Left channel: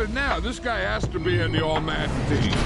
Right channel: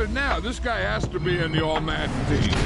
at it now. This guy has to be in the All-Madden team.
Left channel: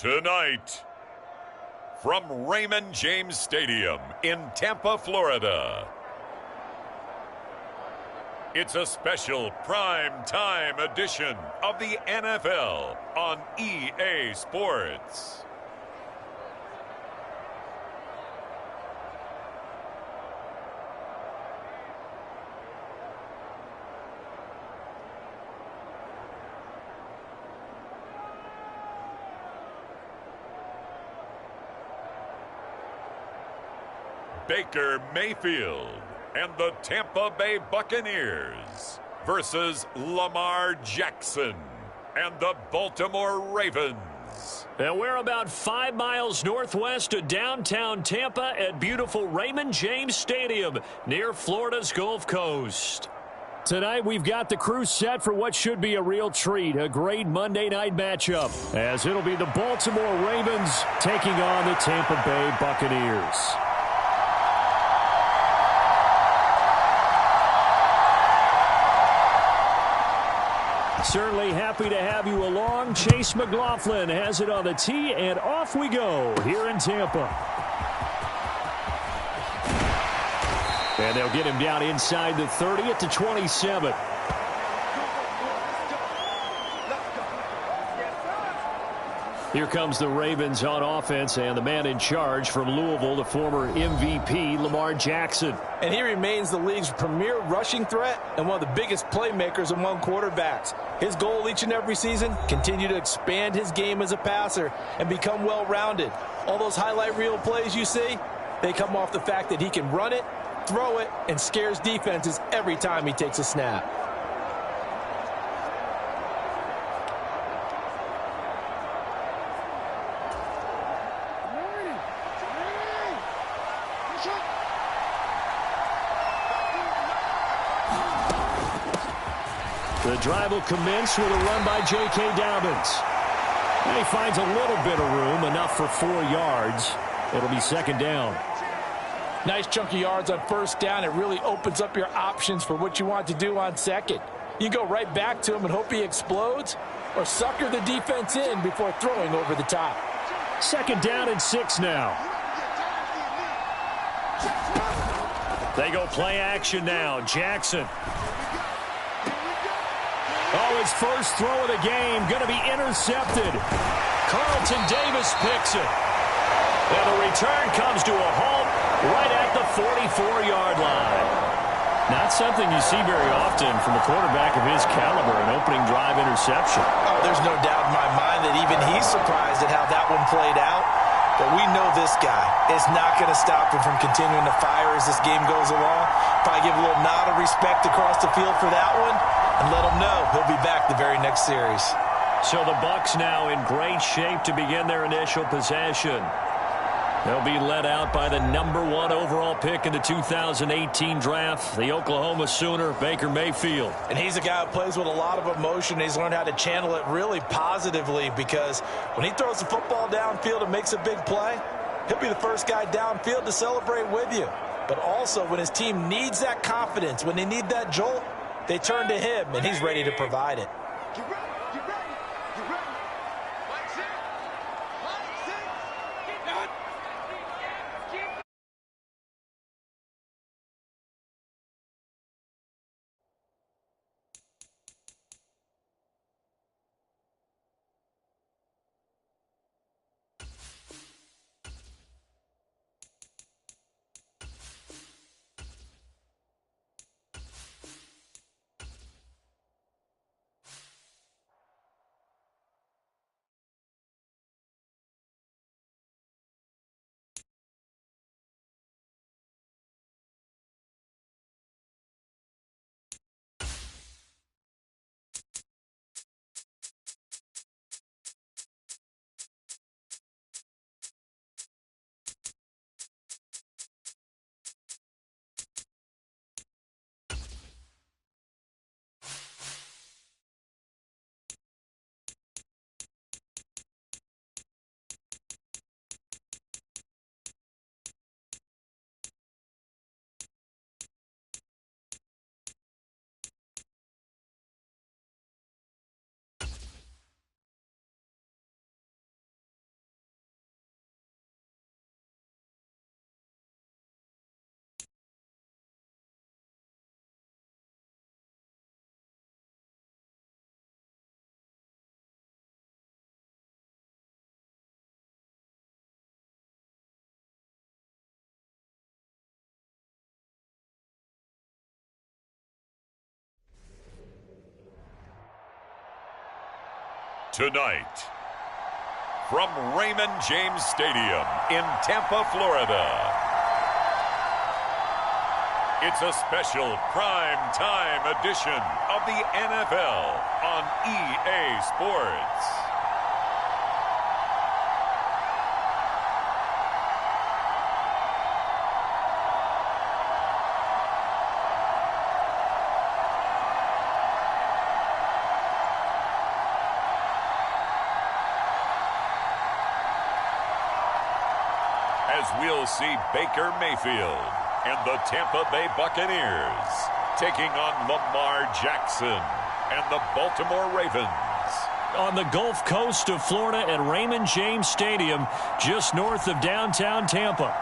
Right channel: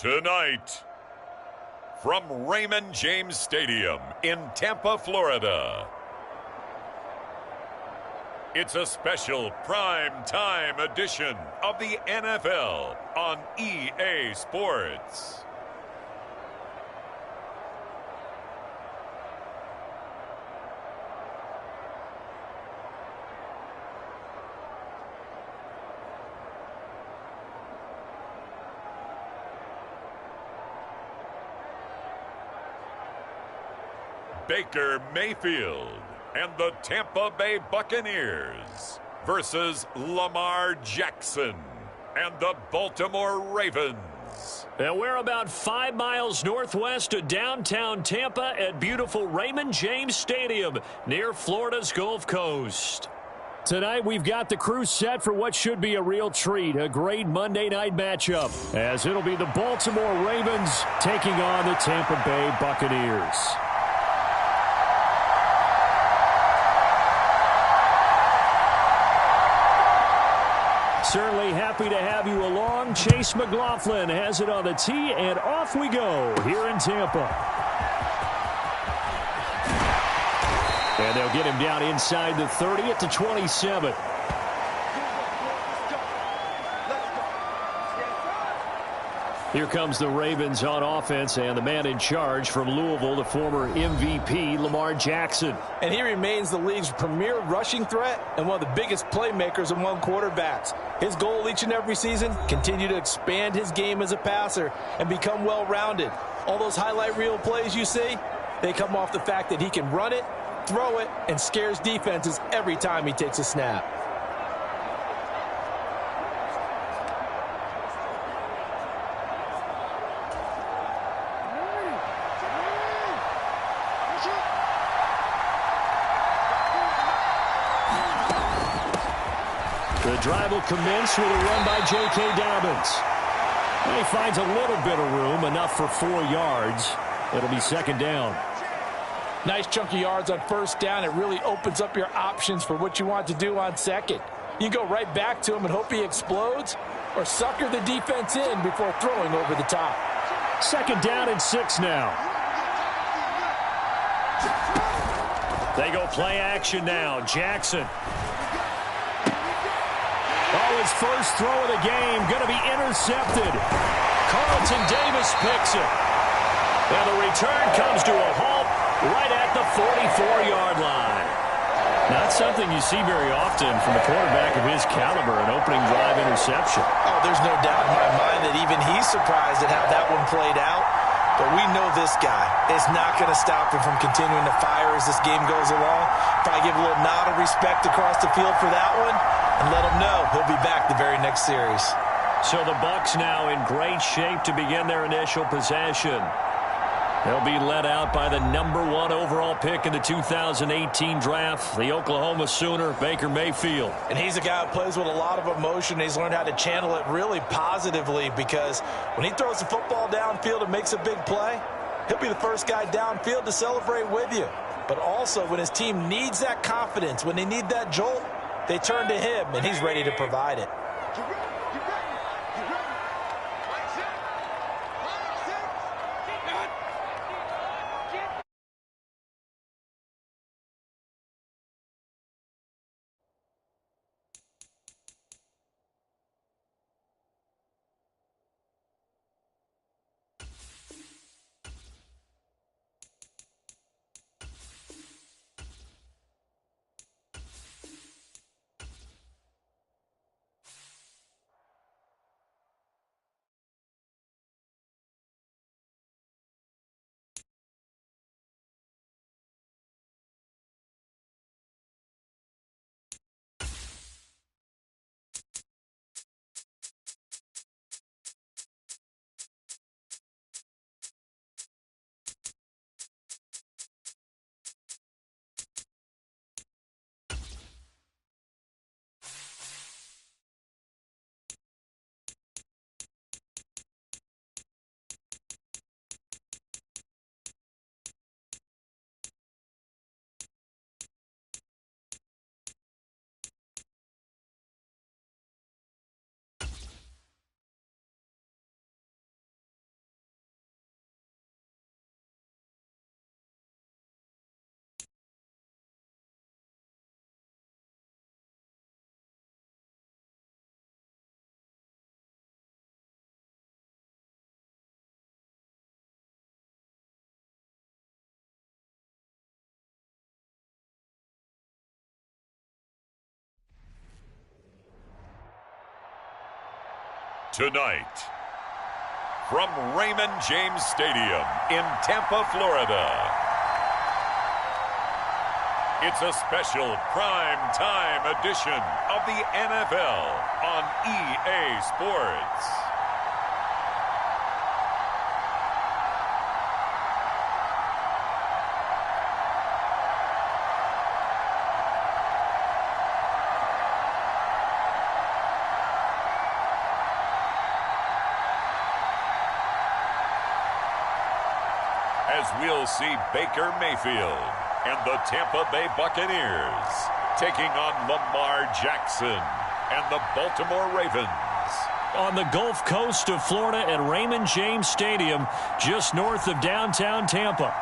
Tonight, from Raymond James Stadium in Tampa, Florida, it's a special prime time edition of the NFL on EA Sports. Baker Mayfield and the Tampa Bay Buccaneers versus Lamar Jackson and the Baltimore Ravens. And we're about 5 miles northwest of downtown Tampa at beautiful Raymond James Stadium near Florida's Gulf Coast. Tonight, we've got the crew set for what should be a real treat, a great Monday night matchup, as it'll be the Baltimore Ravens taking on the Tampa Bay Buccaneers. Certainly happy to have you along. Chase McLaughlin has it on the tee, and off we go here in Tampa. And they'll get him down inside the 30 at the 27. Here comes the Ravens on offense, and the man in charge from Louisville, the former MVP, Lamar Jackson. And he remains the league's premier rushing threat and one of the biggest playmakers among quarterbacks. His goal each and every season, continue to expand his game as a passer and become well-rounded. All those highlight reel plays you see, they come off the fact that he can run it, throw it, and scares defenses every time he takes a snap. The drive will commence with a run by J.K. Dobbins. And he finds a little bit of room, enough for 4 yards. It'll be second down. Nice chunk of yards on first down. It really opens up your options for what you want to do on second. You can go right back to him and hope he explodes, or sucker the defense in before throwing over the top. Second down and 6 now. They go play action now. Jackson. Oh, his first throw of the game going to be intercepted. Carlton Davis picks it. And the return comes to a halt right at the 44-yard line. Not something you see very often from a quarterback of his caliber, an opening drive interception. Oh, there's no doubt in my mind that even he's surprised at how that one played out. But we know this guy is not going to stop him from continuing to fire as this game goes along. Probably give a little nod of respect across the field for that one and let him know he'll be back the very next series. So the Bucs now in great shape to begin their initial possession. They'll be led out by the #1 overall pick in the 2018 draft, the Oklahoma Sooner, Baker Mayfield. And he's a guy who plays with a lot of emotion. He's learned how to channel it really positively, because when he throws the football downfield and makes a big play, he'll be the first guy downfield to celebrate with you. But also when his team needs that confidence, when they need that jolt, they turn to him, and he's ready to provide it. Tonight, from Raymond James Stadium in Tampa, Florida, it's a special prime time edition of the NFL on EA Sports. As we'll see Baker Mayfield and the Tampa Bay Buccaneers taking on Lamar Jackson and the Baltimore Ravens. On the Gulf Coast of Florida at Raymond James Stadium, just north of downtown Tampa.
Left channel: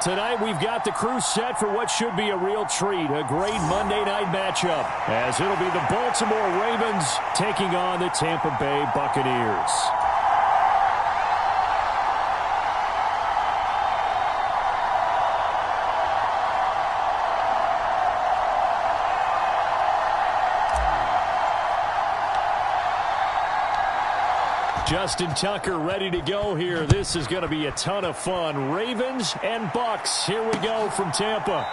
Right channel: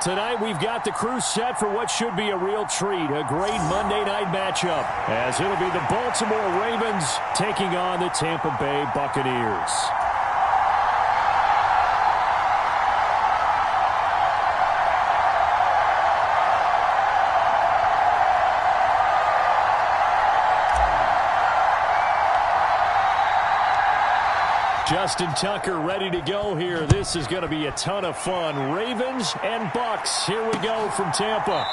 Tonight we've got the crew set for what should be a real treat, a great Monday night matchup, as it'll be the Baltimore Ravens taking on the Tampa Bay Buccaneers. Justin Tucker ready to go here. This is going to be a ton of fun. Ravens and Bucs. Here we go from Tampa.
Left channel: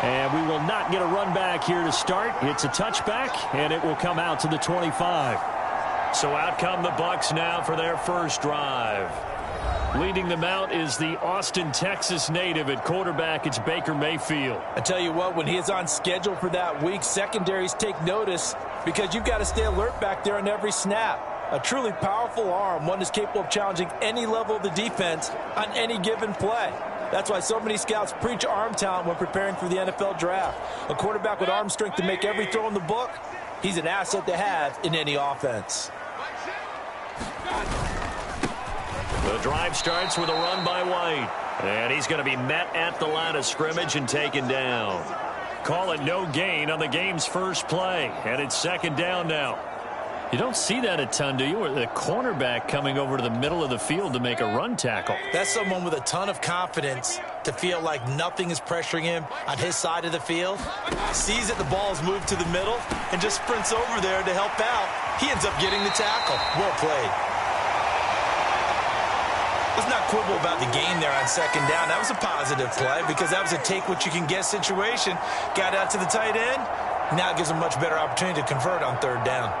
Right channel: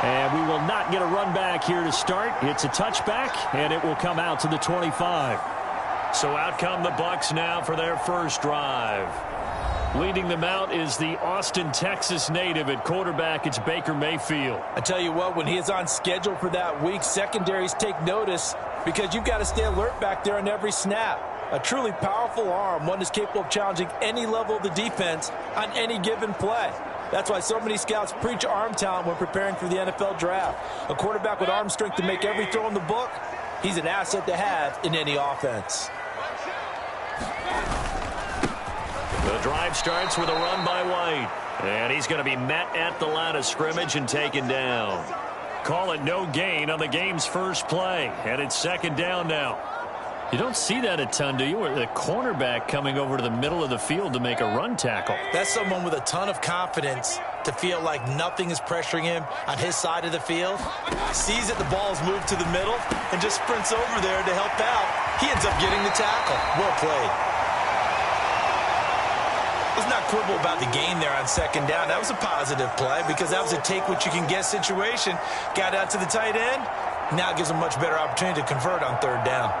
And we will not get a run back here to start. It's a touchback, and it will come out to the 25. So out come the Bucs now for their first drive. Leading them out is the Austin, Texas native at quarterback. It's Baker Mayfield. I tell you what, when he is on schedule for that week, secondaries take notice because you've got to stay alert back there on every snap. A truly powerful arm, one that's capable of challenging any level of the defense on any given play. That's why so many scouts preach arm talent when preparing for the NFL draft. A quarterback with arm strength to make every throw in the book, he's an asset to have in any offense. The drive starts with a run by White. And he's going to be met at the line of scrimmage and taken down. Call it no gain on the game's first play. And it's second down now. You don't see that a ton, do you? Or the cornerback coming over to the middle of the field to make a run tackle. That's someone with a ton of confidence to feel like nothing is pressuring him on his side of the field. Sees that the ball's moved to the middle and just sprints over there to help out. He ends up getting the tackle. Well played. Let's not quibble about the gain there on second down. That was a positive play because that was a take-what-you-can-get situation. Got out to the tight end. Now it gives him a much better opportunity to convert on third down.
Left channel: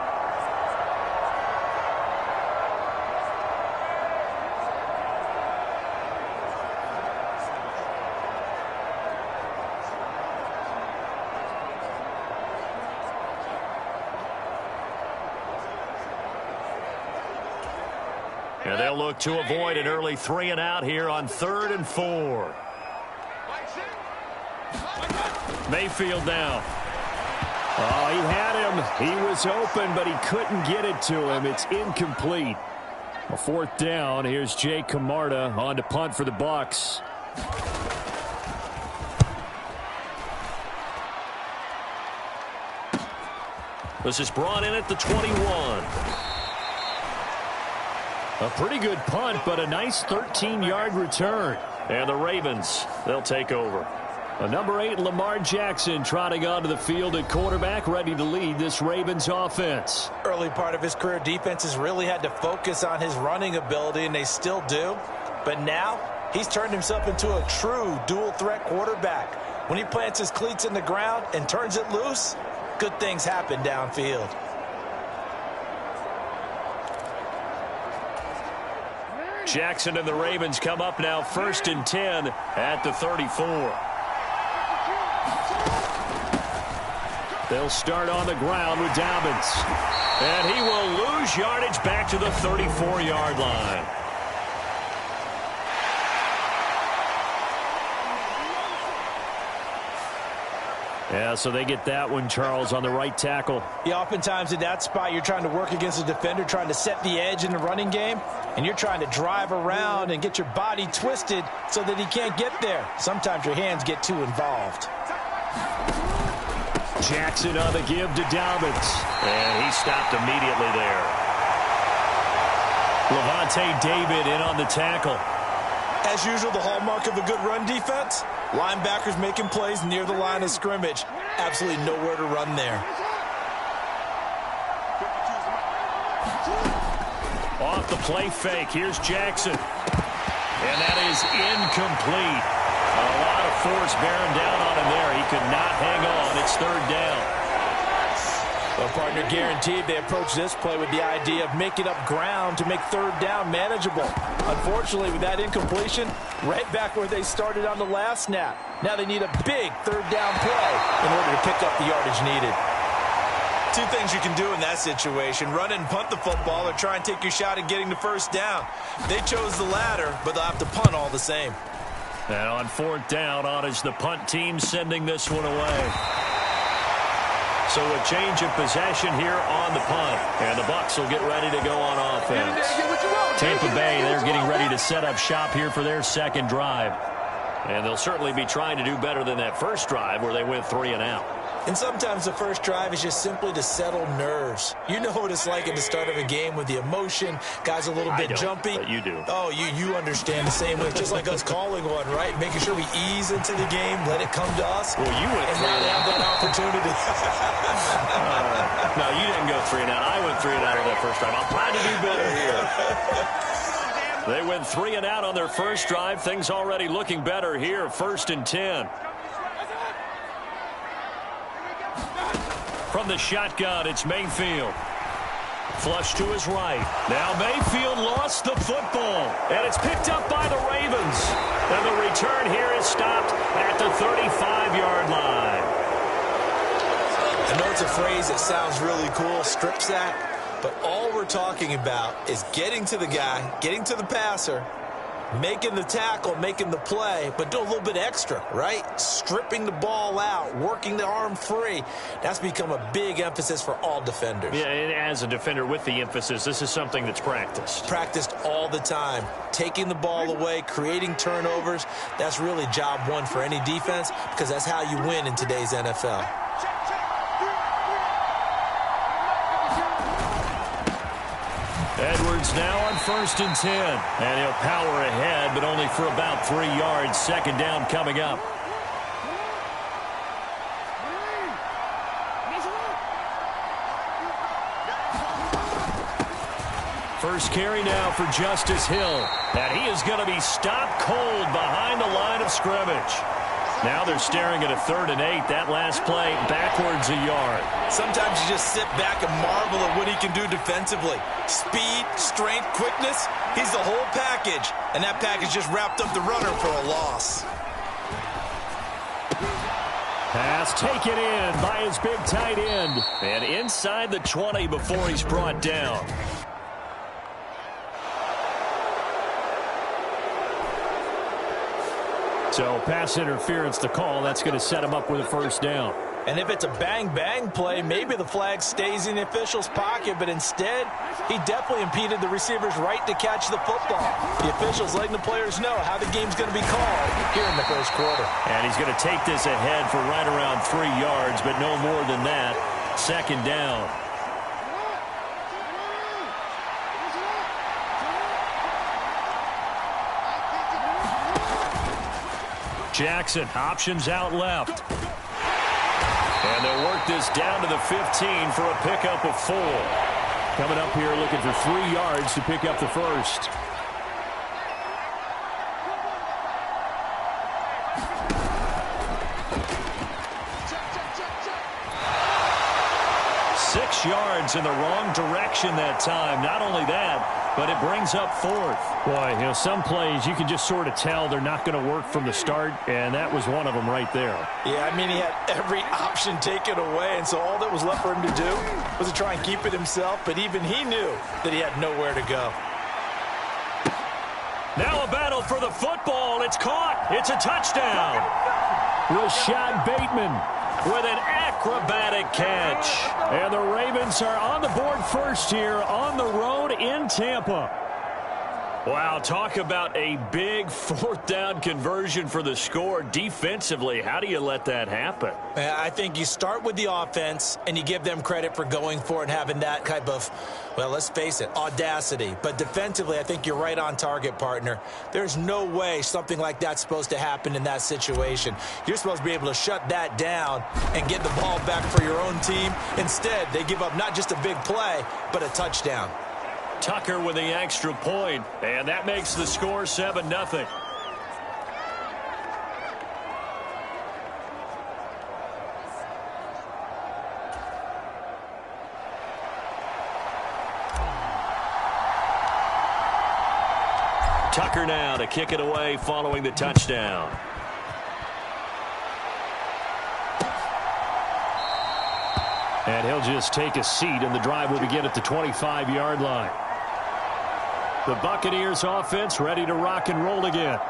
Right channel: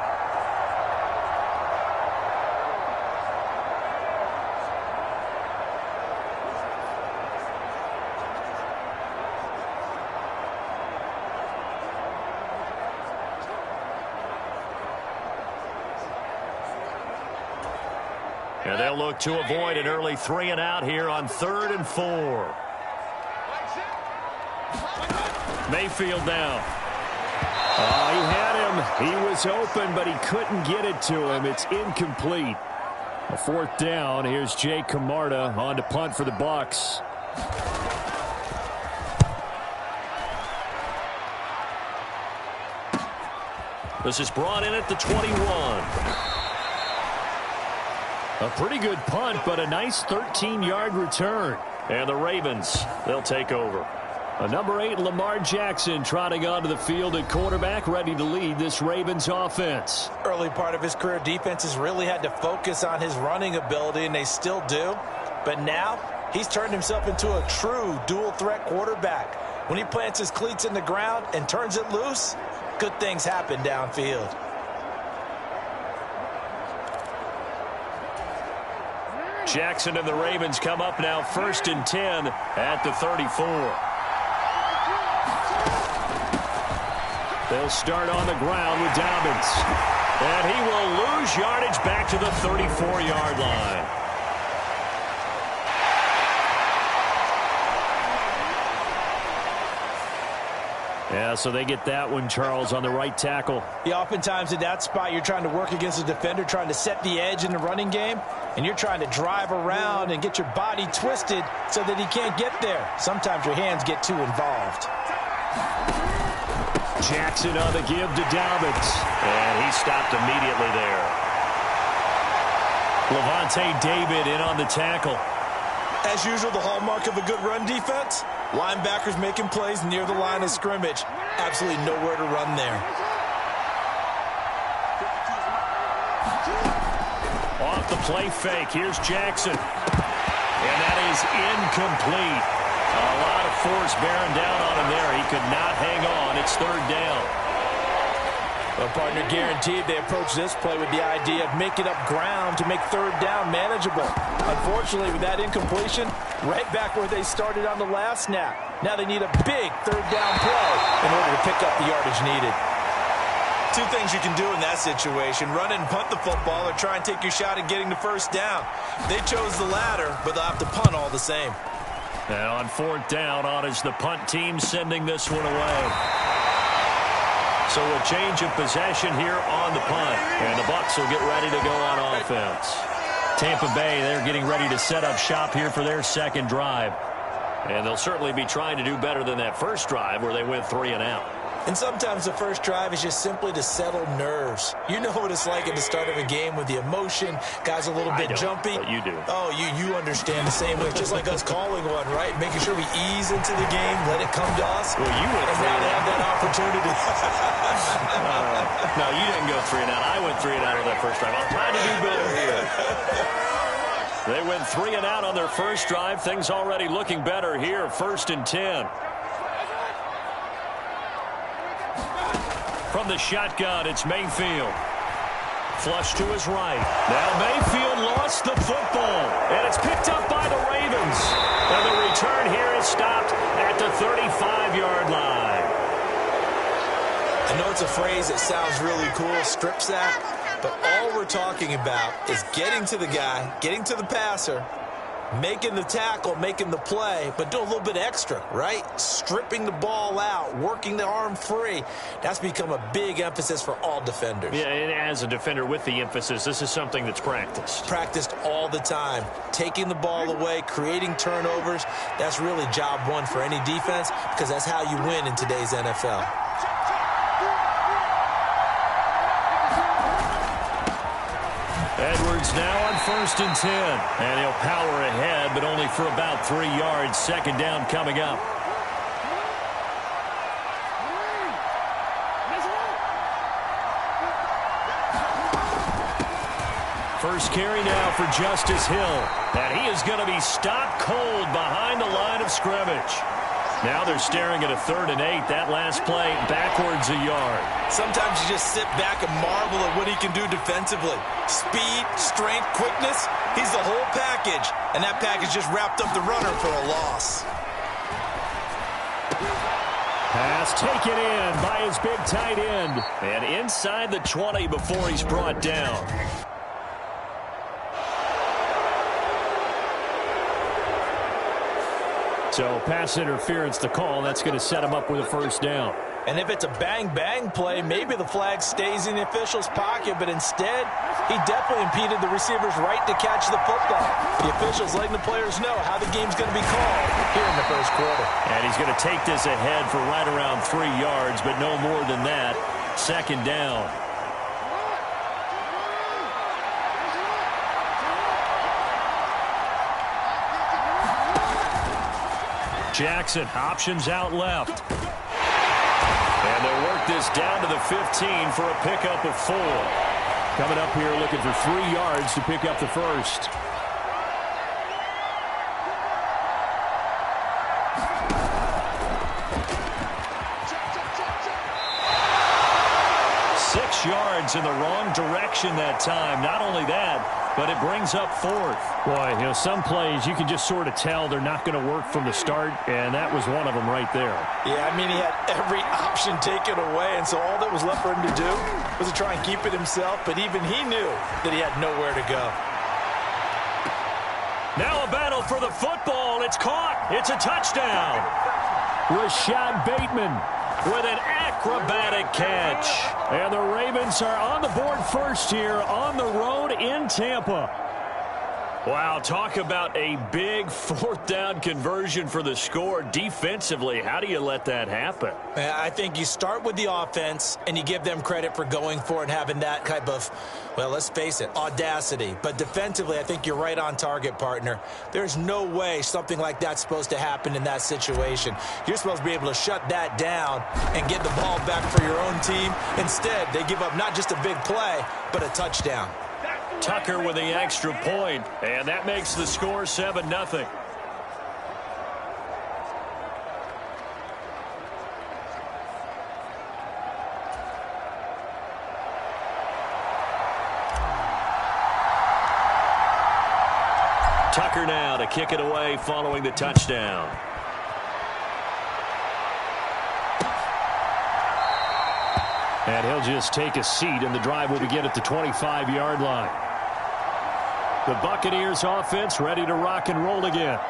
And they'll look to avoid an early 3-and-out here on 3rd and 4. Mayfield down. Oh, he had him. He was open, but he couldn't get it to him. It's incomplete. A 4th down. Here's Jay Camarda on to punt for the Bucs. This is brought in at the 21. A pretty good punt, but a nice 13-yard return. And the Ravens, they'll take over. A number 8, Lamar Jackson, trotting onto the field at quarterback, ready to lead this Ravens offense. Early part of his career, defenses really had to focus on his running ability, and they still do. But now, he's turned himself into a true dual-threat quarterback. When he plants his cleats in the ground and turns it loose, good things happen downfield. Jackson and the Ravens come up now 1st and 10 at the 34. They'll start on the ground with Dobbins. And he will lose yardage back to the 34-yard line. Yeah, so they get that one, Charles, on the right tackle. Yeah, oftentimes in that spot, you're trying to work against a defender, trying to set the edge in the running game, and you're trying to drive around and get your body twisted so that he can't get there. Sometimes your hands get too involved. Jackson on the give to Dobbins. And he stopped immediately there. Levante David in on the tackle. As usual, the hallmark of a good run defense, linebackers making plays near the line of scrimmage. Absolutely nowhere to run there. Off the play fake, here's Jackson. And that is incomplete. A lot of force bearing down on him there. He could not hang on. It's 3rd down. Well, partner, guaranteed they approach this play with the idea of making up ground to make 3rd down manageable. Unfortunately, with that incompletion, right back where they started on the last snap. Now they need a big 3rd down play in order to pick up the yardage needed. Two things you can do in that situation: run and punt the football, or try and take your shot at getting the 1st down. They chose the latter, but they'll have to punt all the same. And on 4th down, on is the punt team sending this one away. So a change of possession here on the punt. And the Bucs will get ready to go on offense. Tampa Bay, they're getting ready to set up shop here for their 2nd drive. And they'll certainly be trying to do better than that first drive where they went 3-and-out. And sometimes the first drive is just simply to settle nerves. You know what it's like at the start of a game with the emotion. Guys a little bit jumpy. But you do. Oh, you understand the same way. It's just like us calling one, right? Making sure we ease into the game, let it come to us. Well, you went 3-and-out. And now they have that opportunity. No, you didn't go 3-and-out. I went 3-and-out on that first drive. I'm trying to do better here. They went 3-and-out on their first drive. Things already looking better here. 1st and 10. From the shotgun, it's Mayfield. Flush to his right. Now Mayfield lost the football, and it's picked up by the Ravens. And the return here is stopped at the 35-yard line. I know it's a phrase that sounds really cool, strip sack, but all we're talking about is getting to the guy, getting to the passer, making the tackle, making the play, but do a little bit extra, right? Stripping the ball out, working the arm free. That's become a big emphasis for all defenders. Yeah, and as a defender with the emphasis, this is something that's practiced. Practiced all the time. Taking the ball away, creating turnovers, that's really job one for any defense because that's how you win in today's NFL. Edwards now on 1st and 10. And he'll power ahead, but only for about 3 yards. Second down coming up. First carry now for Justice Hill. And he is going to be stopped cold behind the line of scrimmage. Now they're staring at a 3rd and 8. That last play backwards a yard. Sometimes you just sit back and marvel at what he can do defensively. Speed, strength, quickness. He's the whole package. And that package just wrapped up the runner for a loss. Pass taken in by his big tight end. And inside the 20 before he's brought down. So pass interference the call. That's going to set him up with a first down. And if it's a bang-bang play, maybe the flag stays in the official's pocket, but instead, he definitely impeded the receiver's right to catch the football. The official's letting the players know how the game's going to be called here in the first quarter. And he's going to take this ahead for right around 3 yards, but no more than that. Second down. Jackson, options out left. And they'll work this down to the 15 for a pickup of 4. Coming up here looking for 3 yards to pick up the first. Six yards in the wrong direction that time. Not only that, but it brings up 4th. Boy, you know, some plays you can just sort of tell they're not going to work from the start, and that was one of them right there. Yeah, I mean, he had every option taken away, and so all that was left for him to do was to try and keep it himself, but even he knew that he had nowhere to go. Now a battle for the football. It's caught. It's a touchdown. Rashad Bateman with an acrobatic catch. And the Ravens are on the board first here on the road in Tampa. Wow, talk about a big 4th down conversion for the score. Defensively, how do you let that happen? I think you start with the offense and you give them credit for going for it and having that type of, well, let's face it, audacity. But defensively, I think you're right on target, partner. There's no way something like that's supposed to happen in that situation. You're supposed to be able to shut that down and get the ball back for your own team. Instead, they give up not just a big play, but a touchdown. Tucker with the extra point, and that makes the score 7-0. Tucker now to kick it away following the touchdown. And he'll just take a seat, and the drive will begin at the 25-yard line. The Buccaneers offense ready to rock and roll again.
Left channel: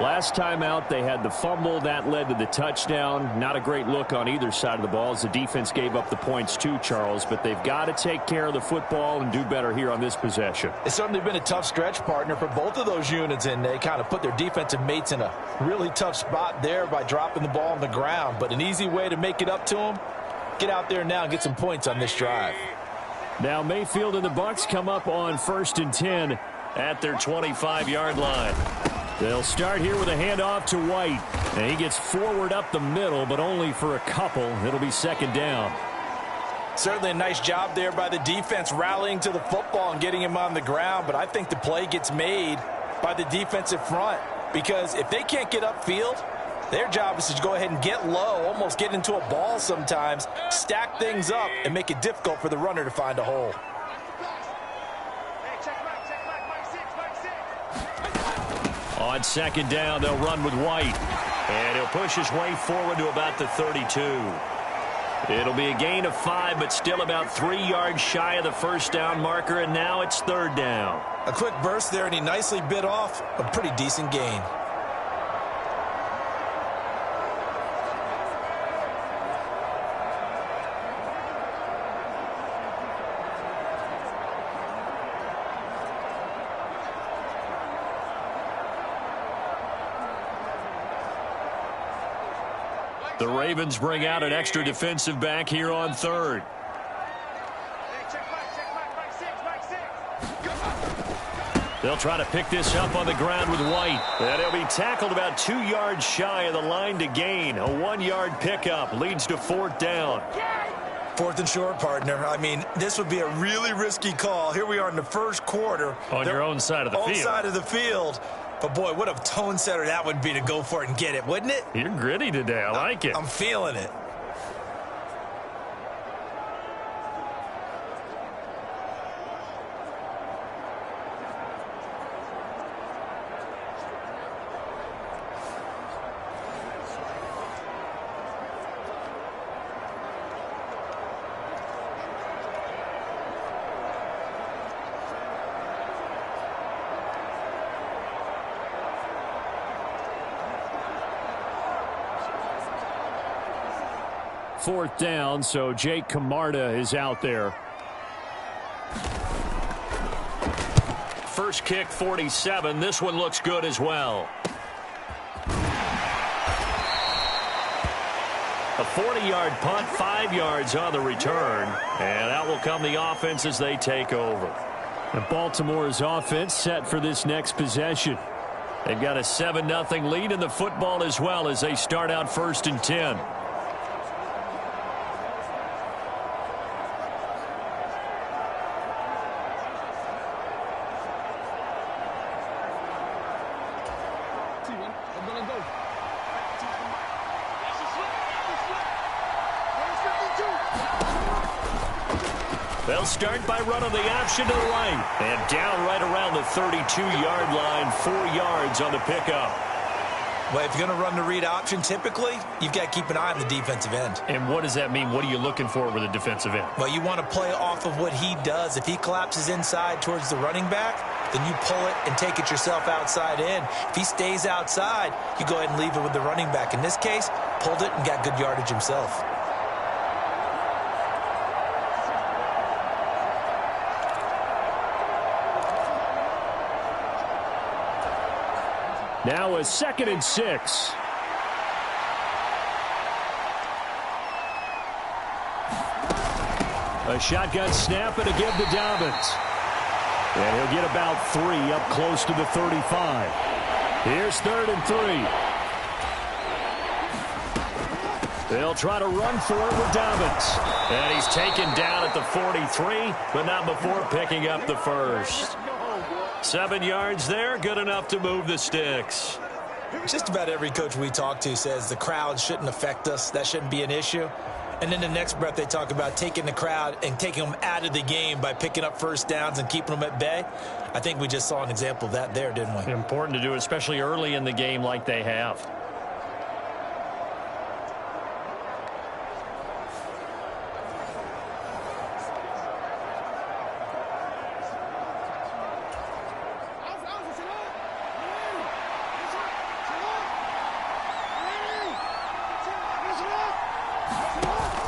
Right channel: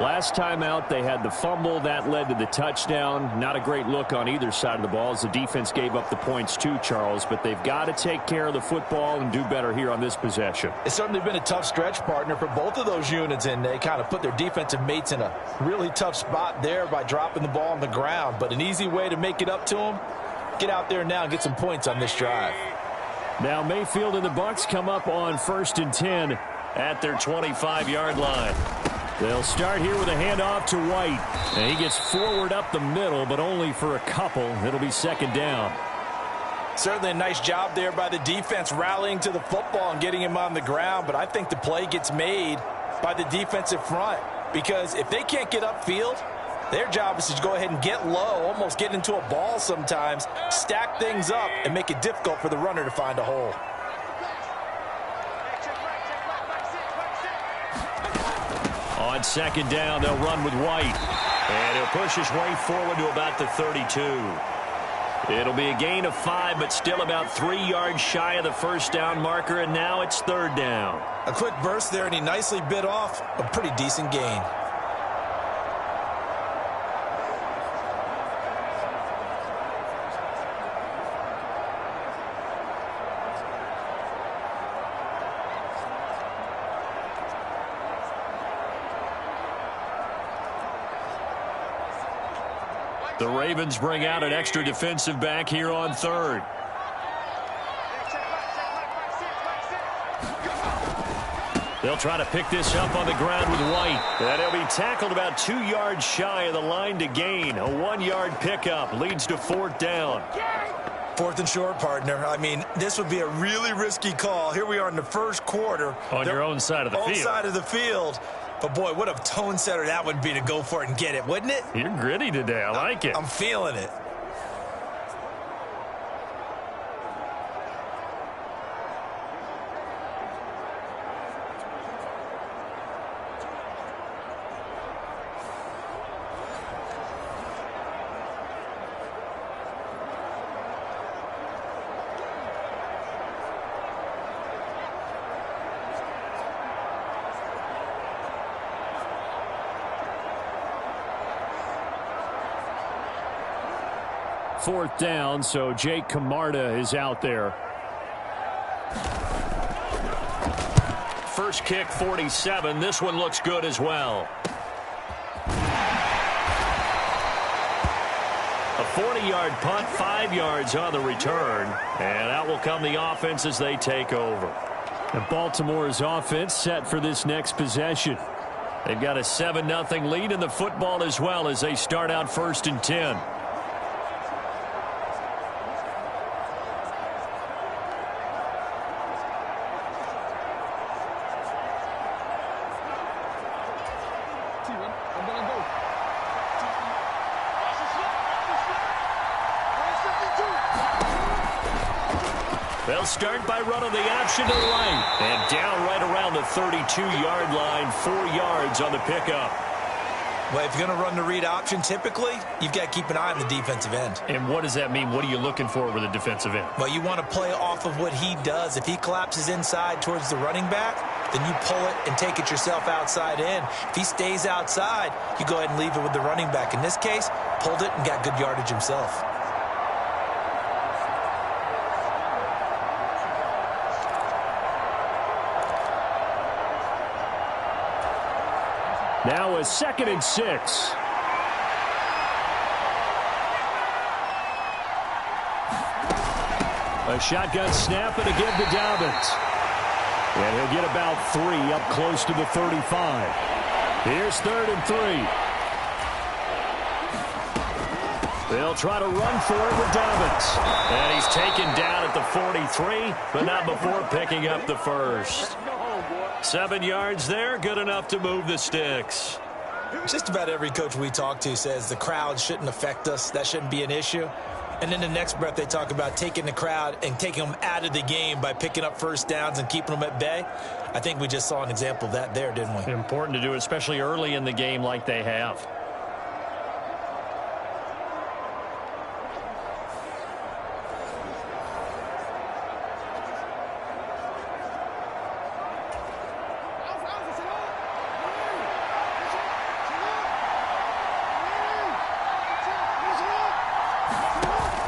Last time out, they had the fumble. That led to the touchdown. Not a great look on either side of the ball as the defense gave up the points too, Charles. But they've got to take care of the football and do better here on this possession. It's certainly been a tough stretch, partner, for both of those units, and they kind of put their defensive mates in a really tough spot there by dropping the ball on the ground. But an easy way to make it up to them, get out there now and get some points on this drive. Now Mayfield and the Bucs come up on 1st and 10 at their 25-yard line. They'll start here with a handoff to White. And he gets forward up the middle, but only for a couple. It'll be 2nd down. Certainly a nice job there by the defense rallying to the football and getting him on the ground. But I think the play gets made by the defensive front. Because if they can't get upfield, their job is to go ahead and get low, almost get into a ball sometimes, stack things up, and make it difficult for the runner to find a hole. On second down, they'll run with White. And he'll push his way forward to about the 32. It'll be a gain of 5, but still about 3 yards shy of the first down marker, and now it's third down. A quick burst there, and he nicely bit off a pretty decent gain. The Ravens bring out an extra defensive back here on third. They'll try to pick this up on the ground with White. And he'll be tackled about 2 yards shy of the line to gain. A 1-yard pickup leads to fourth down. Fourth and short, partner. I mean, this would be a really risky call. Here we are in the first quarter. On your own side of the field. Own side of the field. But, boy, what a tone setter that would be to go for it and get it, wouldn't it? You're gritty today. I like it. I'm feeling it. Fourth down, so Jake Camarda is out there. First kick, 47. This one looks good as well. A 40-yard punt, 5 yards on the return. And out will come the offense as they take over. And Baltimore's offense set for this next possession. They've got a 7-0 lead in the football as well as they start out first and 10. They'll start by running the option to the right. And down right around the 32-yard line, 4 yards on the pickup. Well, if you're going to run the read option, typically, you've got to keep an eye on the defensive end. And what does that mean? What are you looking for with a defensive end? Well, you want to play off of what he does. If he collapses inside towards the running back, then you pull it and take it yourself outside in. If he stays outside, you go ahead and leave it with the running back. In this case, pulled it and got good yardage himself. Now a 2nd and 6. A shotgun snap and a give to Dobbins. And he'll get about 3 up close to the 35. Here's 3rd and 3. They'll try to run for it with Dobbins. And he's taken down at the 43, but not before picking up the first. 7 yards there, good enough to move the sticks. Just about every coach we talk to says the crowd shouldn't affect us. That shouldn't be an issue. And then the next breath they talk about taking the crowd and taking them out of the game by picking up first downs and keeping them at bay. I think we just saw an example of that there, didn't we? Important to do, especially early in the game like they have.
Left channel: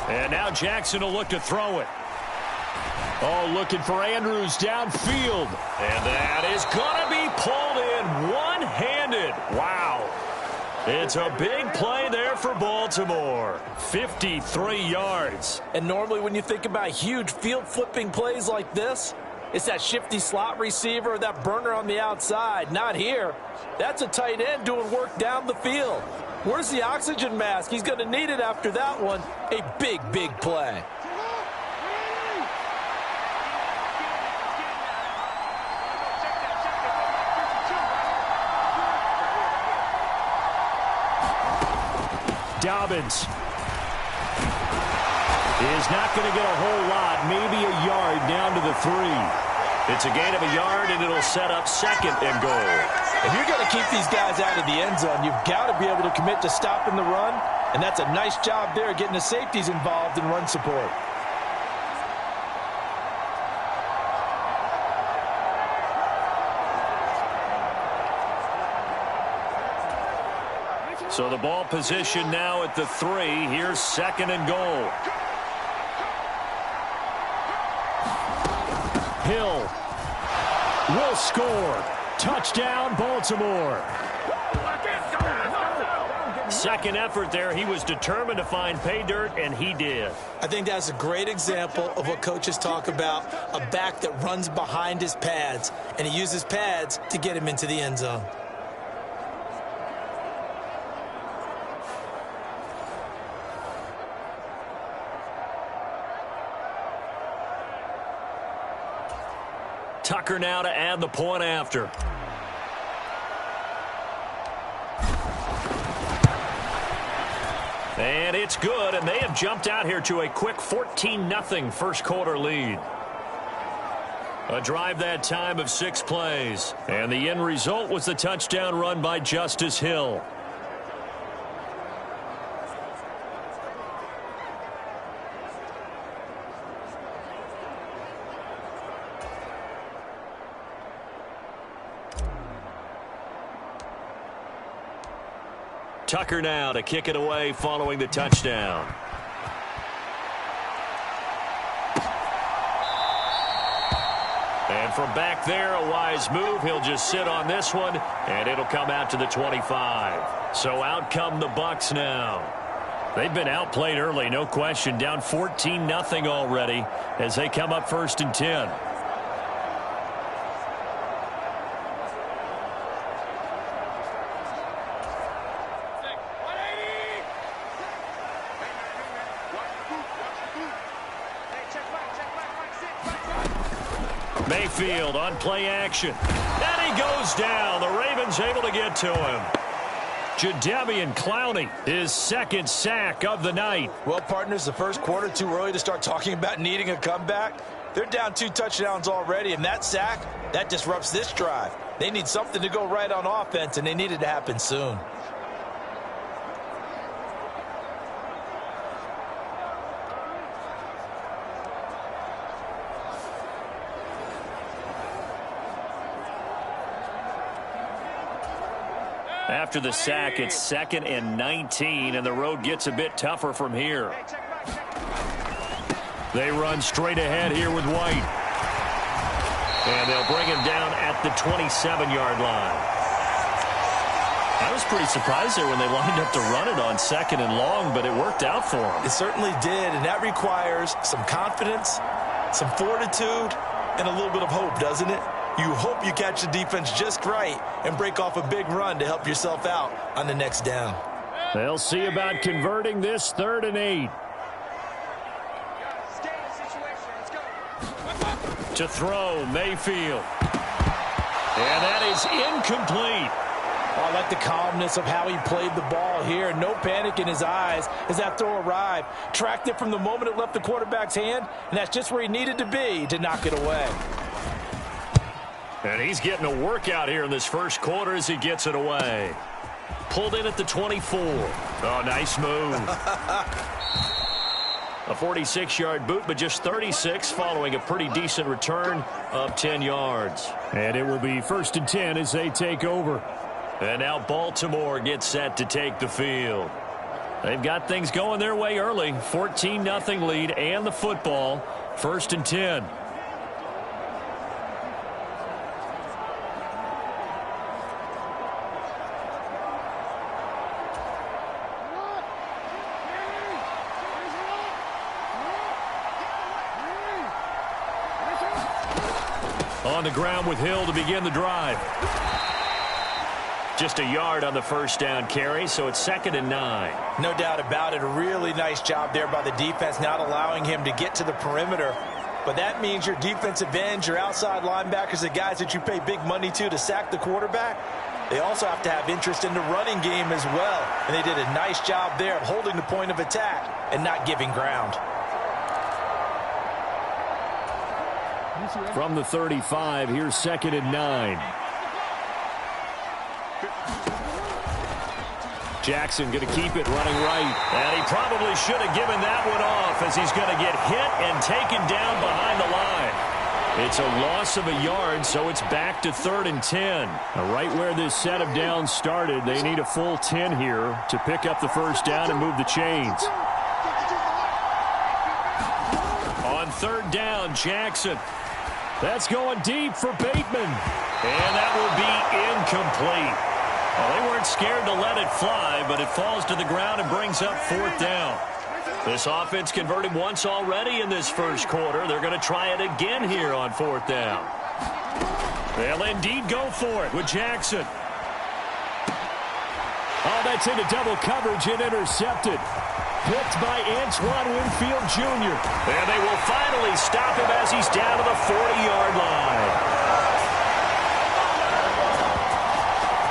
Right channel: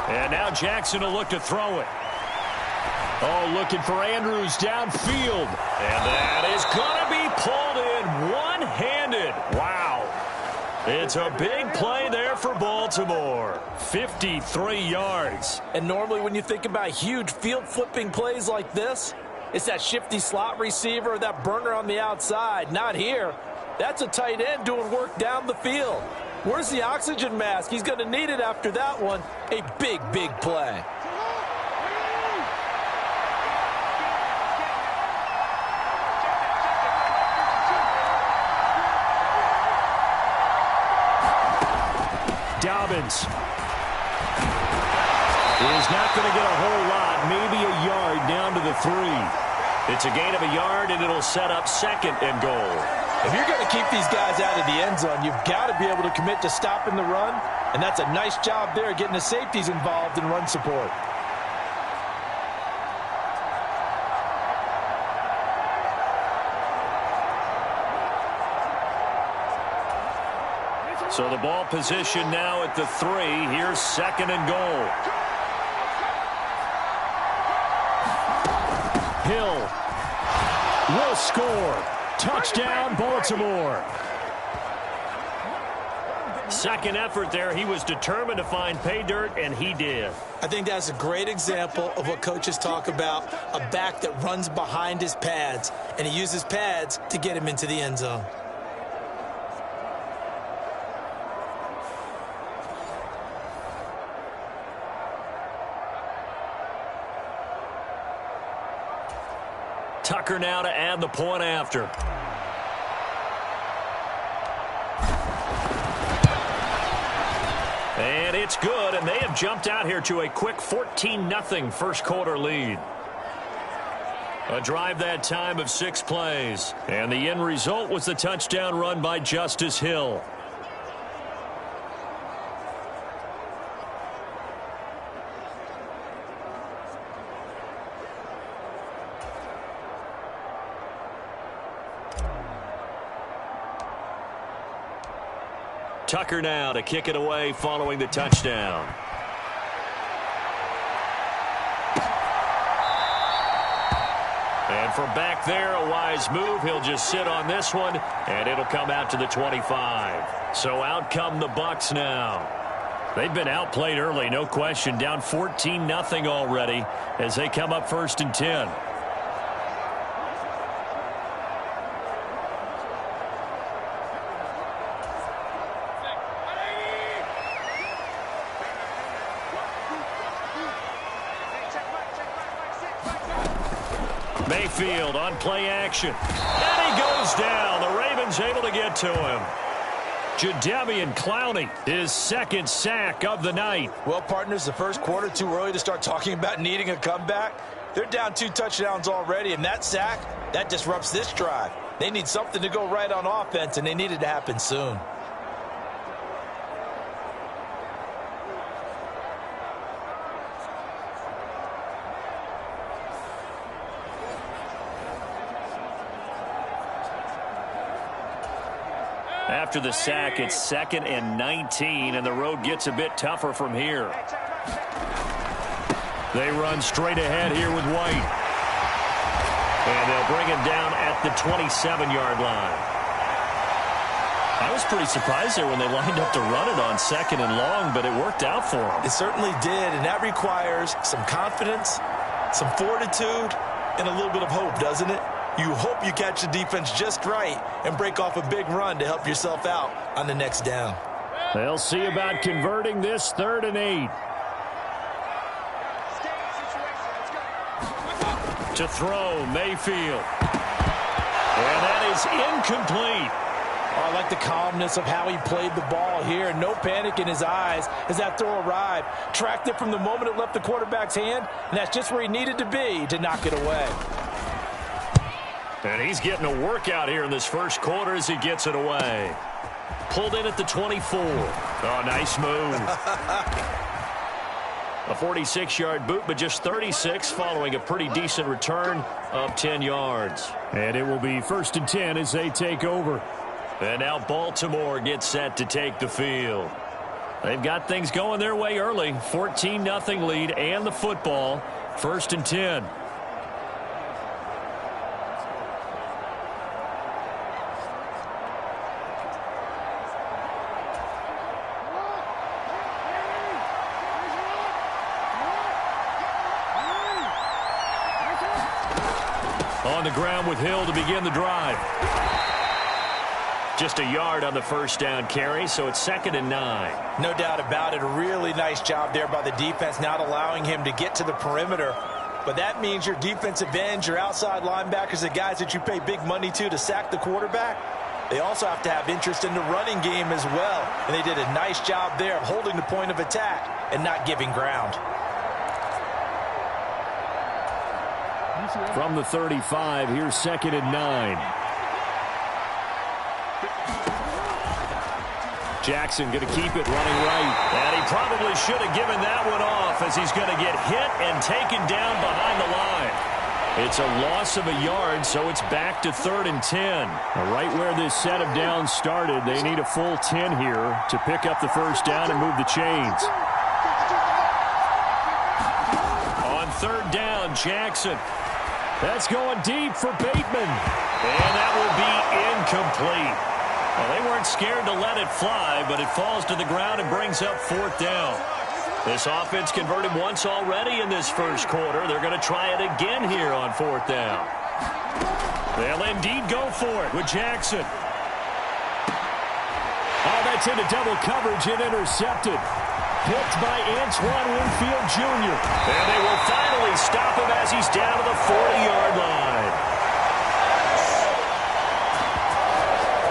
And now Jackson will look to throw it. Oh, looking for Andrews downfield. And that is going to be pulled in one-handed. Wow. It's a big play there for Baltimore. 53 yards. And normally when you think about huge field-flipping plays like this, it's that shifty slot receiver or that burner on the outside. Not here. That's a tight end doing work down the field. Where's the oxygen mask? He's going to need it after that one. A big, big play. Dobbins is not going to get a whole lot, maybe a yard down to the 3. It's a gain of a yard, and it'll set up 2nd and goal. If you're going to keep these guys out of the end zone, you've got to be able to commit to stopping the run, and that's a nice job there getting the safeties involved in run support. So the ball position now at the 3. Here's 2nd and goal. Hill will score. Touchdown, Baltimore. Second effort there. He was determined to find pay dirt, and he did. I think that's a great example of what coaches talk about, a back that runs behind his pads, and he uses pads to get him into the end zone. Tucker now to add the point after. And it's good, and they have jumped out here to a quick 14-0 first quarter lead. A drive that time of 6 plays. And the end result was the touchdown run by Justice Hill. Tucker now to kick it away following the touchdown. And from back there, a wise move. He'll just sit on this one, and it'll come out to the 25. So out come the Bucs now. They've been outplayed early, no question. Down 14-0 already as they come up 1st and 10. Mayfield on play action. And he goes down. The Ravens able to get to him. Jadeveon Clowney, his 2nd sack of the night. Well, partners, the first quarter, too early to start talking about needing a comeback. They're down 2 touchdowns already, and that sack, that disrupts this drive. They need something to go right on offense, and they need it to happen soon. After the sack, it's 2nd and 19, and the road gets a bit tougher from here. They run straight ahead here with White. And they'll bring him down at the 27-yard line. I was pretty surprised there when they lined up to run it on 2nd and long, but it worked out for them. It certainly did, and that requires some confidence, some fortitude, and a little bit of hope, doesn't it? You hope you catch the defense just right and break off a big run to help yourself out on the next down. They'll see about converting this 3rd and 8. To throw, Mayfield. And that is incomplete. Oh, I like the calmness of how he played the ball here. No panic in his eyes as that throw arrived. Tracked it from the moment it left the quarterback's hand, and that's just where he needed to be to knock it away. And he's getting a workout here in this first quarter as he gets it away. Pulled in at the 24. Oh, nice move. A 46-yard boot, but just 36 following a pretty decent return of 10 yards. And it will be 1st and 10 as they take over. And now Baltimore gets set to take the field. They've got things going their way early. 14-0 lead and the football. 1st and 10. On the ground with Hill to begin the drive. Just a yard on the first down carry, so it's 2nd and 9. No doubt about it. A really nice job there by the defense, not allowing him to get to the perimeter. But that means your defensive ends, your outside linebackers, the guys that you pay big money to sack the quarterback, they also have to have interest in the running game as well. And they did a nice job there of holding the point of attack and not giving ground. From the 35, here's 2nd and 9. Jackson going to keep it running right. And he probably should have given that one off as he's going to get hit and taken down behind the line. It's a loss of a yard, so it's back to 3rd and 10. Right where this set of downs started, they need a full 10 here to pick up the first down and move the chains. On 3rd down, Jackson. That's going deep for Bateman. And that will be incomplete. Well, they weren't scared to let it fly, but it falls to the ground and brings up 4th down. This offense converted once already in this first quarter. They're going to try it again here on 4th down. They'll indeed go for it with Jackson. Oh, that's into double coverage and intercepted. Picked by Antoine Winfield Jr. And they will finally stop him as he's down to the 40-yard line.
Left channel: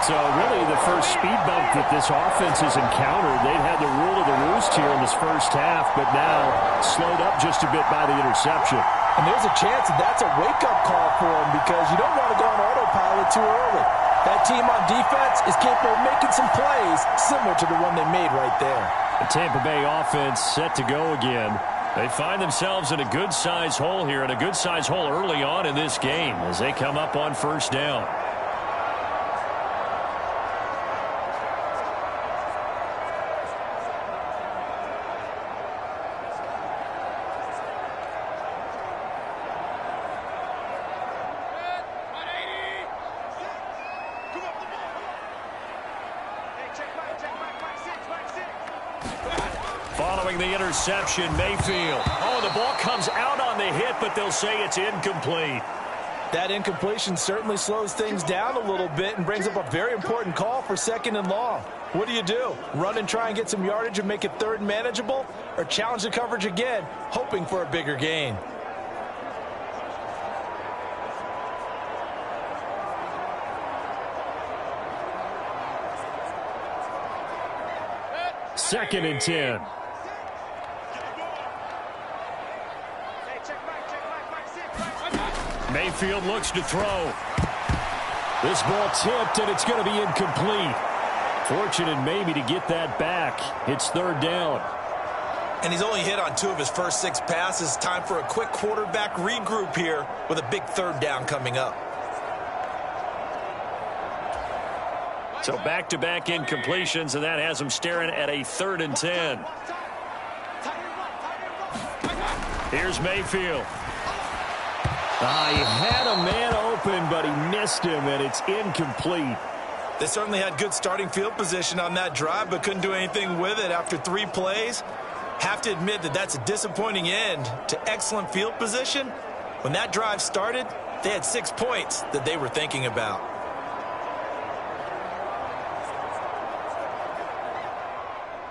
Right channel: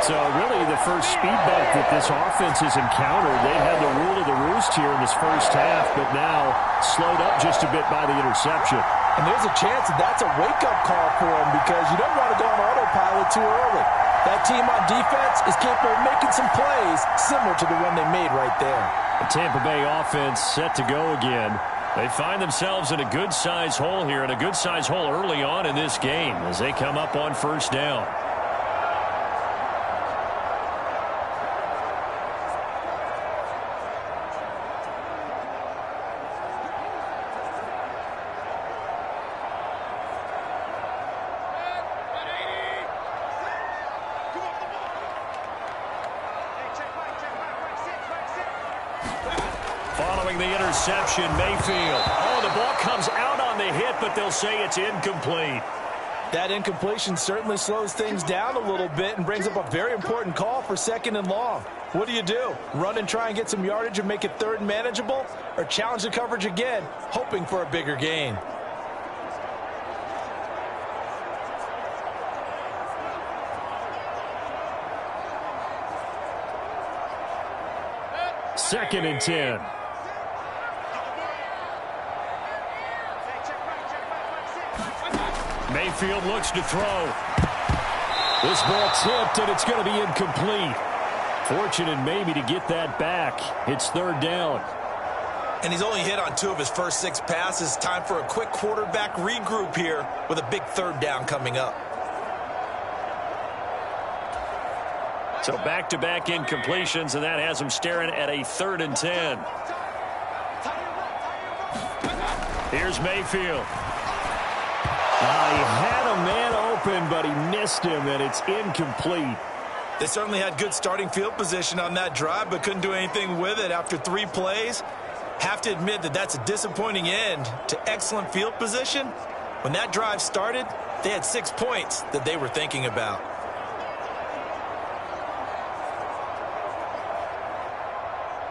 So really the first speed bump that this offense has encountered. They'd had the rule of the roost here in this first half, but now slowed up just a bit by the interception. And there's a chance that that's a wake-up call for them because you don't want to go on autopilot too early. That team on defense is capable of making some plays similar to the one they made right there. The Tampa Bay offense set to go again. They find themselves in a good-size hole here, and a good-size hole early on in this game as they come up on 1st down. Following the interception, Mayfield. Oh, the ball comes out on the hit, but they'll say it's incomplete. That incompletion certainly slows things down a little bit and brings up a very important call for 2nd and long. What do? Run and try and get some yardage and make it 3rd and manageable? Or challenge the coverage again, hoping for a bigger gain? Second and 10. Mayfield looks to throw. This ball tipped, and it's going to be incomplete. Fortunate maybe to get that back. It's 3rd down. And he's only hit on 2 of his first 6 passes. Time for a quick quarterback regroup here with a big 3rd down coming up. So back-to-back incompletions, and that has him staring at a 3rd and 10. Here's Mayfield. He had a man open, but he missed him, and it's incomplete. They certainly had good starting field position on that drive, but couldn't do anything with it after 3 plays. Have to admit that that's a disappointing end to excellent field position. When that drive started, they had 6 points that they were thinking about.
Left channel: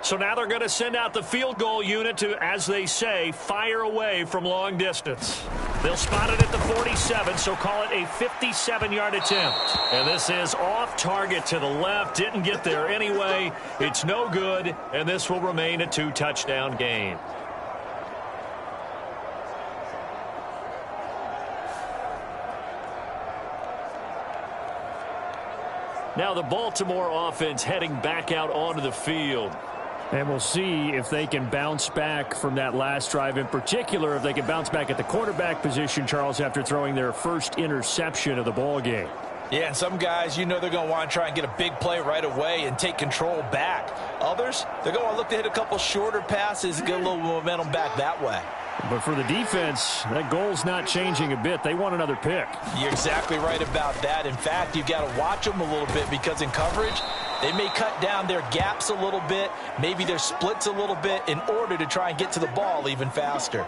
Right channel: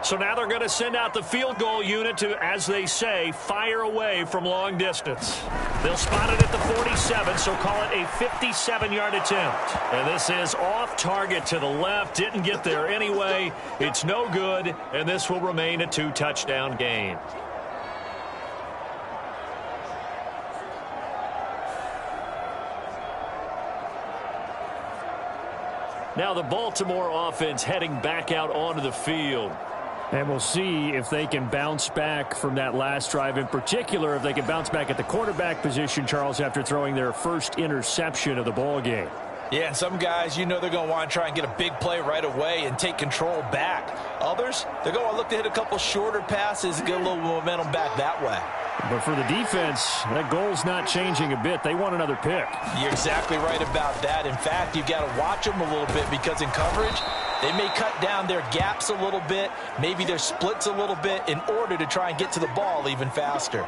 So now they're going to send out the field goal unit to, as they say, fire away from long distance. They'll spot it at the 47, so call it a 57-yard attempt. And this is off target to the left. Didn't get there anyway. It's no good, and this will remain a 2-touchdown game. Now the Baltimore offense heading back out onto the field. And we'll see if they can bounce back from that last drive. In particular, if they can bounce back at the quarterback position, Charles, after throwing their first interception of the ball game. Yeah, and some guys, they're going to want to try and get a big play right away and take control back. Others, they're going to want to look to hit a couple shorter passes and get a little momentum back that way. But for the defense, that goal's not changing a bit. They want another pick. You're exactly right about that. In fact, you've got to watch them a little bit because in coverage, they may cut down their gaps a little bit, maybe their splits a little bit in order to try and get to the ball even faster.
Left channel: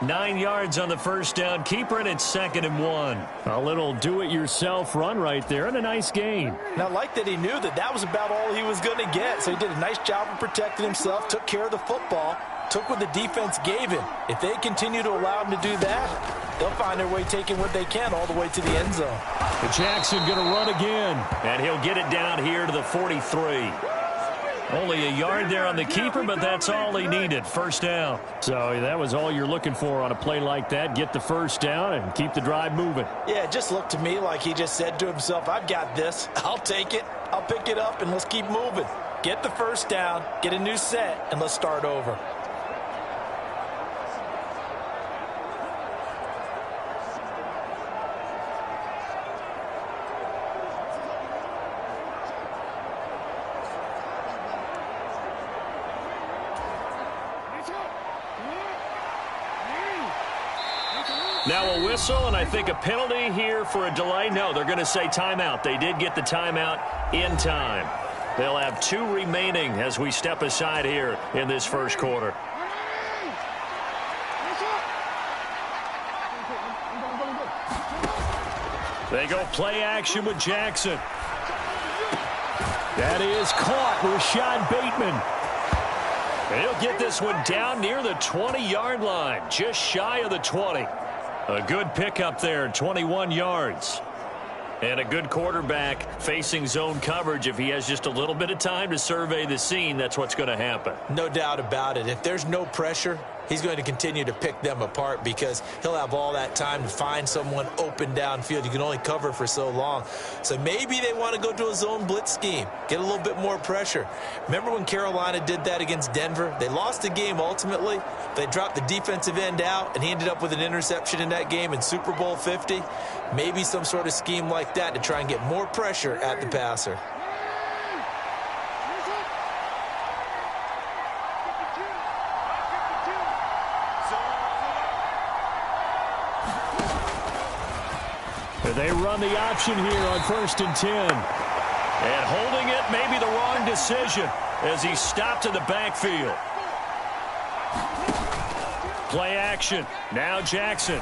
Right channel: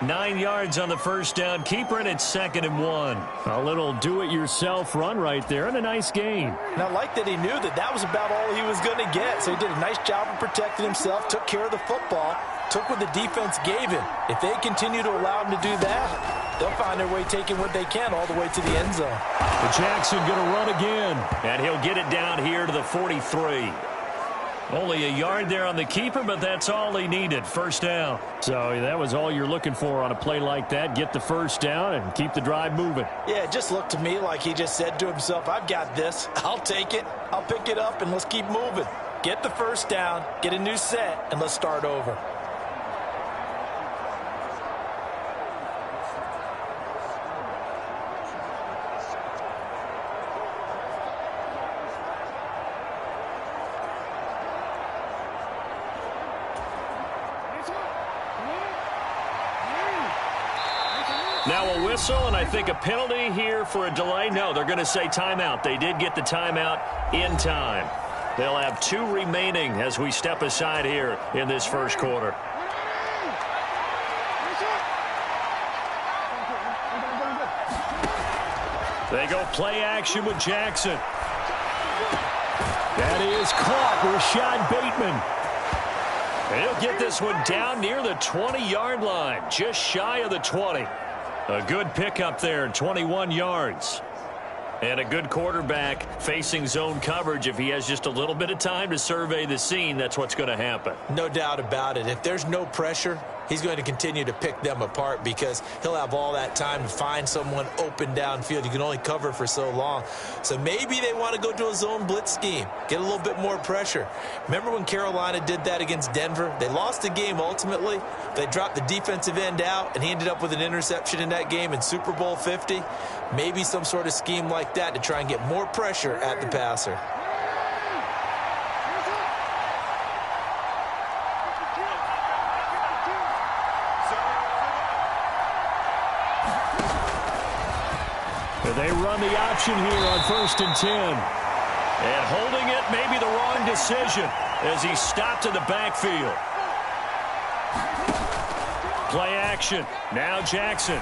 9 yards on the first down. Keeper it at 2nd and 1. A little do-it-yourself run right there and a nice gain. And I like that he knew that that was about all he was going to get. So he did a nice job of protecting himself, took care of the football, took what the defense gave him. If they continue to allow him to do that, they'll find their way taking what they can all the way to the end zone. But Jackson going to run again. And he'll get it down here to the 43. Only a yard there on the keeper, but that's all he needed. First down. So that was all you're looking for on a play like that. Get the first down and keep the drive moving. Yeah, it just looked to me like he just said to himself, I've got this. I'll take it. I'll pick it up, and let's keep moving. Get the first down, get a new set, and let's start over. Now a whistle, and I think a penalty here for a delay. No, they're going to say timeout. They did get the timeout in time. They'll have 2 remaining as we step aside here in this first quarter. They go play action with Jackson. That is caught. Rashad Bateman. He'll get this one down near the 20-yard line, just shy of the 20. A good pickup there, 21 yards. And a good quarterback facing zone coverage. If he has just a little bit of time to survey the scene, that's what's going to happen. No doubt about it. If there's no pressure, he's going to continue to pick them apart because he'll have all that time to find someone open downfield. You can only cover for so long. So maybe they want to go to a zone blitz scheme, get a little bit more pressure. Remember when Carolina did that against Denver? They lost the game ultimately. They dropped the defensive end out, and he ended up with an interception in that game in Super Bowl 50. Maybe some sort of scheme like that to try and get more pressure at the passer. They run the option here on 1st and 10. And holding it may be the wrong decision as he stopped in the backfield. Play action. Now Jackson.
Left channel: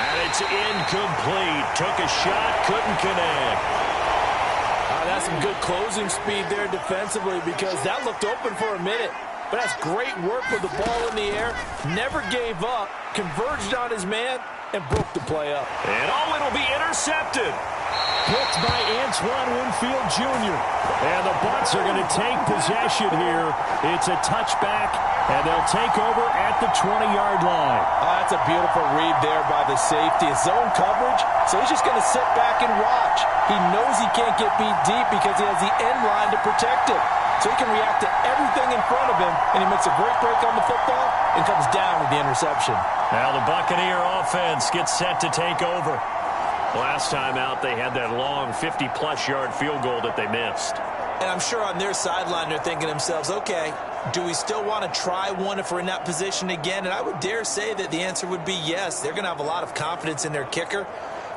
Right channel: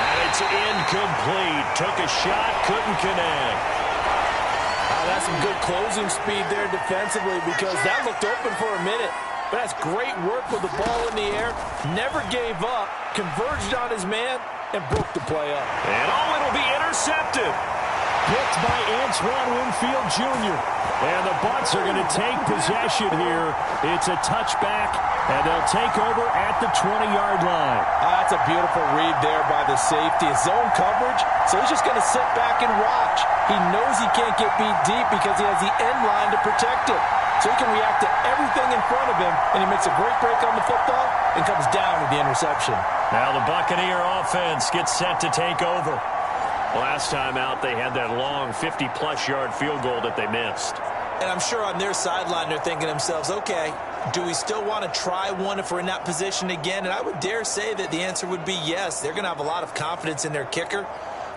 And it's incomplete. Took a shot, couldn't connect. That's some good closing speed there defensively because that looked open for a minute. But that's great work with the ball in the air. Never gave up. Converged on his man and broke the play up. And it'll be intercepted. Picked by Antoine Winfield Jr. And the Bucs are going to take possession here. It's a touchback, and they'll take over at the 20-yard line. That's a beautiful read there by the safety. It's zone coverage, so he's just going to sit back and watch. He knows he can't get beat deep because he has the end line to protect it. So he can react to everything in front of him, and he makes a great break on the football and comes down with the interception. Now the Buccaneer offense gets set to take over. Last time out, they had that long 50-plus yard field goal that they missed. And I'm sure on their sideline they're thinking to themselves, okay, do we still want to try one if we're in that position again? And I would dare say that the answer would be yes. They're going to have a lot of confidence in their kicker.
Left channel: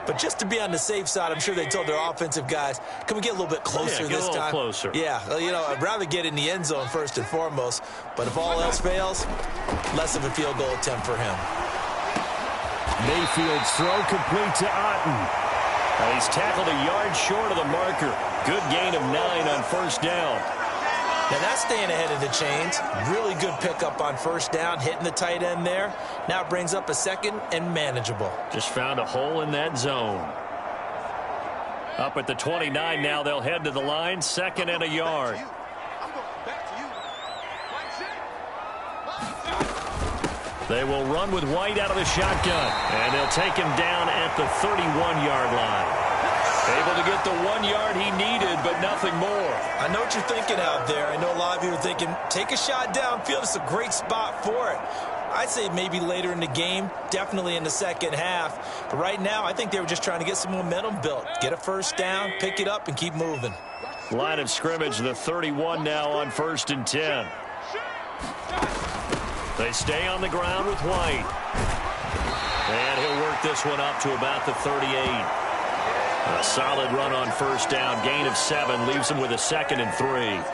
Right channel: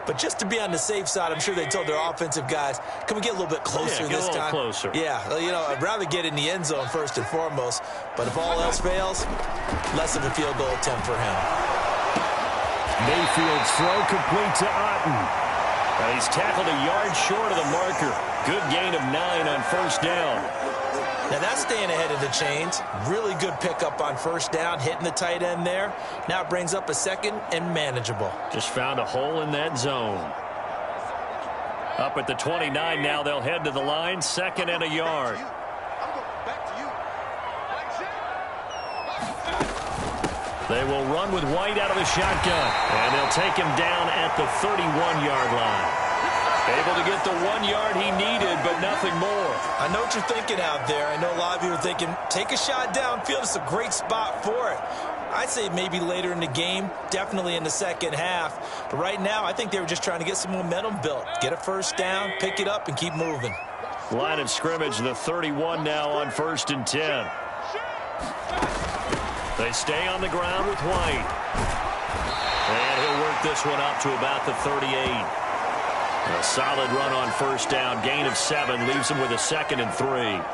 But just to be on the safe side, I'm sure they told their offensive guys, can we get a little bit closer this time? Closer. Yeah, well, I'd rather get in the end zone first and foremost. But if all else fails, less of a field goal attempt for him. Mayfield's throw complete to Otten. And he's tackled a yard short of the marker. Good gain of 9 on 1st down. Now that's staying ahead of the chains. Really good pickup on 1st down, hitting the tight end there. Now it brings up a 2nd and manageable. Just found a hole in that zone. Up at the 29 now, they'll head to the line, 2nd and a yard. They will run with White out of the shotgun, and they'll take him down at the 31-yard line. Able to get the 1 yard he needed, but nothing more. I know what you're thinking out there. I know a lot of you are thinking, take a shot downfield. It's a great spot for it. I'd say maybe later in the game, definitely in the second half. But right now, I think they were just trying to get some momentum built. Get a 1st down, pick it up, and keep moving. Line of scrimmage, the 31 now on 1st and 10. They stay on the ground with White. And he'll work this one up to about the 38. A solid run on 1st down. Gain of 7 leaves them with a 2nd and 3.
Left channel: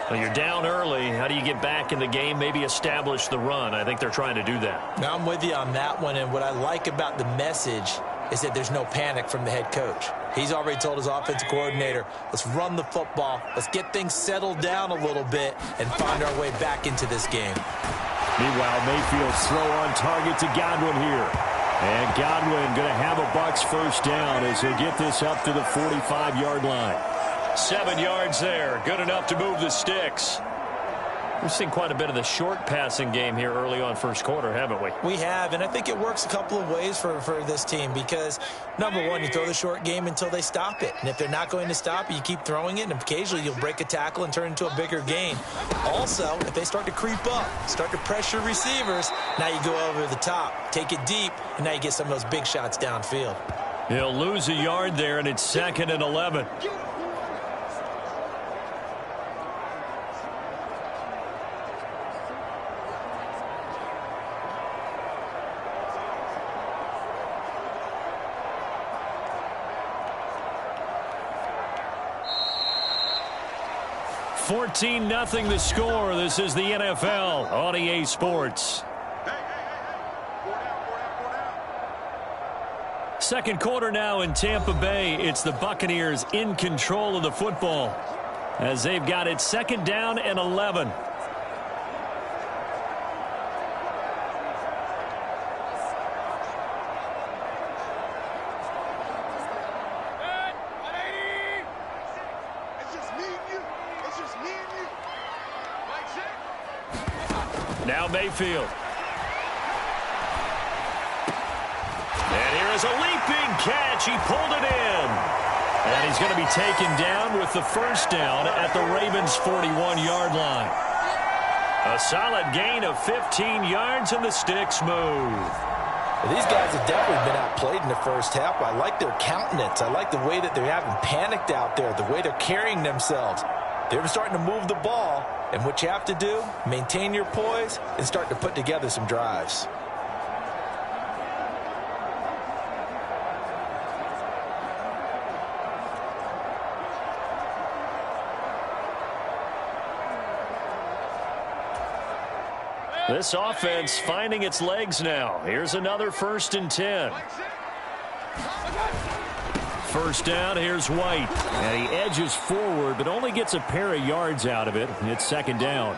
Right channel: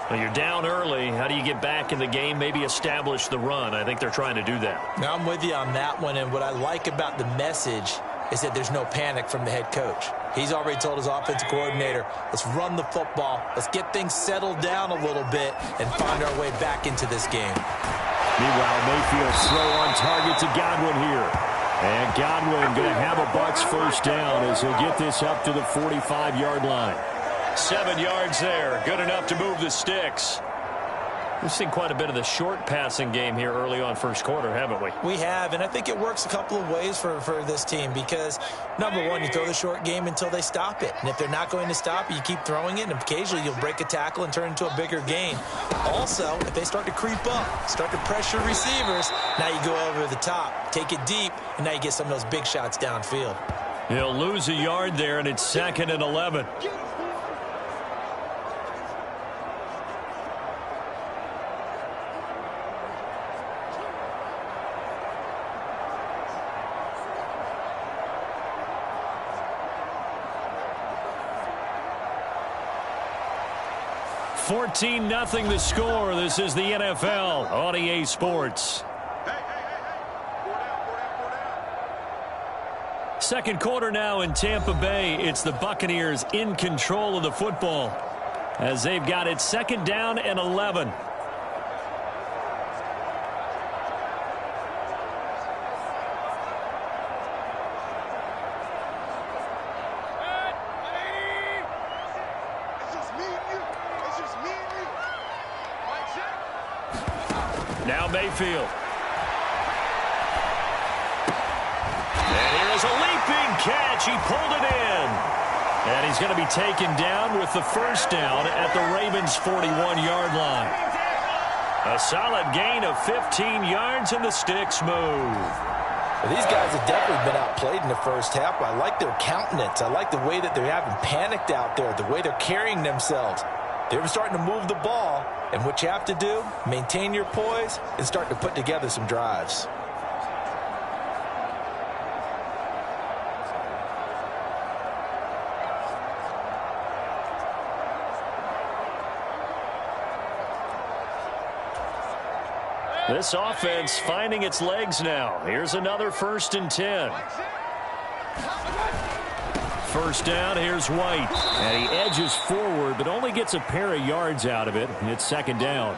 Well, you're down early. How do you get back in the game? Maybe establish the run. I think they're trying to do that. Now, I'm with you on that one. And what I like about the message is that there's no panic from the head coach. He's already told his offensive coordinator, let's run the football. Let's get things settled down a little bit and find our way back into this game. Meanwhile, Mayfield's throw on target to Godwin here. And Godwin going to have a Bucs 1st down as they get this up to the 45-yard line. 7 yards there. Good enough to move the sticks. We've seen quite a bit of the short passing game here early on first quarter, haven't we? We have, and I think it works a couple of ways for this team because, number one, you throw the short game until they stop it. And if they're not going to stop it, you keep throwing it, and occasionally you'll break a tackle and turn it into a bigger gain. Also, if they start to creep up, start to pressure receivers, now you go over the top, take it deep, and now you get some of those big shots downfield. He'll lose a yard there, and it's 2nd and 11. (14-0) the score. This is the NFL on EA Sports. Second quarter now in Tampa Bay. It's the Buccaneers in control of the football as they've got it 2nd down and 11. Now Mayfield. And here is a leaping catch. He pulled it in. And he's going to be taken down with the first down at the Ravens' 41-yard line. A solid gain of 15 yards, and the sticks move. Well, these guys have definitely been outplayed in the first half. I like their countenance. I like the way that they're having panicked out there, the way they're carrying themselves. They're starting to move the ball, and what you have to do, maintain your poise and start to put together some drives. This offense finding its legs now. Here's another 1st and 10. First down, here's White. And he edges forward, but only gets a pair of yards out of it. It's 2nd down.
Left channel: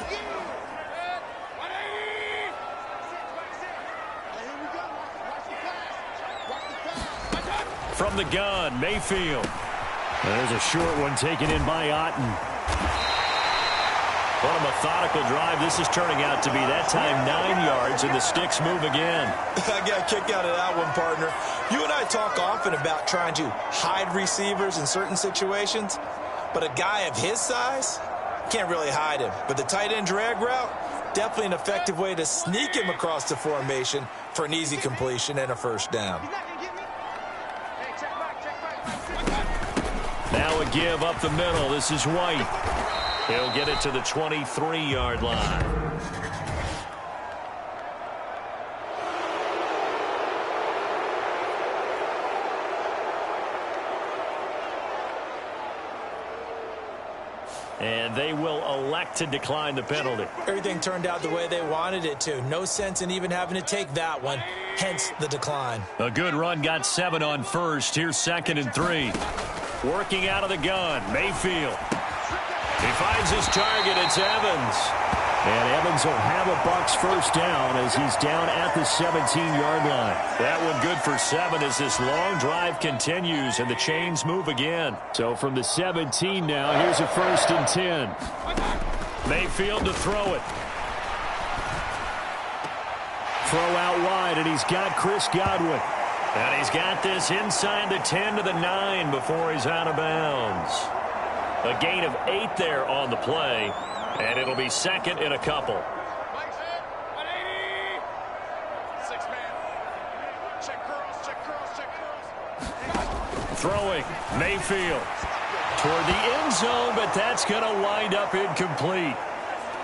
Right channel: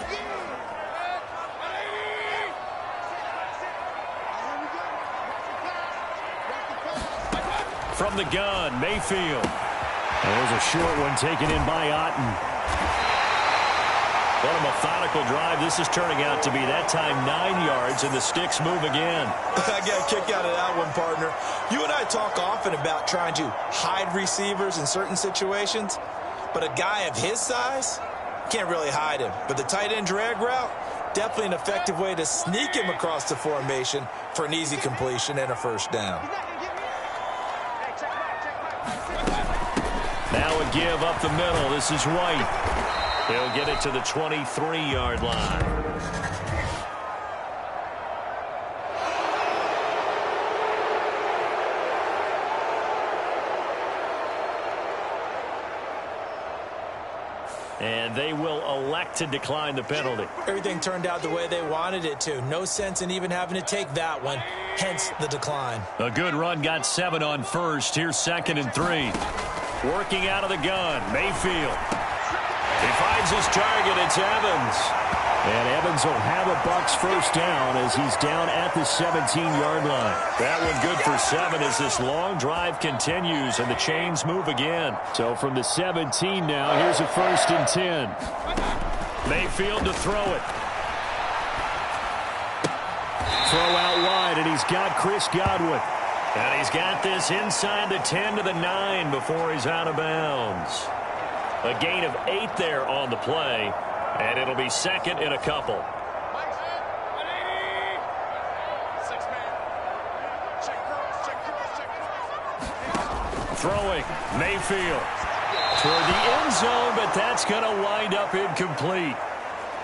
From the gun, Mayfield. And there's a short one taken in by Otten. What a methodical drive this is turning out to be. That time 9 yards, and the sticks move again. I got a kick out of that one, partner. You and I talk often about trying to hide receivers in certain situations, but a guy of his size can't really hide him. But the tight end drag route, definitely an effective way to sneak him across the formation for an easy completion and a first down. Now a give up the middle. This is White. He'll get it to the 23-yard line. And they will elect to decline the penalty. Everything turned out the way they wanted it to. No sense in even having to take that one, hence the decline. A good run got 7 on first. Here's 2nd and 3. Working out of the gun, Mayfield. He finds his target. It's Evans. And Evans will have a Bucs first down as he's down at the 17-yard line. That one good for 7 as this long drive continues and the chains move again. So from the 17 now, here's a 1st and 10. Mayfield to throw it. Throw out wide, and he's got Chris Godwin. And he's got this inside the 10 to the 9 before he's out of bounds. A gain of 8 there on the play, and it'll be 2nd and a couple. Throwing, Mayfield toward the end zone, but that's going to wind up incomplete.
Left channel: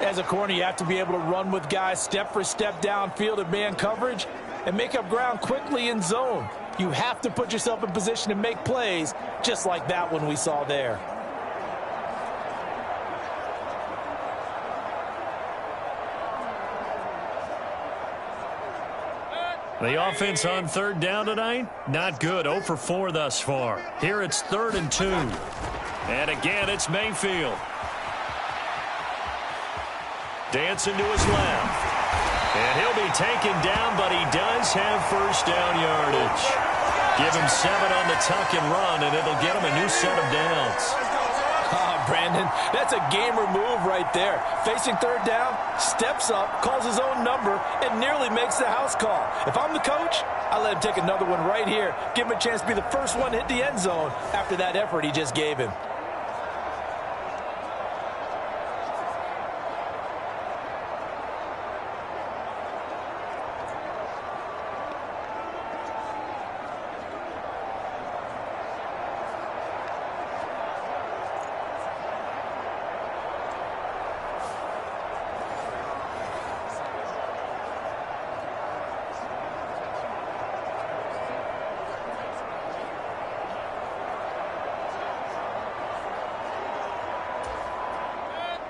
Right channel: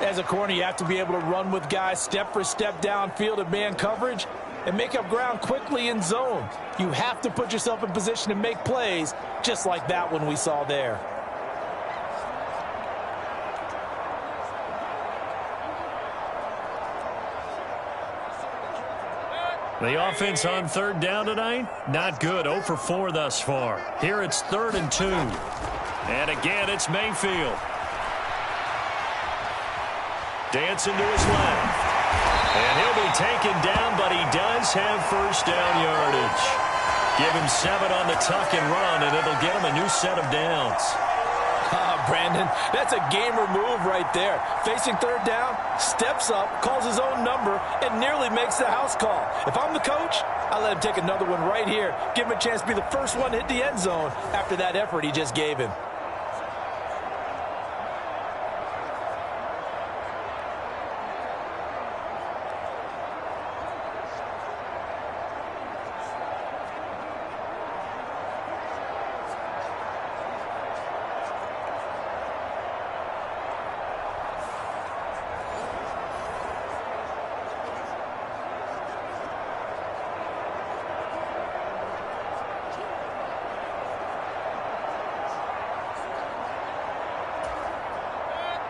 As a corner, you have to be able to run with guys step for step downfield in man coverage and make up ground quickly in zone. You have to put yourself in position to make plays, just like that one we saw there. The offense on 3rd down tonight, not good. 0 for 4 thus far. Here it's 3rd and 2. And again, it's Mayfield. Dancing to his left. And he'll be taken down, but he does have first down yardage. Give him 7 on the tuck and run, and it'll get him a new set of downs. Brandon, that's a gamer move right there. Facing third down, steps up, calls his own number, and nearly makes the house call. If I'm the coach, I let him take another one right here. Give him a chance to be the first one to hit the end zone after that effort he just gave him.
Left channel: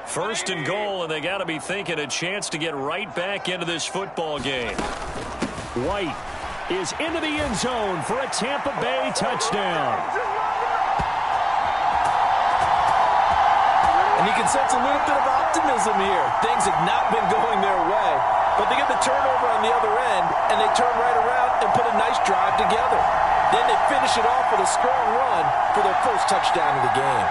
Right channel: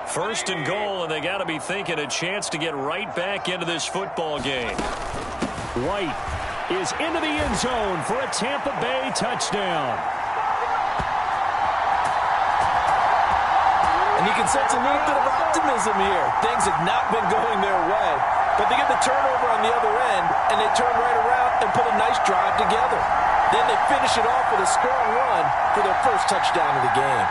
First and goal, and they got to be thinking a chance to get right back into this football game. White is into the end zone for a Tampa Bay touchdown. And you can sense a little bit of optimism here. Things have not been going their way, but they get the turnover on the other end, and they turn right around and put a nice drive together. Then they finish it off with a strong run for their first touchdown of the game.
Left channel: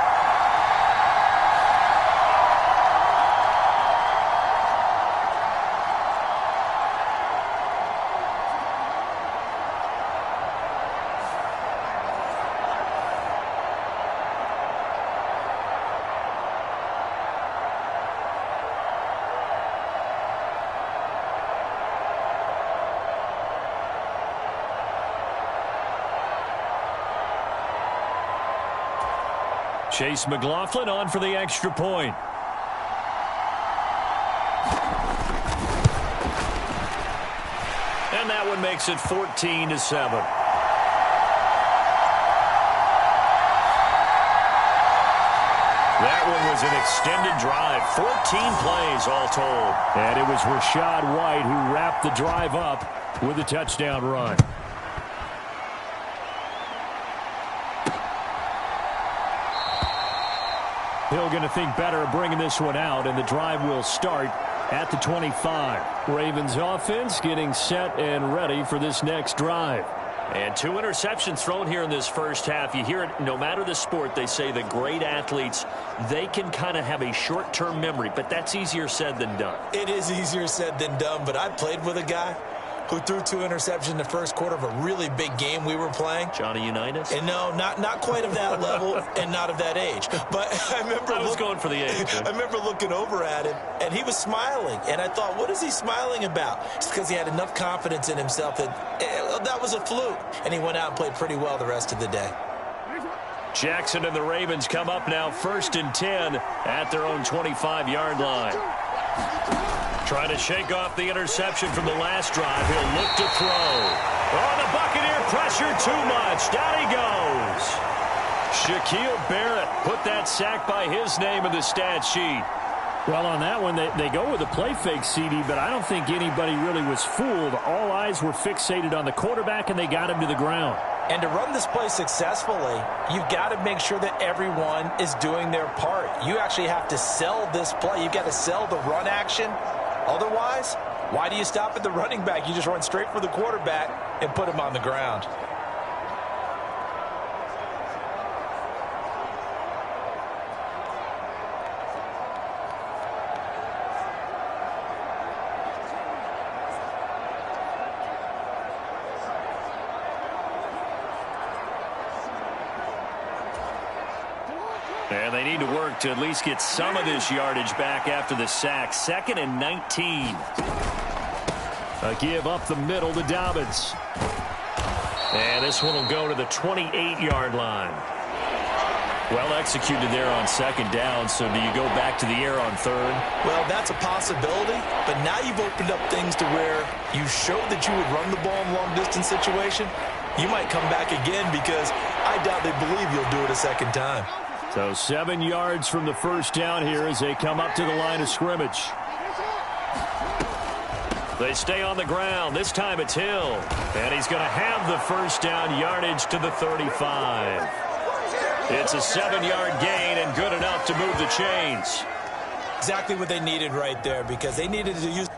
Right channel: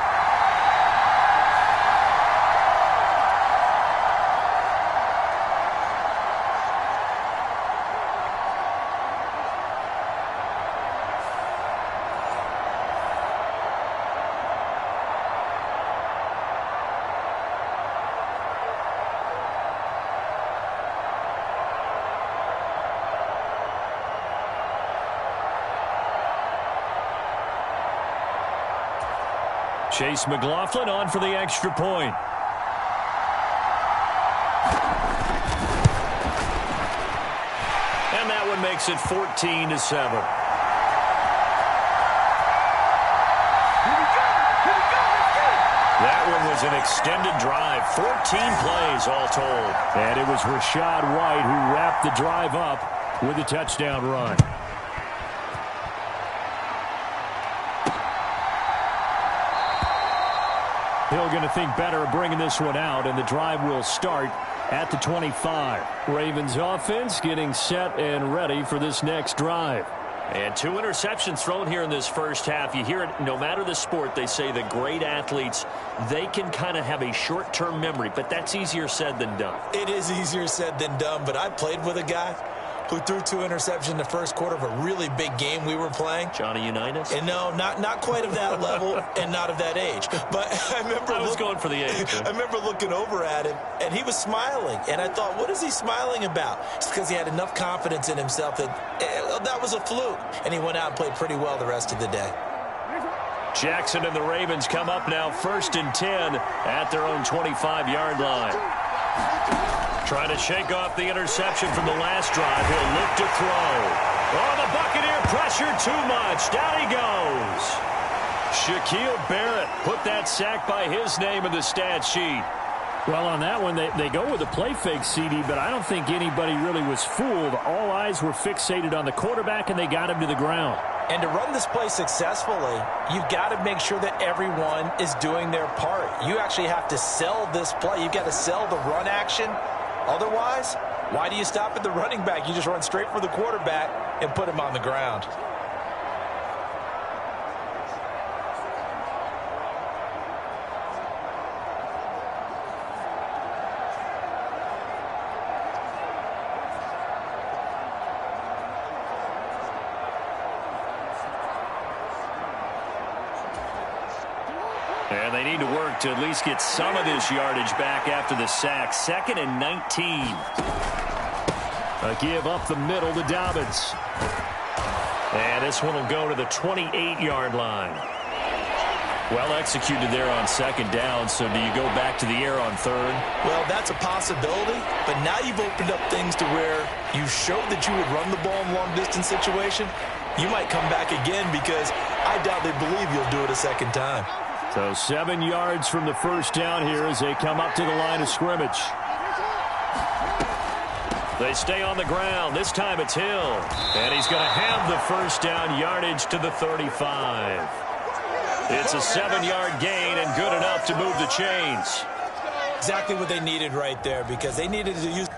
Chase McLaughlin on for the extra point. And that one makes it 14-7. That one was an extended drive. 14 plays all told. And it was Rachaad White who wrapped the drive up with a touchdown run. Hill going to think better of bringing this one out, and the drive will start at the 25. Ravens offense getting set and ready for this next drive. And 2 interceptions thrown here in this first half. You hear it, no matter the sport, they say the great athletes, they can kind of have a short-term memory, but that's easier said than done. It is easier said than done, but I played with a guy who threw 2 interceptions in the first quarter of a really big game we were playing. Johnny Unitas? And no, not quite of that level and not of that age. But I was going for the age. I remember looking over at him, and he was smiling. And I thought, what is he smiling about? It's because he had enough confidence in himself that that was a fluke. And he went out and played pretty well the rest of the day. Jackson and the Ravens come up now 1st and 10 at their own 25-yard line. Trying to shake off the interception from the last drive. He'll look to throw. Oh, the Buccaneer pressure too much. Down he goes. Shaquille Barrett put that sack by his name in the stat sheet. Well, on that one, they go with a play fake, CD, but I don't think anybody really was fooled. All eyes were fixated on the quarterback, and they got him to the ground. And to run this play successfully, you've got to make sure that everyone is doing their part. You actually have to sell this play. You've got to sell the run action. Otherwise, why do you stop at the running back? You just run straight for the quarterback and put him on the ground. And they need to work to at least get some of this yardage back after the sack. 2nd and 19. A give up the middle to Dobbins. And this one will go to the 28-yard line. Well executed there on 2nd down. So do you go back to the air on 3rd? Well, that's a possibility. But now you've opened up things to where you showed that you would run the ball in long-distance situation. You might come back again because I doubt they believe you'll do it a 2nd time. So 7 yards from the first down here as they come up to the line of scrimmage. They stay on the ground. This time it's Hill. And he's going to have the first down yardage to the 35. It's a 7-yard gain and good enough to move the chains. Exactly what they needed right there because they needed to use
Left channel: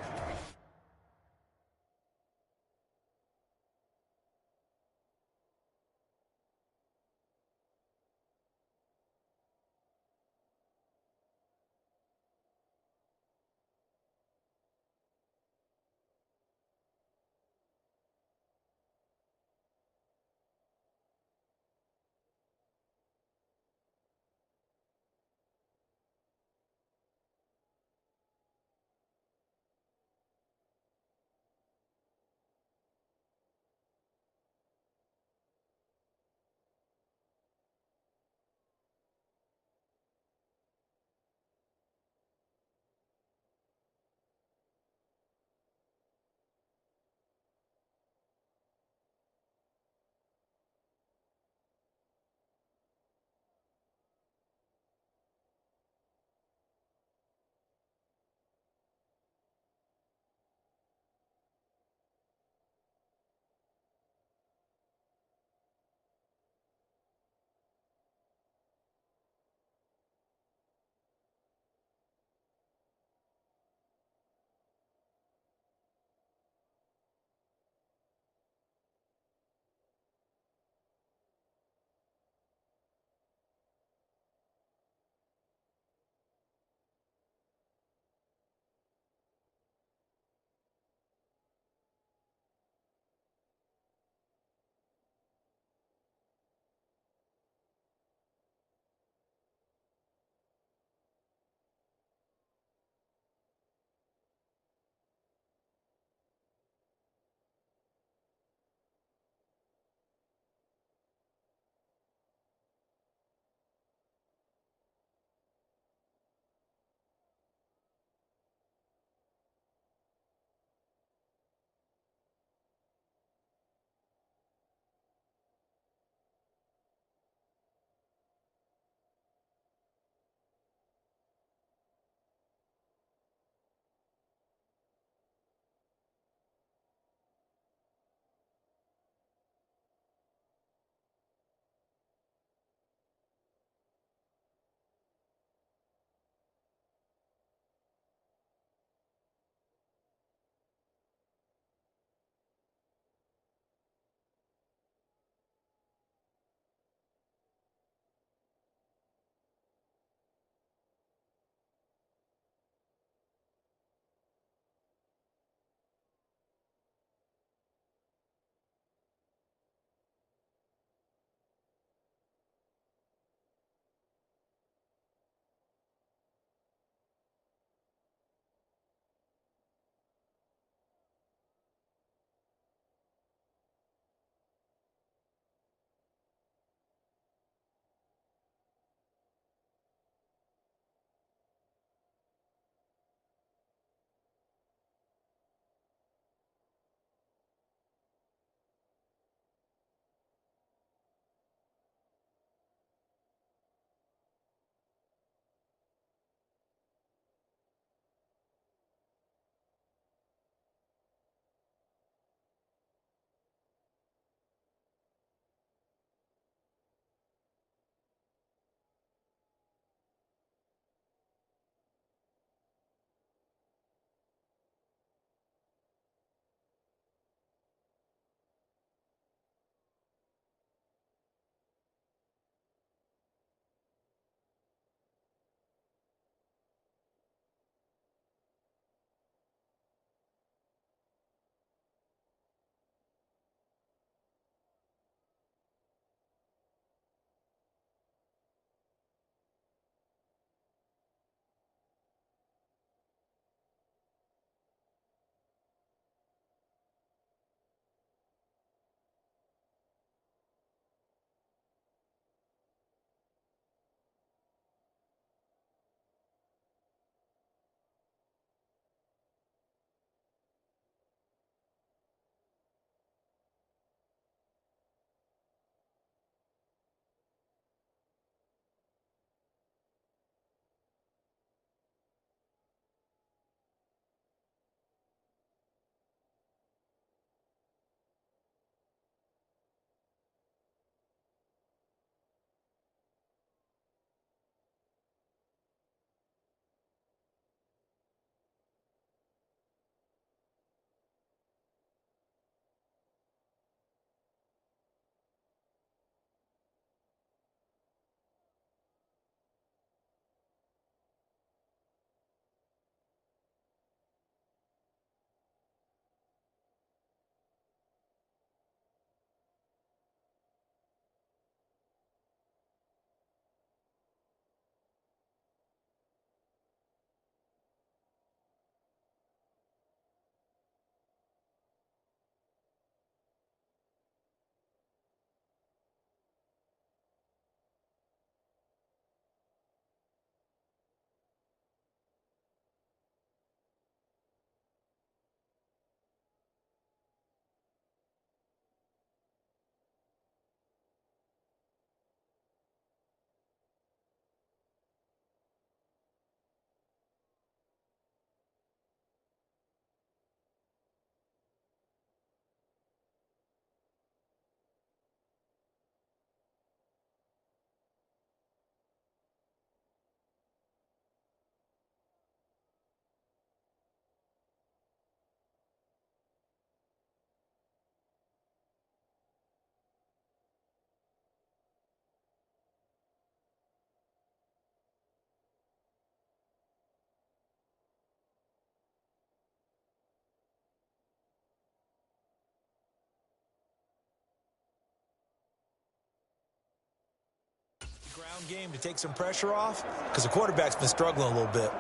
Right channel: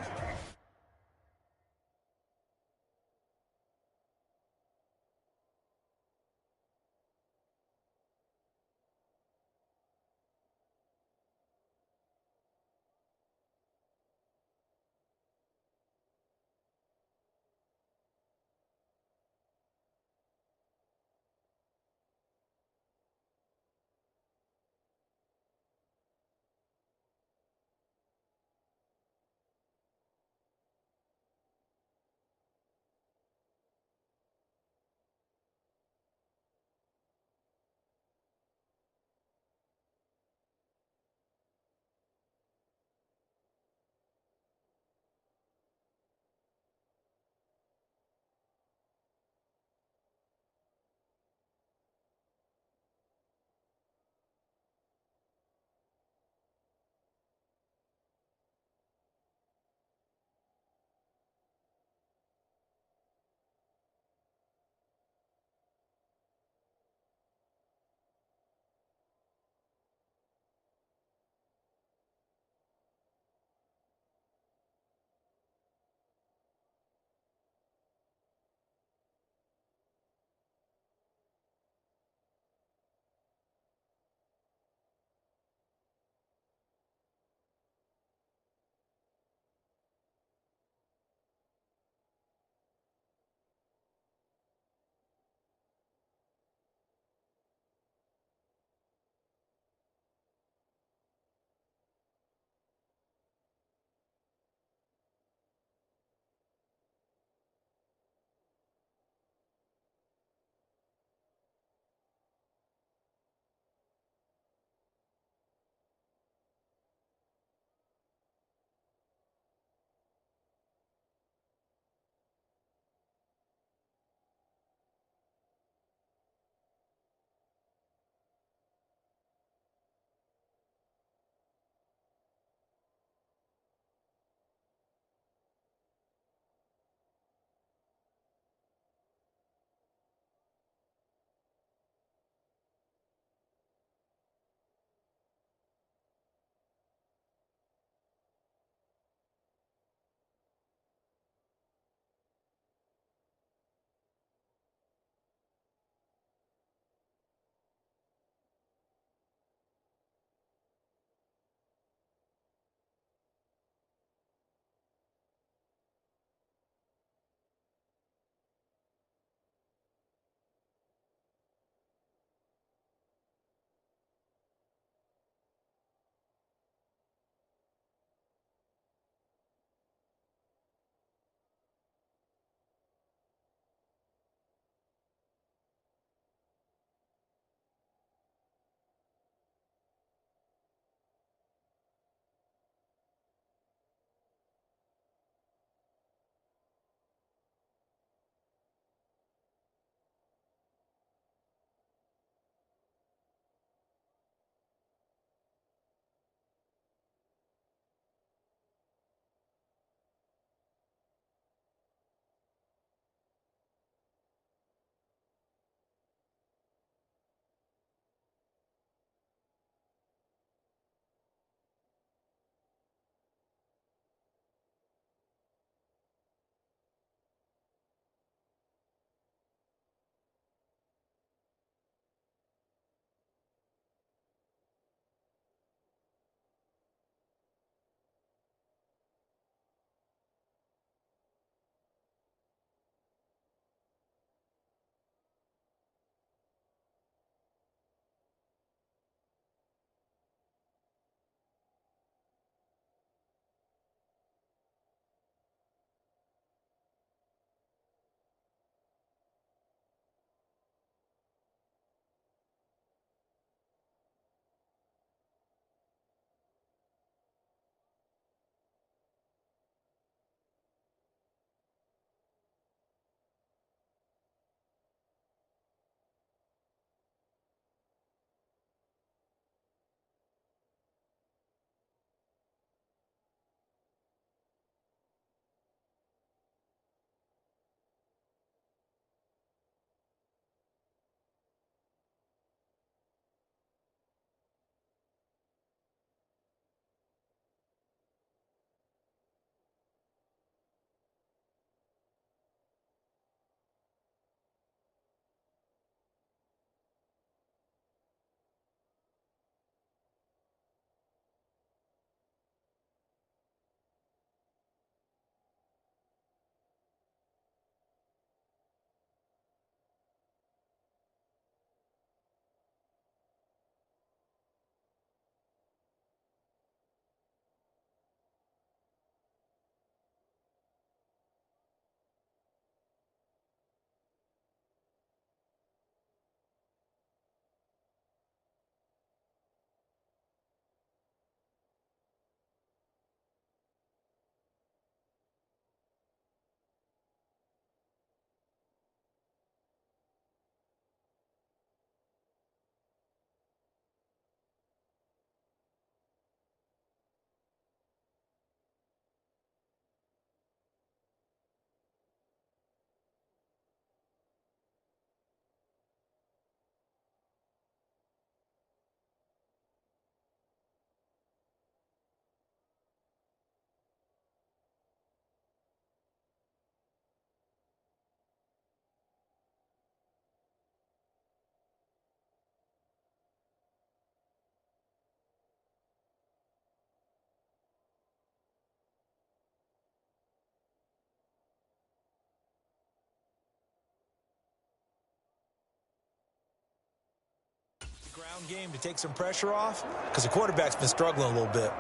Ground game to take some pressure off because the quarterback's been struggling a little bit.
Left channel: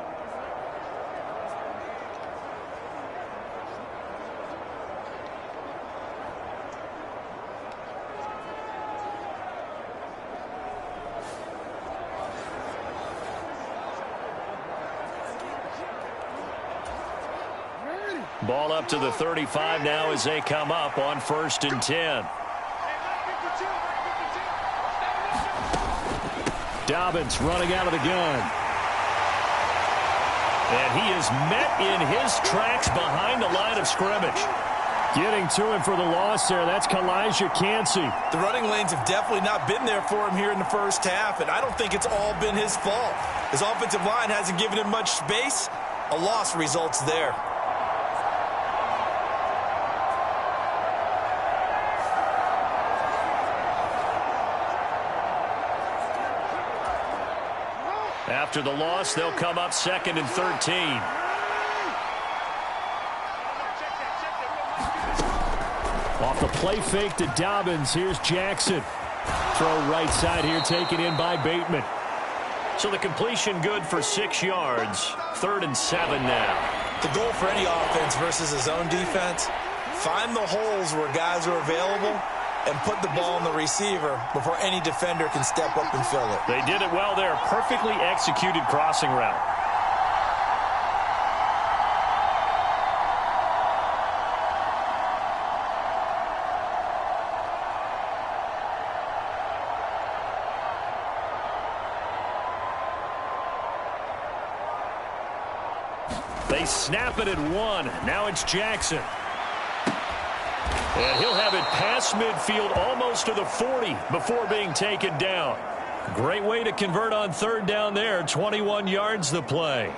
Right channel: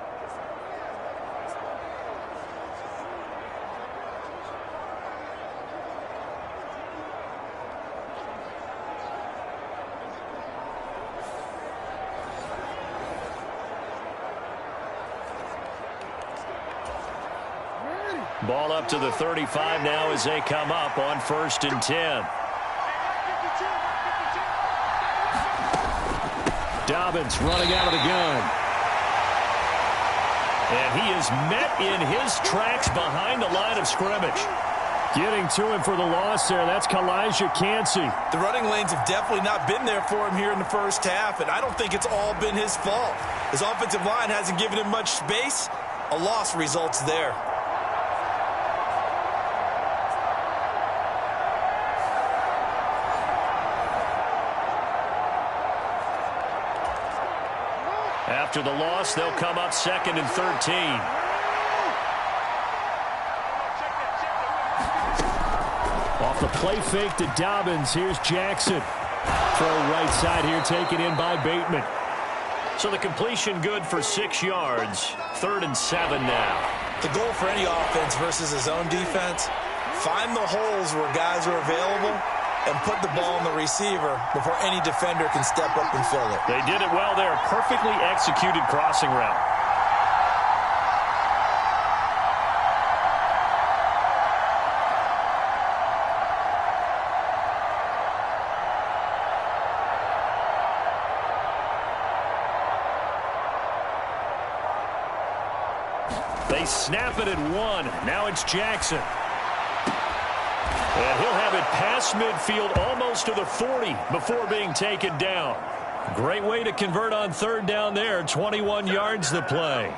Ball up to the 35 now as they come up on 1st and 10. Dobbins running out of the gun. And he is met in his tracks behind the line of scrimmage. Getting to him for the loss there. That's Kalijah Cansey. The running lanes have definitely not been there for him here in the first half, and I don't think it's all been his fault. His offensive line hasn't given him much space. A loss results there. After the loss, they'll come up 2nd and 13. Off the play fake to Dobbins. Here's Jackson. Throw right side here, taken in by Bateman. So the completion good for 6 yards. 3rd and 7 now. The goal for any offense versus his own defense, find the holes where guys are available and put the ball on the receiver before any defender can step up and fill it. They did it well there. Perfectly executed crossing route. They snap it at 1. Now it's Jackson. And he'll have it past midfield almost to the 40 before being taken down. Great way to convert on 3rd down there. 21 yards the play.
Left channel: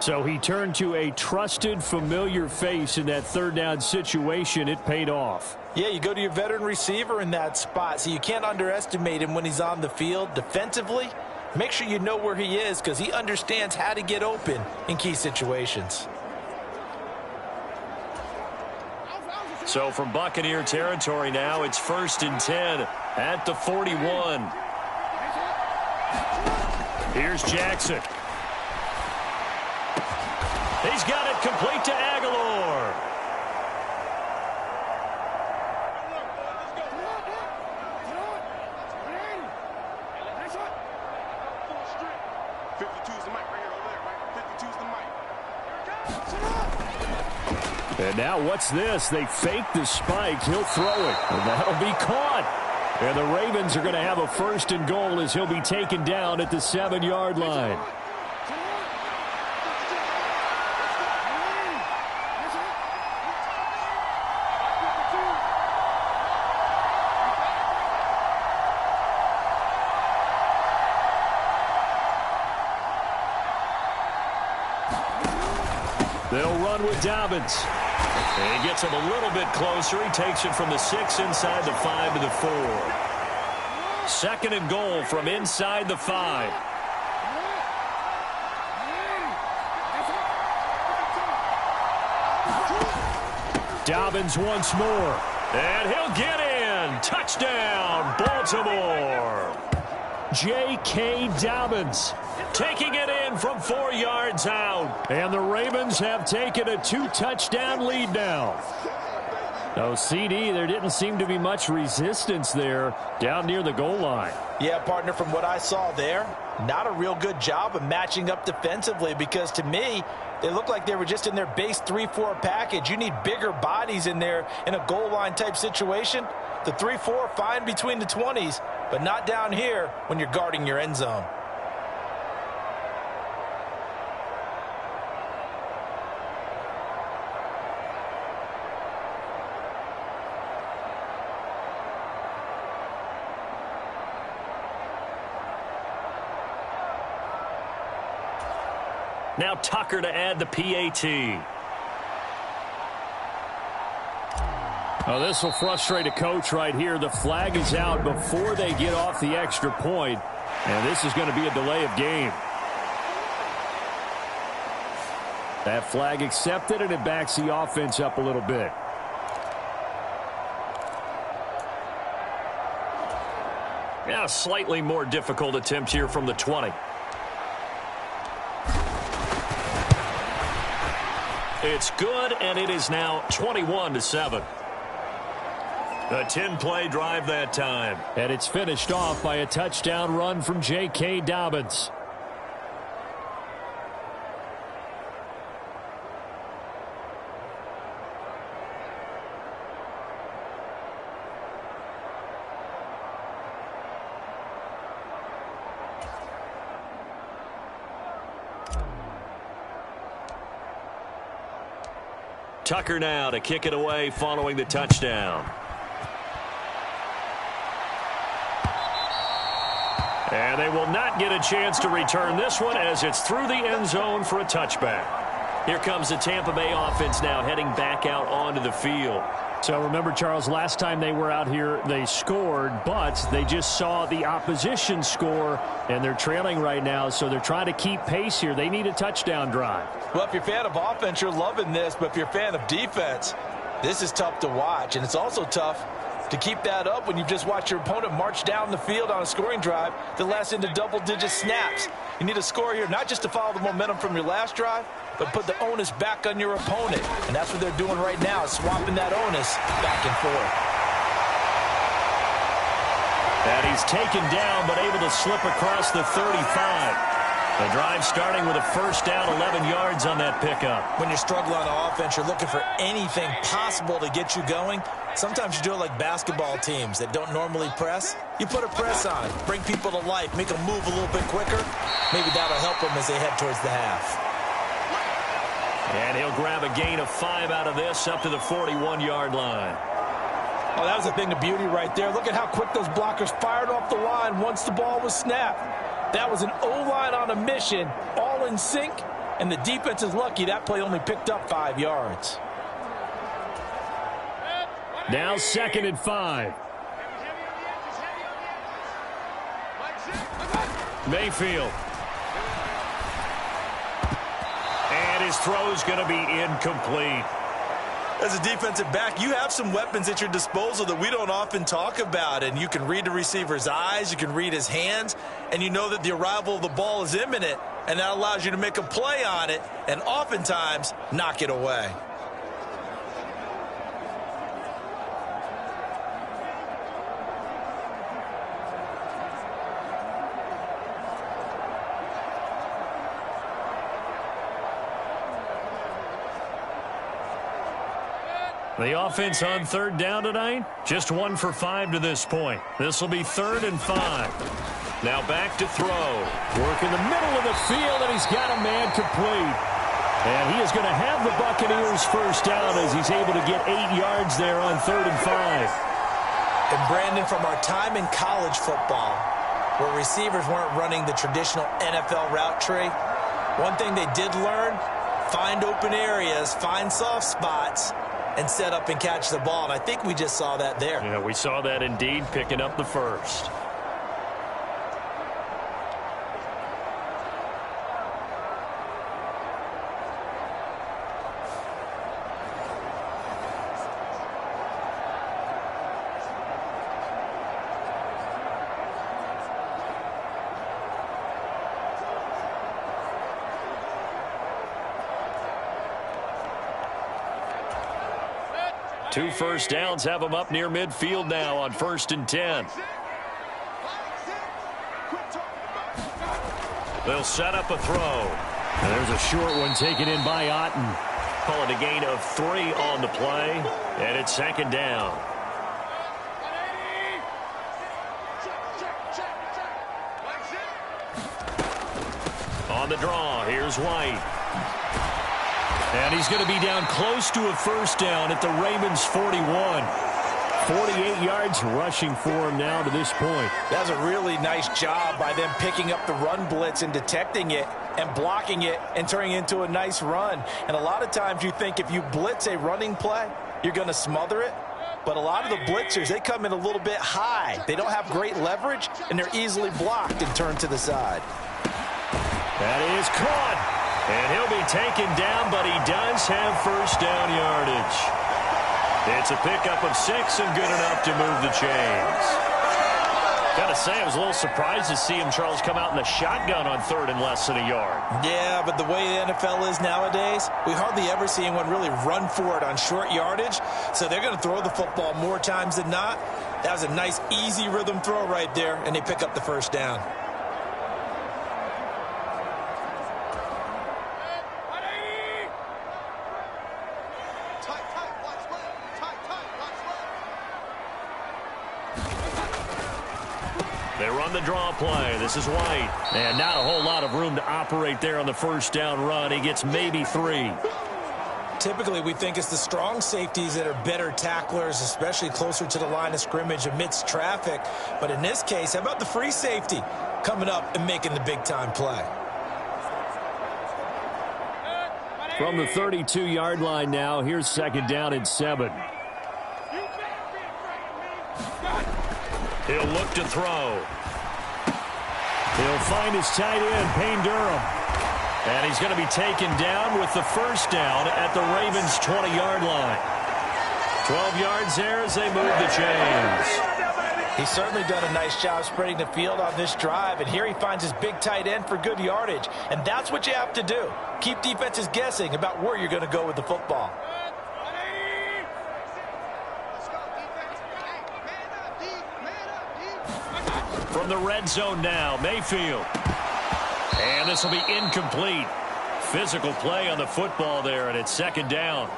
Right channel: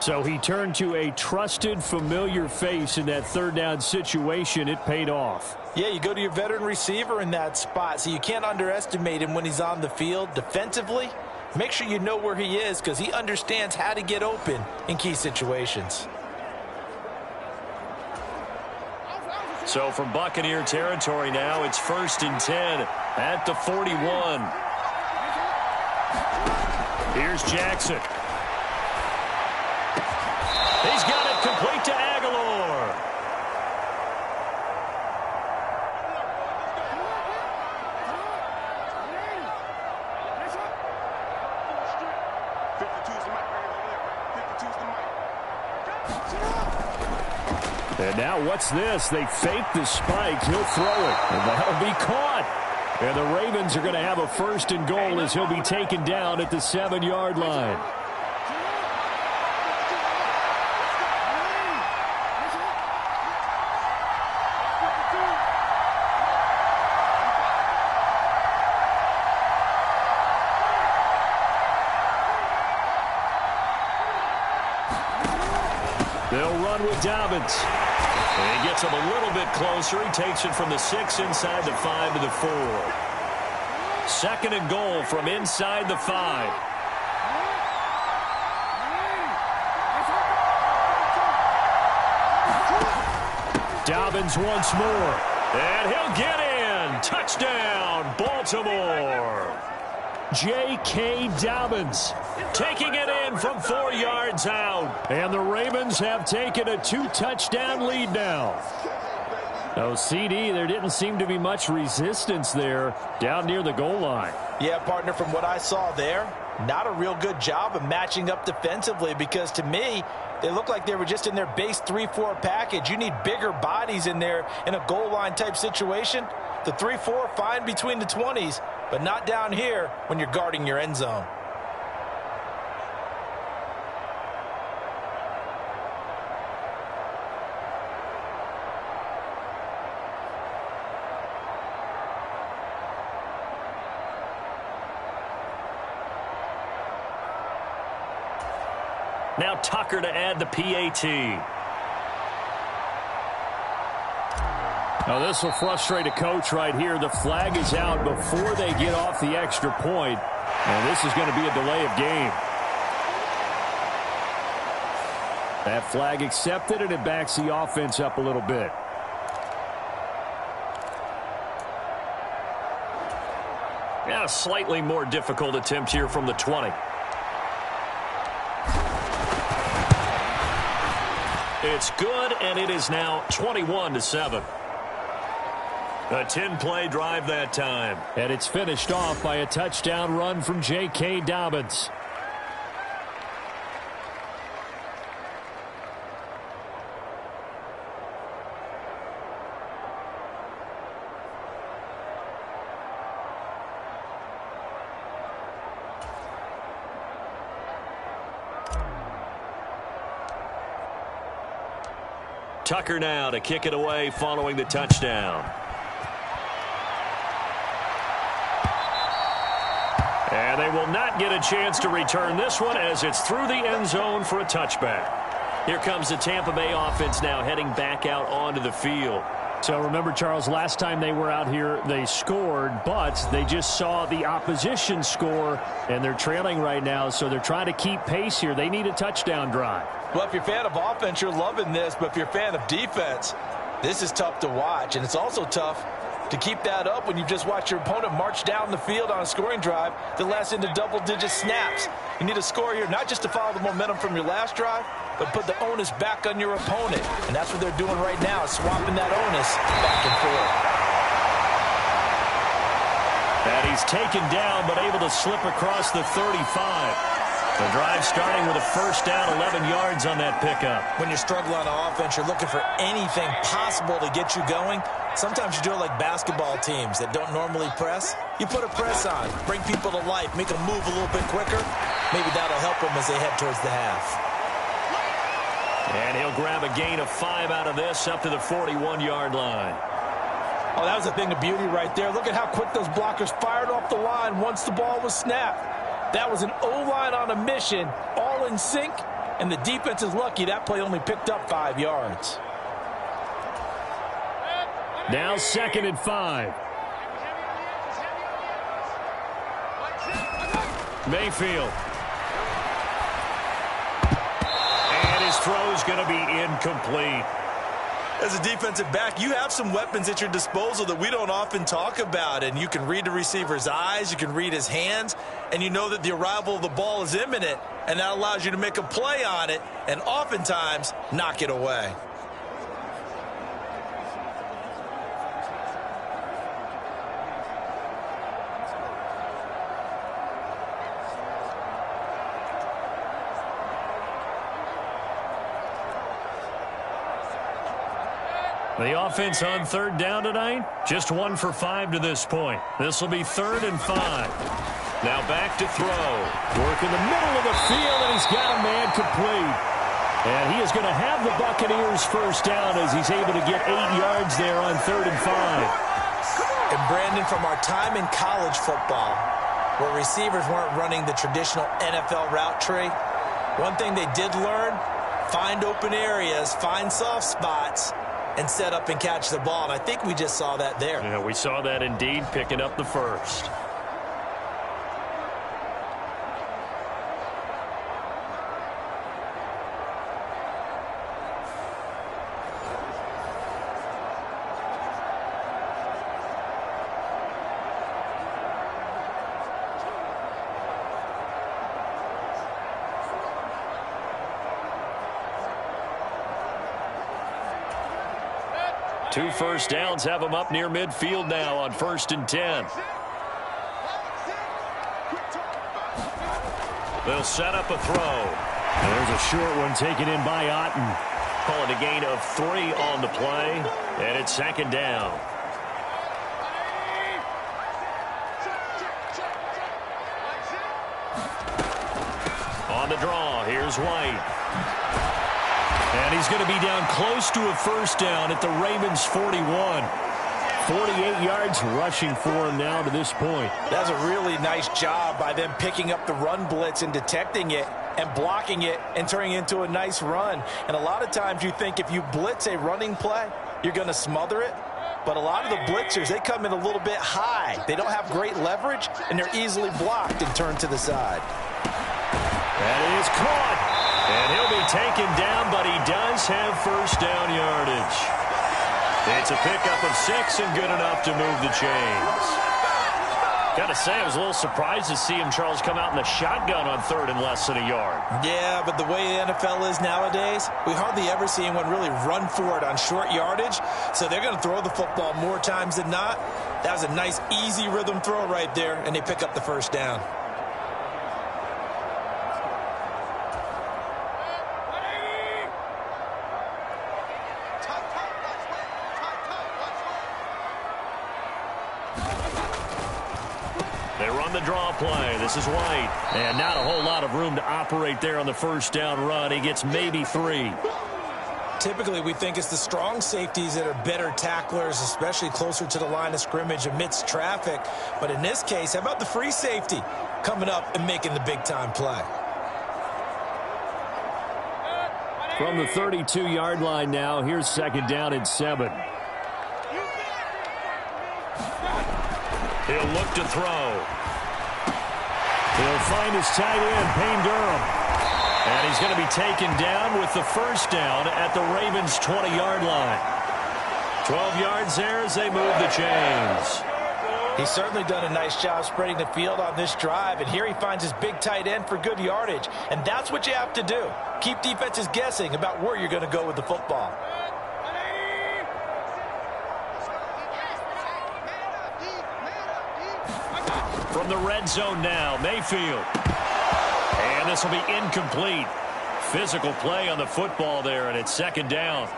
So he turned to a trusted, familiar face in that 3rd down situation. It paid off. Yeah, you go to your veteran receiver in that spot, so you can't underestimate him when he's on the field. Defensively, make sure you know where he is because he understands how to get open in key situations. So from Buccaneer territory now, it's 1st and 10 at the 41. Here's Jackson. He's got it complete to Aguilar. And now what's this? They fake the spike. He'll throw it. And that'll be caught. And the Ravens are going to have a 1st and goal as he'll be taken down at the 7-yard line. They'll run with Dobbins. And he gets him a little bit closer. He takes it from the 6 inside the 5 to the 4. 2nd and goal from inside the 5. Dobbins once more. And he'll get in. Touchdown, Baltimore. J.K. Dobbins taking it in from 4 yards out. And the Ravens have taken a 2-touchdown lead now. No, CD, there didn't seem to be much resistance there down near the goal line. Yeah, partner, from what I saw there, not a real good job of matching up defensively because to me, they look like they were just in their base 3-4 package. You need bigger bodies in there in a goal line type situation. The 3-4, fine between the 20s, but not down here when you're guarding your end zone. Now Tucker to add the PAT. Oh, this will frustrate a coach right here. The flag is out before they get off the extra point, and this is going to be a delay of game. That flag accepted, and it backs the offense up a little bit. Yeah, slightly more difficult attempt here from the 20. It's good, and it is now 21-7. A 10-play drive that time. And it's finished off by a touchdown run from J.K. Dobbins. Tucker now to kick it away following the touchdown. And they will not get a chance to return this one as it's through the end zone for a touchback. Here comes the Tampa Bay offense now heading back out onto the field. So remember, Charles, last time they were out here, they scored, but they just saw the opposition score, and they're trailing right now, so they're trying to keep pace here. They need a touchdown drive. Well, if you're a fan of offense, you're loving this, but if you're a fan of defense, this is tough to watch, and it's also tough to keep that up when you've just watched your opponent march down the field on a scoring drive that lasts into double-digit snaps. You need a score here, not just to follow the momentum from your last drive, but put the onus back on your opponent. And that's what they're doing right now, swapping that onus back and forth. And he's taken down, but able to slip across the 35. The drive starting with a first down, 11 yards on that pickup. When you're struggling on offense, you're looking for anything possible to get you going. Sometimes you do it like basketball teams that don't normally press. You put a press on, bring people to life, make them move a little bit quicker. Maybe that'll help them as they head towards the half. And he'll grab a gain of 5 out of this up to the 41-yard line. Oh, that was a thing of beauty right there. Look at how quick those blockers fired off the line once the ball was snapped. That was an O-line on a mission, all in sync, and the defense is lucky that play only picked up 5 yards. Now 2nd and 5. Mayfield. And his throw's going to be incomplete. As a defensive back, you have some weapons at your disposal that we don't often talk about, and you can read the receiver's eyes, you can read his hands, and you know that the arrival of the ball is imminent, and that allows you to make a play on it and oftentimes knock it away. The offense on 3rd down tonight, just 1 for 5 to this point. This will be 3rd and 5. Now back to throw. Work in the middle of the field, and he's got a man complete. And he is going to have the Buccaneers first down as he's able to get 8 yards there on 3rd and 5. And Brandon, from our time in college football, where receivers weren't running the traditional NFL route tree, one thing they did learn, find open areas, find soft spots, and set up and catch the ball. And I think we just saw that there. Yeah, we saw that indeed, picking up the first. Two first downs have them up near midfield now on 1st and 10. They'll set up a throw. And there's a short one taken in by Otten. Call it a gain of 3 on the play, and it's 2nd down. On the draw, here's White. And he's going to be down close to a first down at the Ravens' 41. 48 yards rushing for him now to this point. That's a really nice job by them picking up the run blitz and detecting it and blocking it and turning it into a nice run. And a lot of times you think if you blitz a running play, you're going to smother it. But a lot of the blitzers, they come in a little bit high. They don't have great leverage, and they're easily blocked and turned to the side. That is caught. And he'll be taken down, but he does have first down yardage. It's a pickup of 6 and good enough to move the chains. Gotta say, I was a little surprised to see him, Charles, come out in the shotgun on 3rd and less than a yard. Yeah, but the way the NFL is nowadays, we hardly ever see anyone really run for it on short yardage. So they're going to throw the football more times than not. That was a nice, easy rhythm throw right there, and they pick up the first down. They run the draw play. This is White. And not a whole lot of room to operate there on the first down run. He gets maybe 3. Typically, we think it's the strong safeties that are better tacklers, especially closer to the line of scrimmage amidst traffic. But in this case, how about the free safety coming up and making the big-time play? From the 32-yard line now, here's 2nd down and 7. He'll look to throw. He'll find his tight end, Payne Durham. And he's going to be taken down with the first down at the Ravens' 20-yard line. 12 yards there as they move the chains. He's certainly done a nice job spreading the field on this drive, and here he finds his big tight end for good yardage. And that's what you have to do. Keep defenses guessing about where you're going to go with the football. From the red zone now, Mayfield. And this will be incomplete. Physical play on the football there, and it's 2nd down.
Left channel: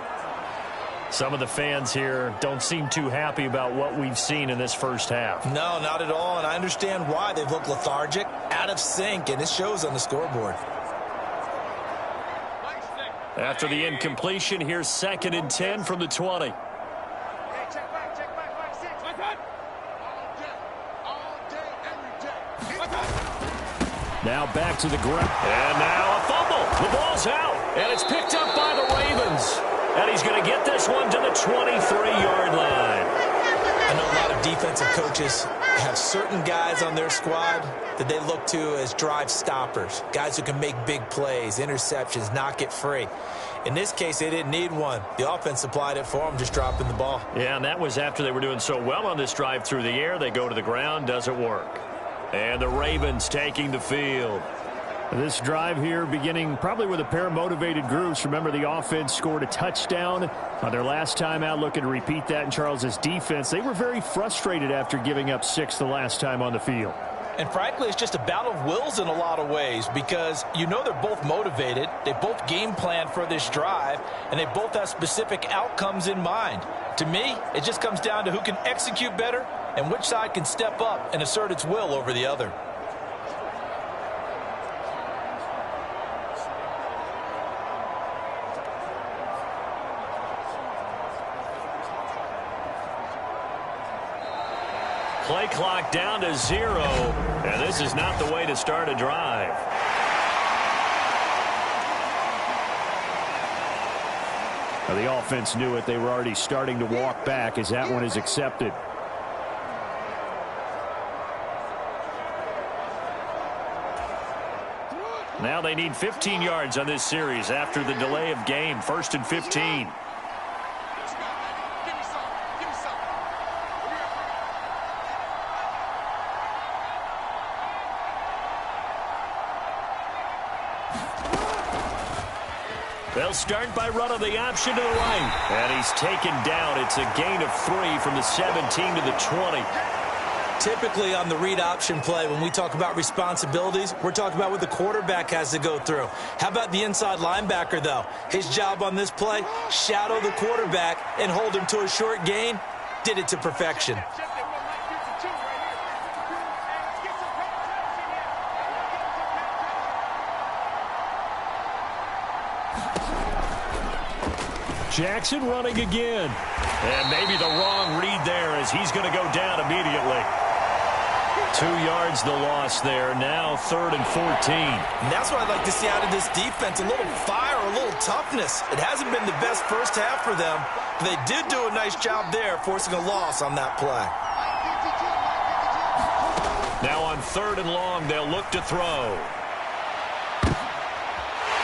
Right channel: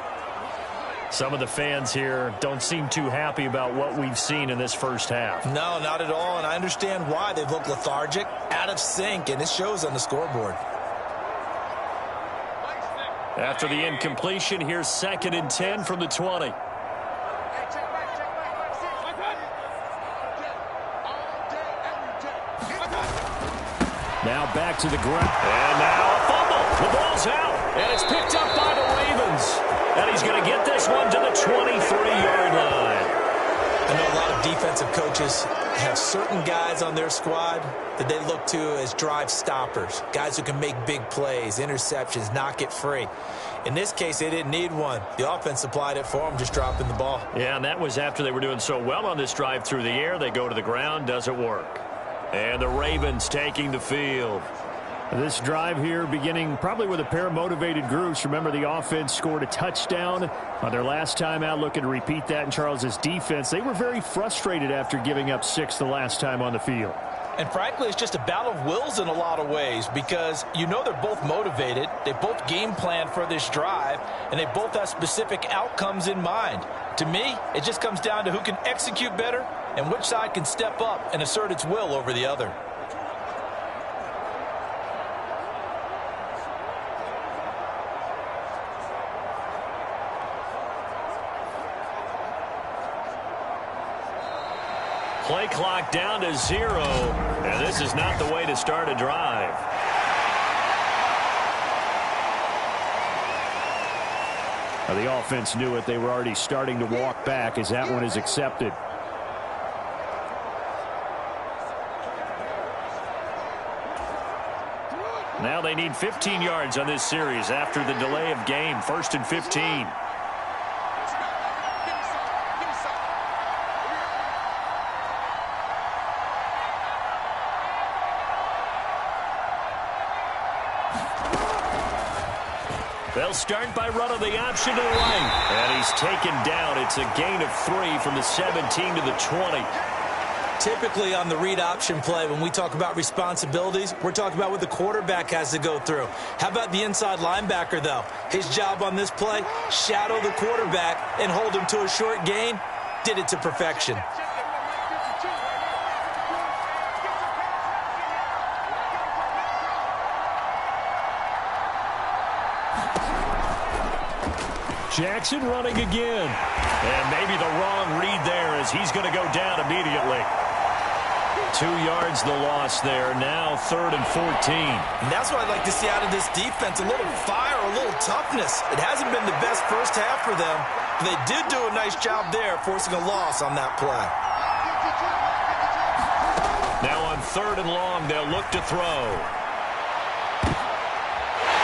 Some of the fans here don't seem too happy about what we've seen in this first half. No, not at all, and I understand why. They've looked lethargic, out of sync, and it shows on the scoreboard. After the incompletion, here's 2nd and 10 from the 20. Now back to the ground. And now a fumble. The ball's out. And it's picked up by the Ravens. And he's going to get this one to the 23-yard line. I know a lot of defensive coaches have certain guys on their squad that they look to as drive stoppers. Guys who can make big plays, interceptions, knock it free. In this case, they didn't need one. The offense supplied it for them, just dropping the ball. Yeah, and that was after they were doing so well on this drive through the air. They go to the ground, doesn't work. And the Ravens taking the field. This drive here beginning probably with a pair of motivated groups. Remember, the offense scored a touchdown on their last time out, looking to repeat that in Charles's defense. They were very frustrated after giving up 6 the last time on the field. And frankly, it's just a battle of wills in a lot of ways, because you know they're both motivated, they both game plan for this drive, and they both have specific outcomes in mind. To me, it just comes down to who can execute better and which side can step up and assert its will over the other. Play clock down to 0, and this is not the way to start a drive. Now, the offense knew it. They were already starting to walk back as that one is accepted. Now they need 15 yards on this series after the delay of game. 1st and 15. They'll start by running the option to the right. And he's taken down. It's a gain of 3 from the 17 to the 20. Typically on the read option play, when we talk about responsibilities, we're talking about what the quarterback has to go through. How about the inside linebacker, though? His job on this play, shadow the quarterback and hold him to a short gain. Did it to perfection. Jackson running again. And maybe the wrong read there as he's going to go down immediately. 2 yards the loss there. Now 3rd and 14. And that's what I'd like to see out of this defense. A little fire, a little toughness. It hasn't been the best first half for them, but they did do a nice job there, forcing a loss on that play. Now on 3rd and long, they'll look to throw.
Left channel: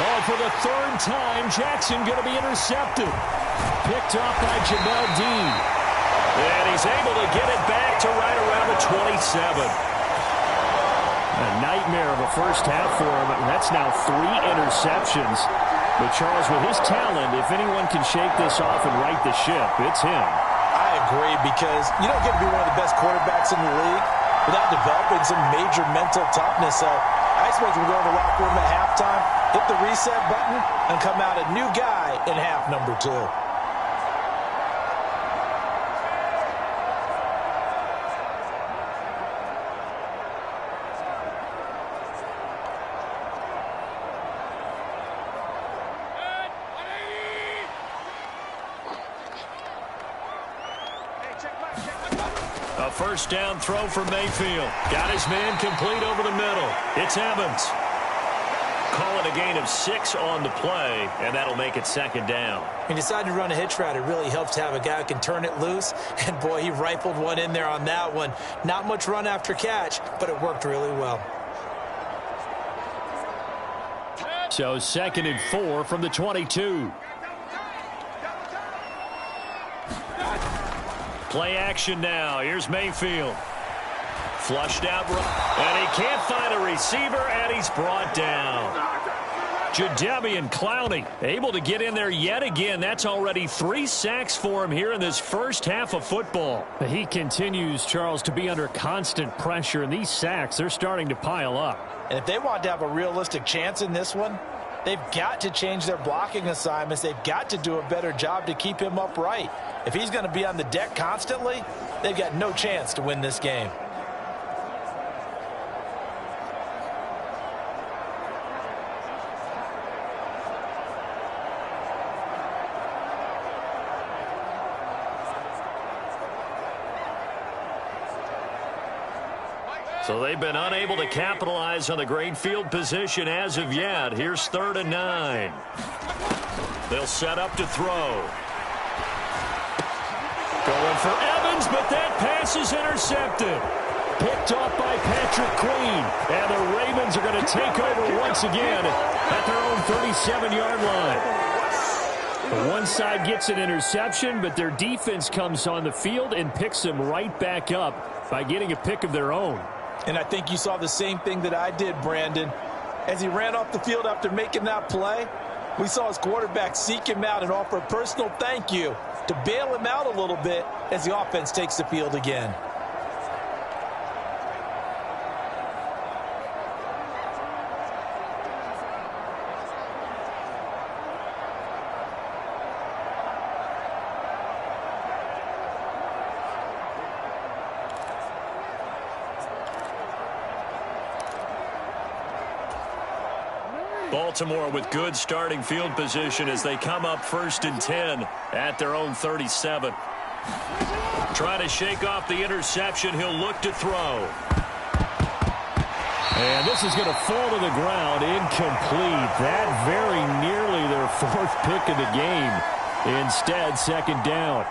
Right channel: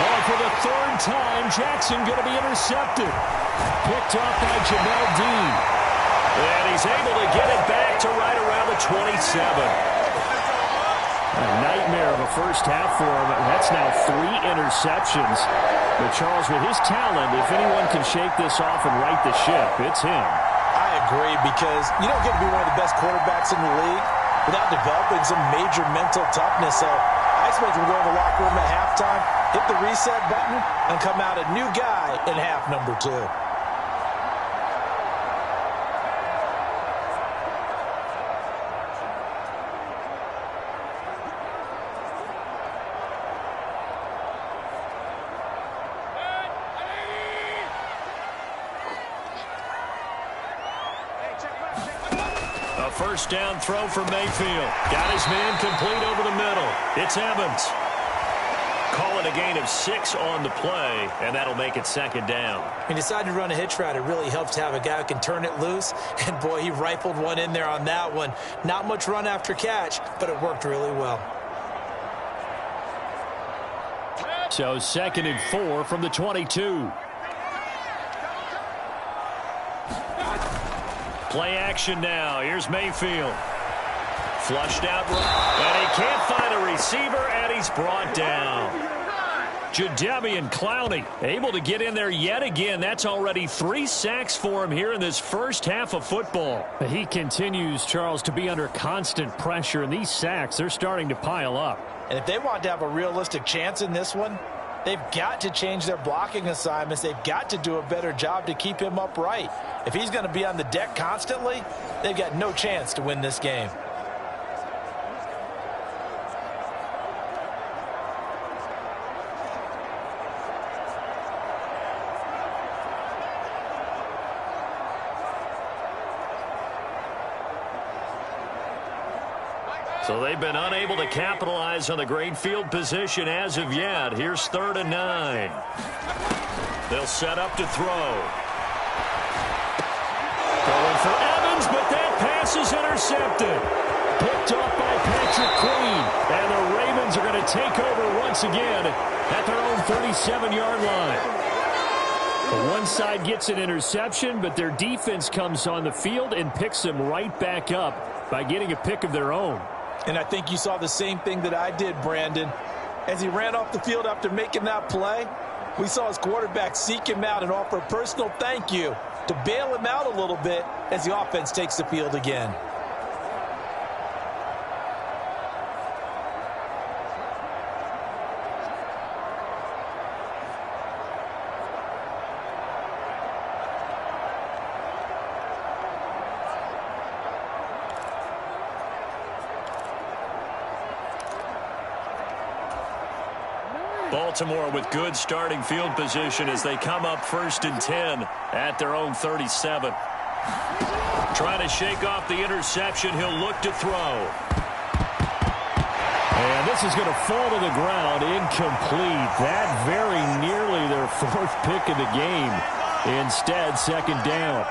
Oh, for the 3rd time, Jackson going to be intercepted. Picked off by Jamel Dean. And he's able to get it back to right around the 27. A nightmare of a first half for him. That's now 3 interceptions. But Charles, with his talent, if anyone can shake this off and right the ship, it's him. I agree, because you don't get to be one of the best quarterbacks in the league without developing some major mental toughness. So I expect him to go in the locker room at halftime, hit the reset button, and come out a new guy in half number 2. A first down throw for Mayfield. Got his man complete over the middle. It's Evans. Call it a gain of 6 on the play, and that'll make it second down. He decided to run a hitch route. It really helps to have a guy who can turn it loose. And, boy, he rifled one in there on that one. Not much run after catch, but it worked really well. So 2nd and 4 from the 22. Play action now. Here's Mayfield. Flushed out. And he can't find a receiver, and he's brought down. Jadeveon Clowney able to get in there yet again. That's already 3 sacks for him here in this first half of football. He continues, Charles, to be under constant pressure, and these sacks, they're starting to pile up. And if they want to have a realistic chance in this one, they've got to change their blocking assignments. They've got to do a better job to keep him upright. If he's going to be on the deck constantly, they've got no chance to win this game. So they've been unable to capitalize on the great field position as of yet. Here's 3rd and 9. They'll set up to throw. Going for Evans, but that pass is intercepted. Picked off by Patrick Queen. And the Ravens are going to take over once again at their own 37-yard line. One side gets an interception, but their defense comes on the field and picks them right back up by getting a pick of their own. And I think you saw the same thing that I did, Brandon. As he ran off the field after making that play, we saw his quarterback seek him out and offer a personal thank you to bail him out a little bit as the offense takes the field again. Baltimore with good starting field position as they come up 1st and 10 at their own 37. Trying to shake off the interception. He'll look to throw. And this is going to fall to the ground, incomplete. That very nearly their 4th pick of the game. Instead, 2nd down.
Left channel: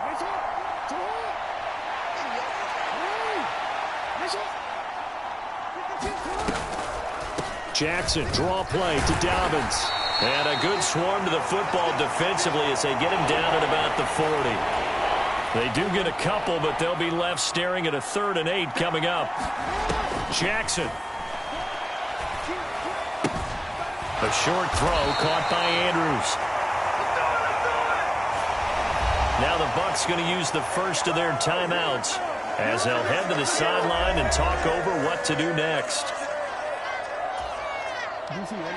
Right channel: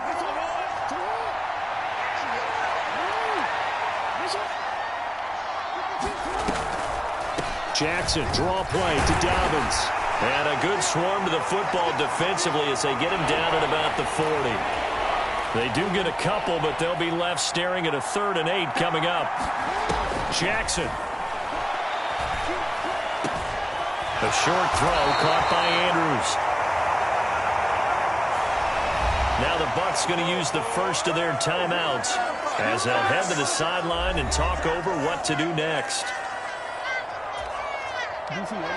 Jackson, draw play to Dobbins. And a good swarm to the football defensively as they get him down at about the 40. They do get a couple, but they'll be left staring at a 3rd and 8 coming up. Jackson. A short throw caught by Andrews. Now the Bucs going to use the first of their timeouts as they'll head to the sideline and talk over what to do next.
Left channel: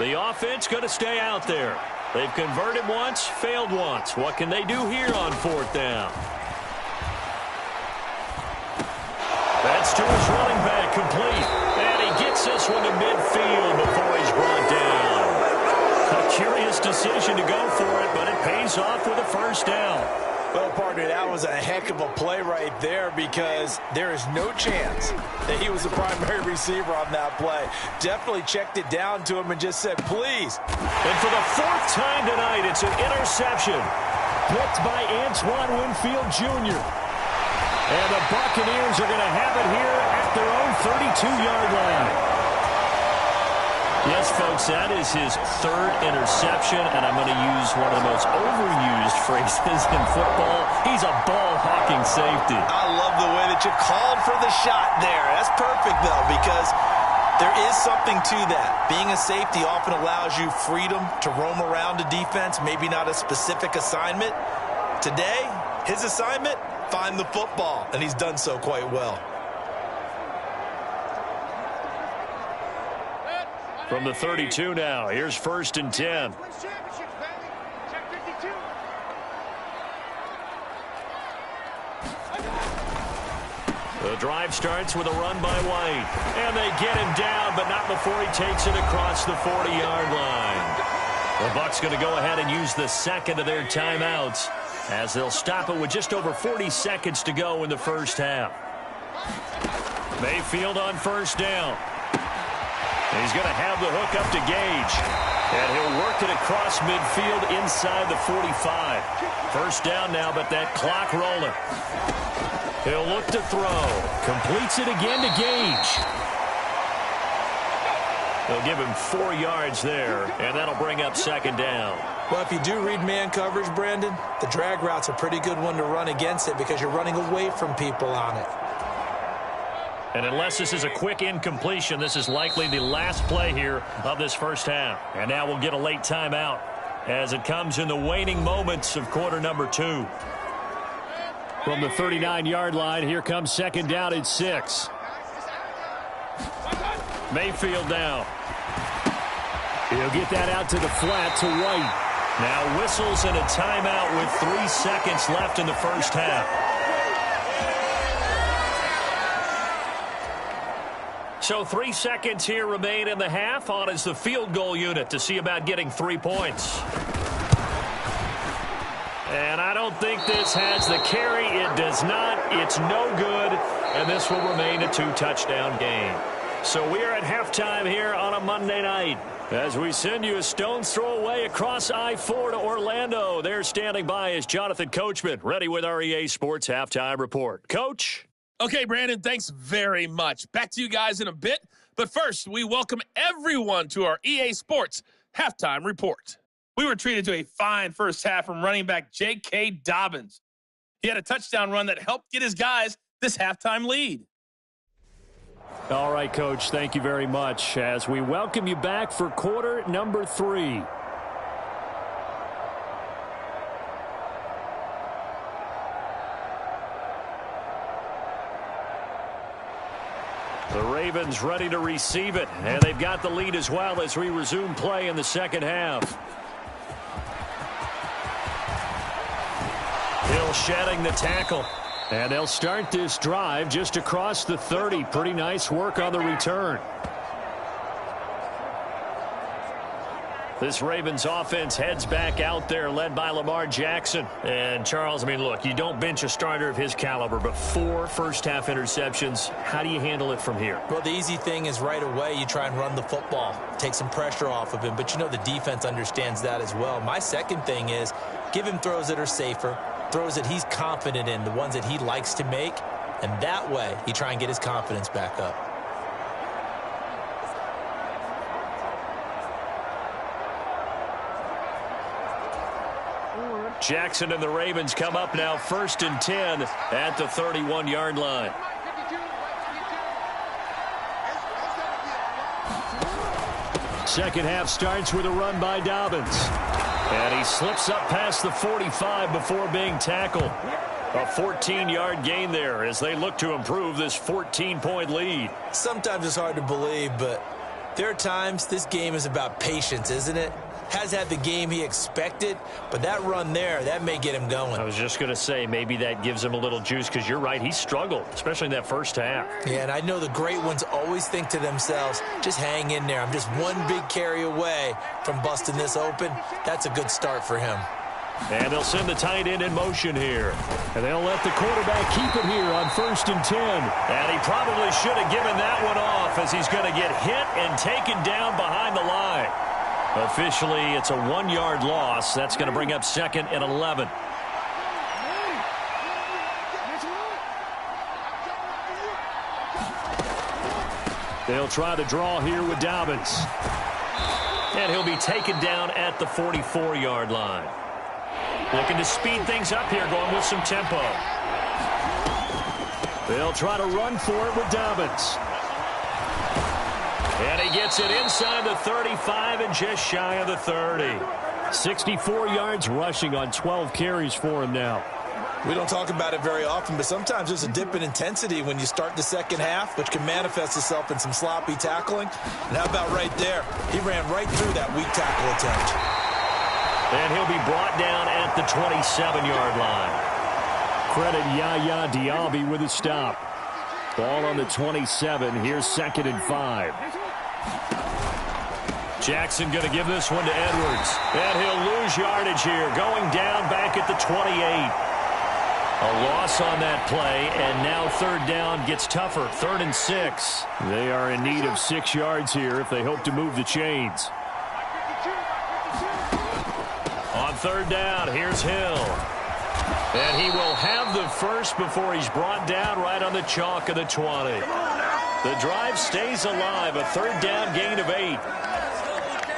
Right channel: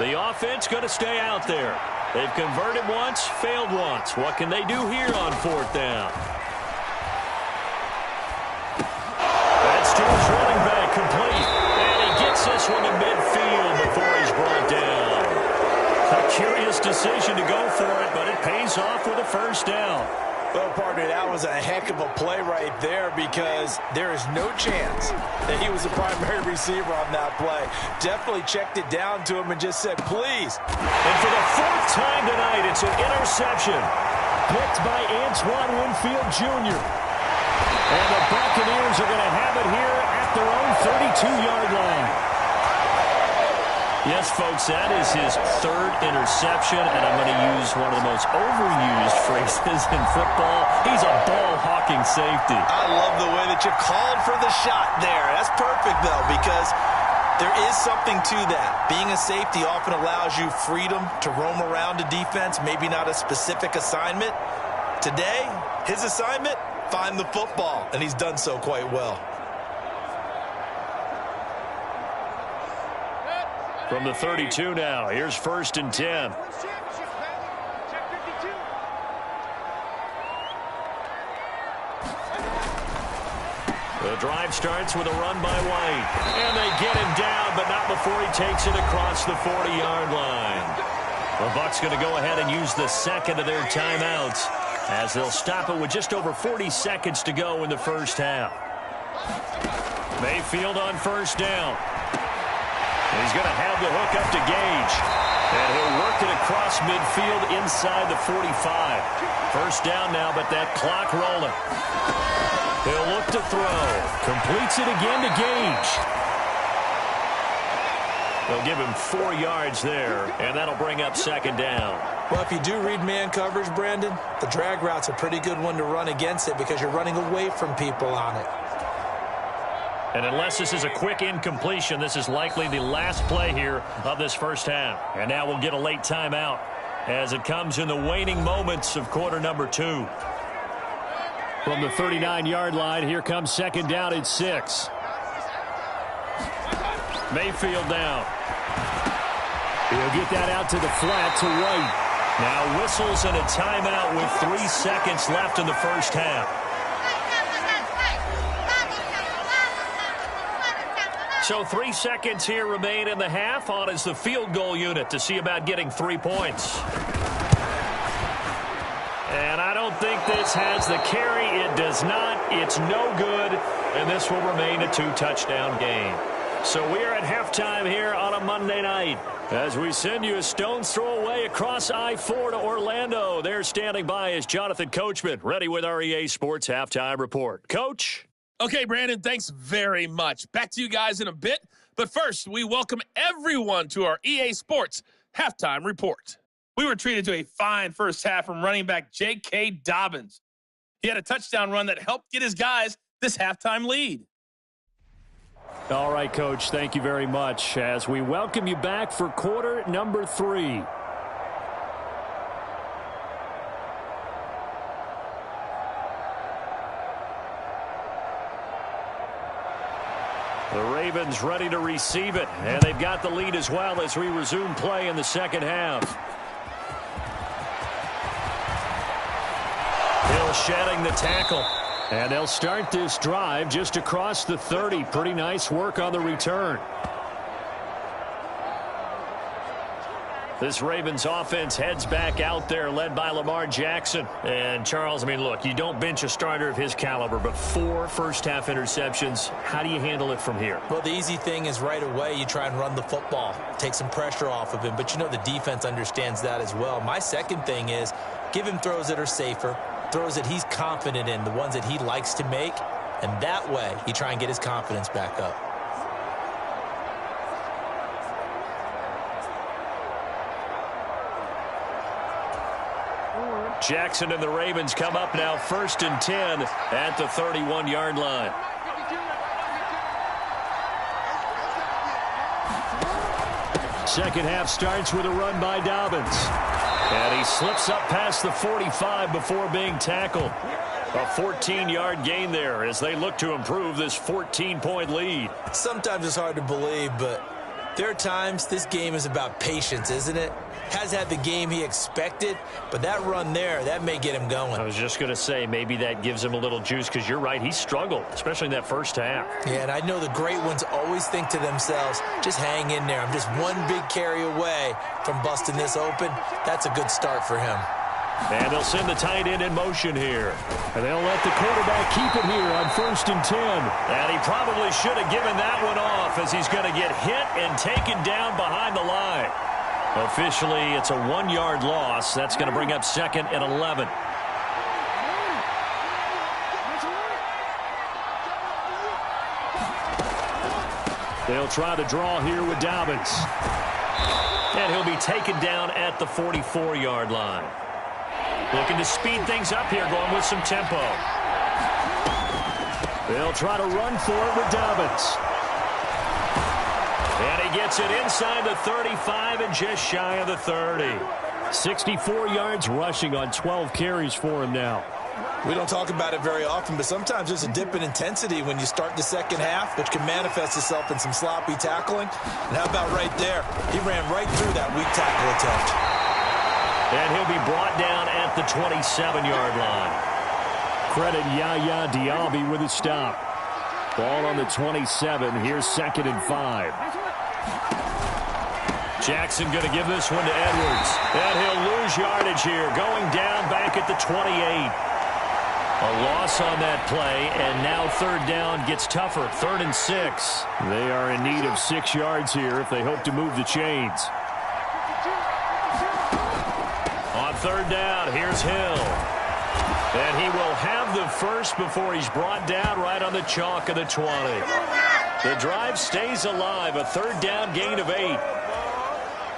The offense going to stay out there. They've converted once, failed once. What can they do here on 4th down? That's to his running back, complete. And he gets this one to midfield before he's brought down. A curious decision to go for it, but it pays off with a 1st down. Well, partner, that was a heck of a play right there because there is no chance that he was the primary receiver on that play. Definitely checked it down to him and just said, please. And for the 4th time tonight, it's an interception. Picked by Antoine Winfield Jr. And the Buccaneers are going to have it here at their own 32-yard line. Yes, folks, that is his third interception, and I'm going to use one of the most overused phrases in football. He's a ball-hawking safety. I love the way that you called for the shot there. That's perfect, though, because there is something to that. Being a safety often allows you freedom to roam around a defense, maybe not a specific assignment. Today, his assignment, find the football, and he's done so quite well. From the 32 now, here's 1st and 10. The drive starts with a run by White. And they get him down, but not before he takes it across the 40-yard line. The Bucs going to go ahead and use the second of their timeouts as they'll stop it with just over 40 seconds to go in the first half. Mayfield on 1st down. He's going to have the hook up to Gage. And he'll work it across midfield inside the 45. 1st down now, but that clock rolling. He'll look to throw. Completes it again to Gage. They'll give him 4 yards there, and that'll bring up 2nd down. Well, if you do read man coverage, Brandon, the drag route's a pretty good one to run against it because you're running away from people on it. And unless this is a quick incompletion, this is likely the last play here of this first half. And now we'll get a late timeout as it comes in the waning moments of quarter number 2. From the 39-yard line, here comes 2nd down and 6. Mayfield down. He'll get that out to the flat to White. Now whistles and a timeout with 3 seconds left in the first half. So 3 seconds here remain in the half. On is the field goal unit to see about getting 3 points. And I don't think this has the carry. It does not. It's no good. And this will remain a 2-touchdown game. So we are at halftime here on a Monday night as we send you a stone's throw away across I-4 to Orlando. There standing by is Jonathan Coachman, ready with our EA Sports Halftime Report. Coach? Okay, Brandon, thanks very much. Back to you guys in a bit. But first, we welcome everyone to our EA Sports Halftime Report. We were treated to a fine first half from running back J.K. Dobbins. He had a touchdown run that helped get his guys this halftime lead. All right, Coach, thank you very much as we welcome you back for quarter number 3. The Ravens ready to receive it, and they've got the lead as well as we resume play in the second half. Hill shedding the tackle, and they'll start this drive just across the 30. Pretty nice work on the return. This Ravens offense heads back out there, led by Lamar Jackson. And, Charles, I mean, look, you don't bench a starter of his caliber, but 4 first-half interceptions. How do you handle it from here? Well, the easy thing is right away you try and run the football, take some pressure off of him. But, you know, the defense understands that as well. My second thing is give him throws that are safer, throws that he's confident in, the ones that he likes to make. And that way you try and get his confidence back up. Jackson and the Ravens come up now 1st and 10 at the 31-yard line. Second half starts with a run by Dobbins. And he slips up past the 45 before being tackled. A 14-yard gain there as they look to improve this 14-point lead. Sometimes it's hard to believe, but there are times this game is about patience, isn't it? Has had the game he expected, but that run there, that may get him going. I was just going to say maybe that gives him a little juice because you're right, he struggled, especially in that first half. Yeah, and I know the great ones always think to themselves, just hang in there. I'm just one big carry away from busting this open. That's a good start for him. And they'll send the tight end in motion here. And they'll let the quarterback keep it here on 1st and 10. And he probably should have given that one off as he's going to get hit and taken down behind the line. Officially, it's a 1-yard loss. That's going to bring up 2nd and 11. They'll try to draw here with Dobbins. And he'll be taken down at the 44-yard line. Looking to speed things up here, going with some tempo. They'll try to run for it with Dobbins. And he gets it inside the 35 and just shy of the 30. 64 yards rushing on 12 carries for him now. We don't talk about it very often, but sometimes there's a dip in intensity when you start the second half, which can manifest itself in some sloppy tackling. And how about right there? He ran right through that weak tackle attempt. And he'll be brought down at the 27-yard line. Credit Yaya Diaby with a stop. Ball on the 27. Here's 2nd and 5. Jackson going to give this one to Edwards. And he'll lose yardage here, going down back at the 28. A loss on that play, and now 3rd down gets tougher. 3rd and 6. They are in need of 6 yards here if they hope to move the chains. On 3rd down, here's Hill. And he will have the first before he's brought down right on the chalk of the 20. The drive stays alive, a 3rd down gain of 8.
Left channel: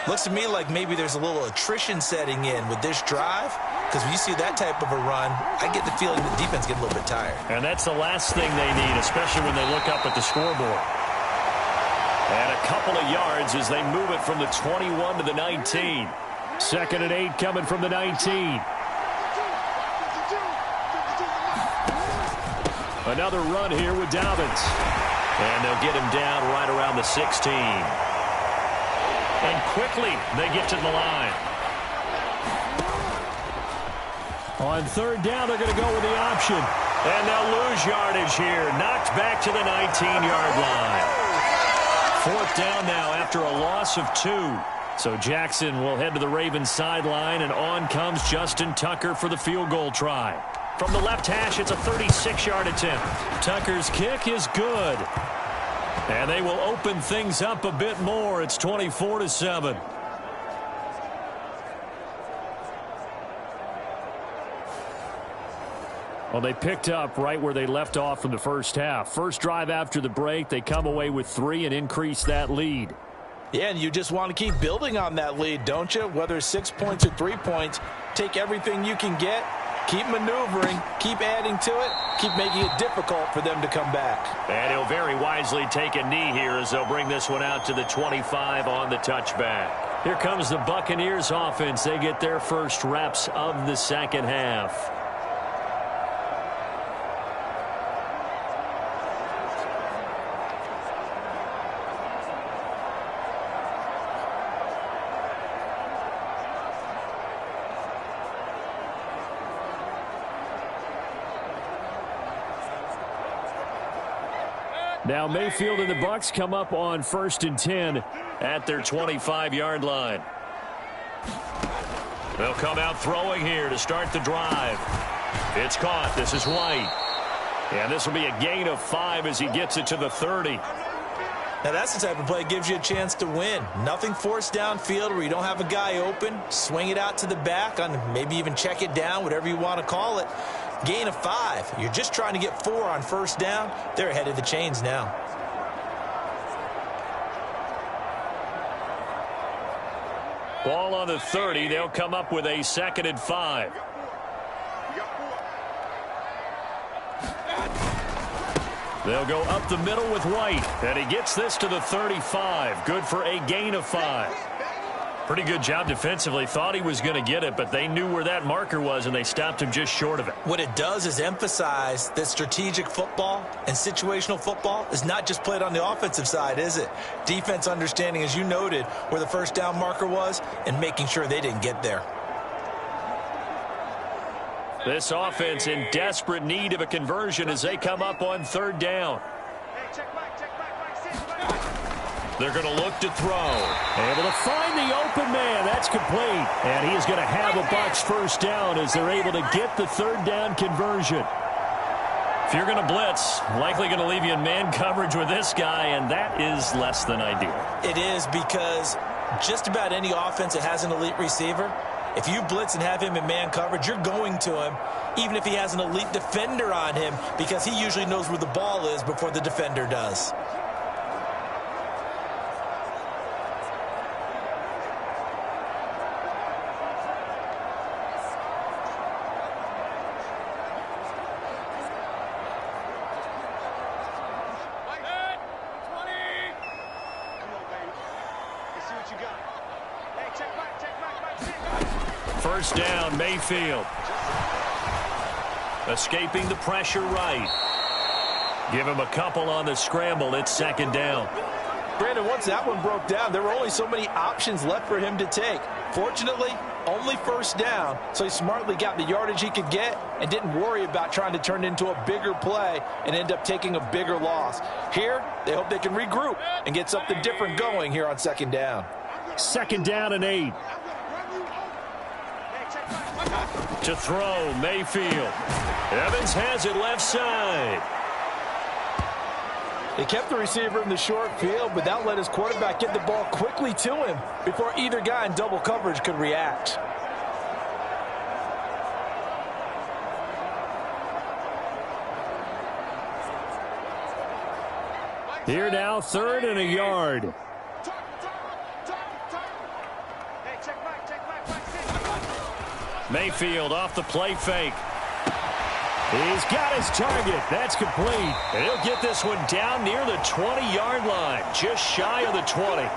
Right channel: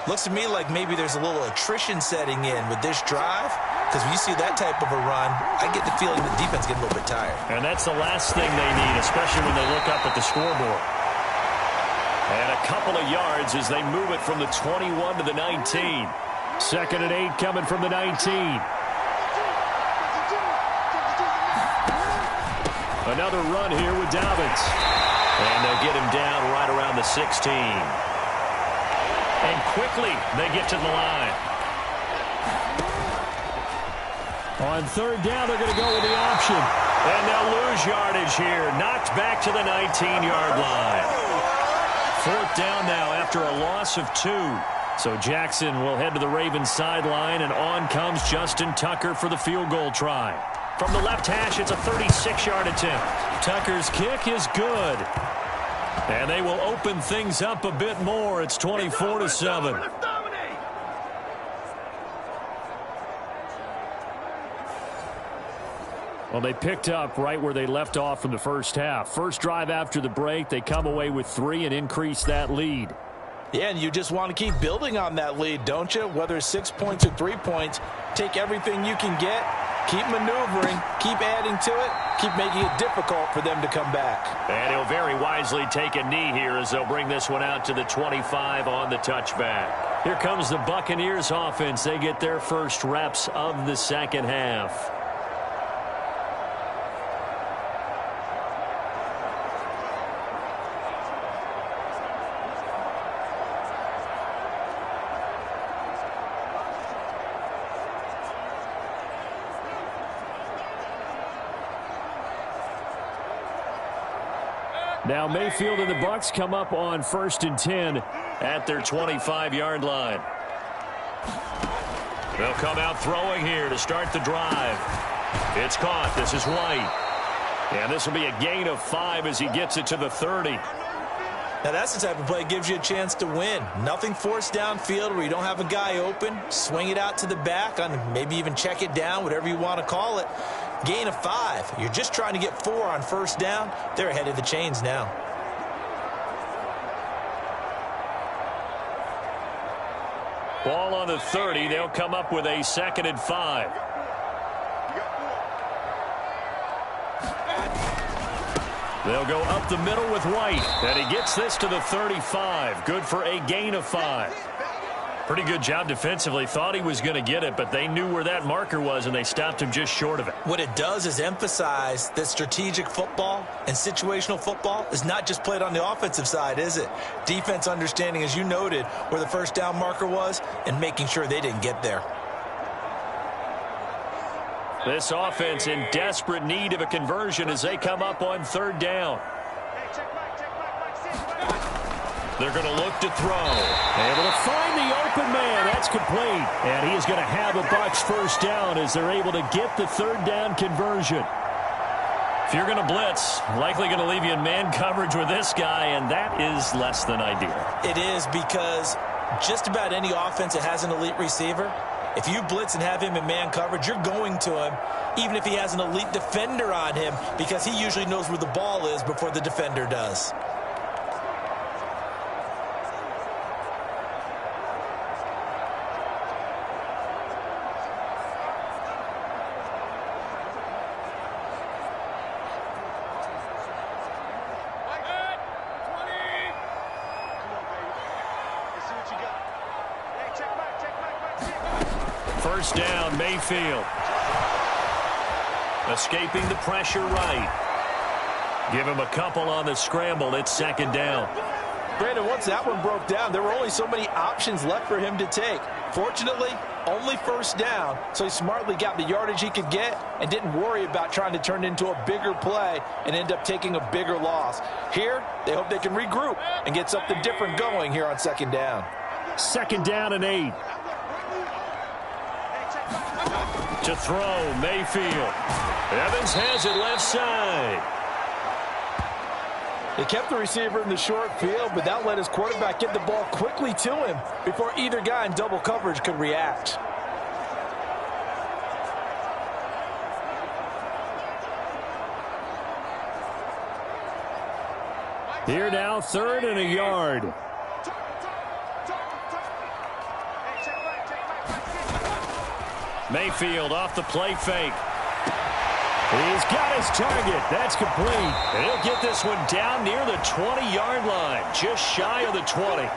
Looks to me like maybe there's a little attrition setting in with this drive, because when you see that type of a run, I get the feeling the defense getting a little bit tired. And that's the last thing they need, especially when they look up at the scoreboard. And a couple of yards as they move it from the 21 to the 19. 2nd and 8 coming from the 19. Another run here with Dobbins. And they'll get him down right around the 16. And quickly they get to the line. On 3rd down, they're going to go with the option. And they'll lose yardage here. Knocked back to the 19-yard line. 4th down now after a loss of 2. So Jackson will head to the Ravens sideline, and on comes Justin Tucker for the field goal try. From the left hash, it's a 36-yard attempt. Tucker's kick is good. And they will open things up a bit more. It's 24-7. Well, they picked up right where they left off from the first half. First drive after the break, they come away with 3 and increase that lead. Yeah, and you just want to keep building on that lead, don't you? Whether it's 6 points or 3 points, take everything you can get, keep maneuvering, keep adding to it, keep making it difficult for them to come back. And he'll very wisely take a knee here as they'll bring this one out to the 25 on the touchback. Here comes the Buccaneers offense. They get their first reps of the second half. Now Mayfield and the Bucs come up on 1st and 10 at their 25-yard line. They'll come out throwing here to start the drive. It's caught. This is White. And this will be a gain of 5 as he gets it to the 30. Now that's the type of play that gives you a chance to win. Nothing forced downfield where you don't have a guy open. Swing it out to the back, on maybe even check it down, whatever you want to call it. Gain of 5. You're just trying to get 4 on 1st down. They're ahead of the chains now. Ball on the 30. They'll come up with a 2nd and 5. They'll go up the middle with White. And he gets this to the 35. Good for a gain of 5. Pretty good job defensively. Thought he was going to get it, but they knew where that marker was, and they stopped him just short of it. What it does is emphasize that strategic football and situational football is not just played on the offensive side, is it? Defense understanding, as you noted, where the 1st down marker was and making sure they didn't get there. This offense in desperate need of a conversion as they come up on 3rd down. They're going to look to throw. Able to find the open man. That's complete. And he is going to have a Bucs 1st down as they're able to get the 3rd down conversion. If you're going to blitz, likely going to leave you in man coverage with this guy, and that is less than ideal. It is, because just about any offense that has an elite receiver, if you blitz and have him in man coverage, you're going to him, even if he has an elite defender on him, because he usually knows where the ball is before the defender does. First down, Mayfield. Escaping the pressure right. Give him a couple on the scramble. It's second down. Brandon, once that one broke down, there were only so many options left for him to take. Fortunately, only first down, so he smartly got the yardage he could get and didn't worry about trying to turn it into a bigger play and end up taking a bigger loss. Here, they hope they can regroup and get something different going here on second down. Second down and 8. To throw, Mayfield. Evans has it left side. They kept the receiver in the short field, but that let his quarterback get the ball quickly to him before either guy in double coverage could react. Here now, 3rd and a yard. Mayfield off the play fake. He's got his target. That's complete. And he'll get this one down near the 20-yard line, just shy of the 20.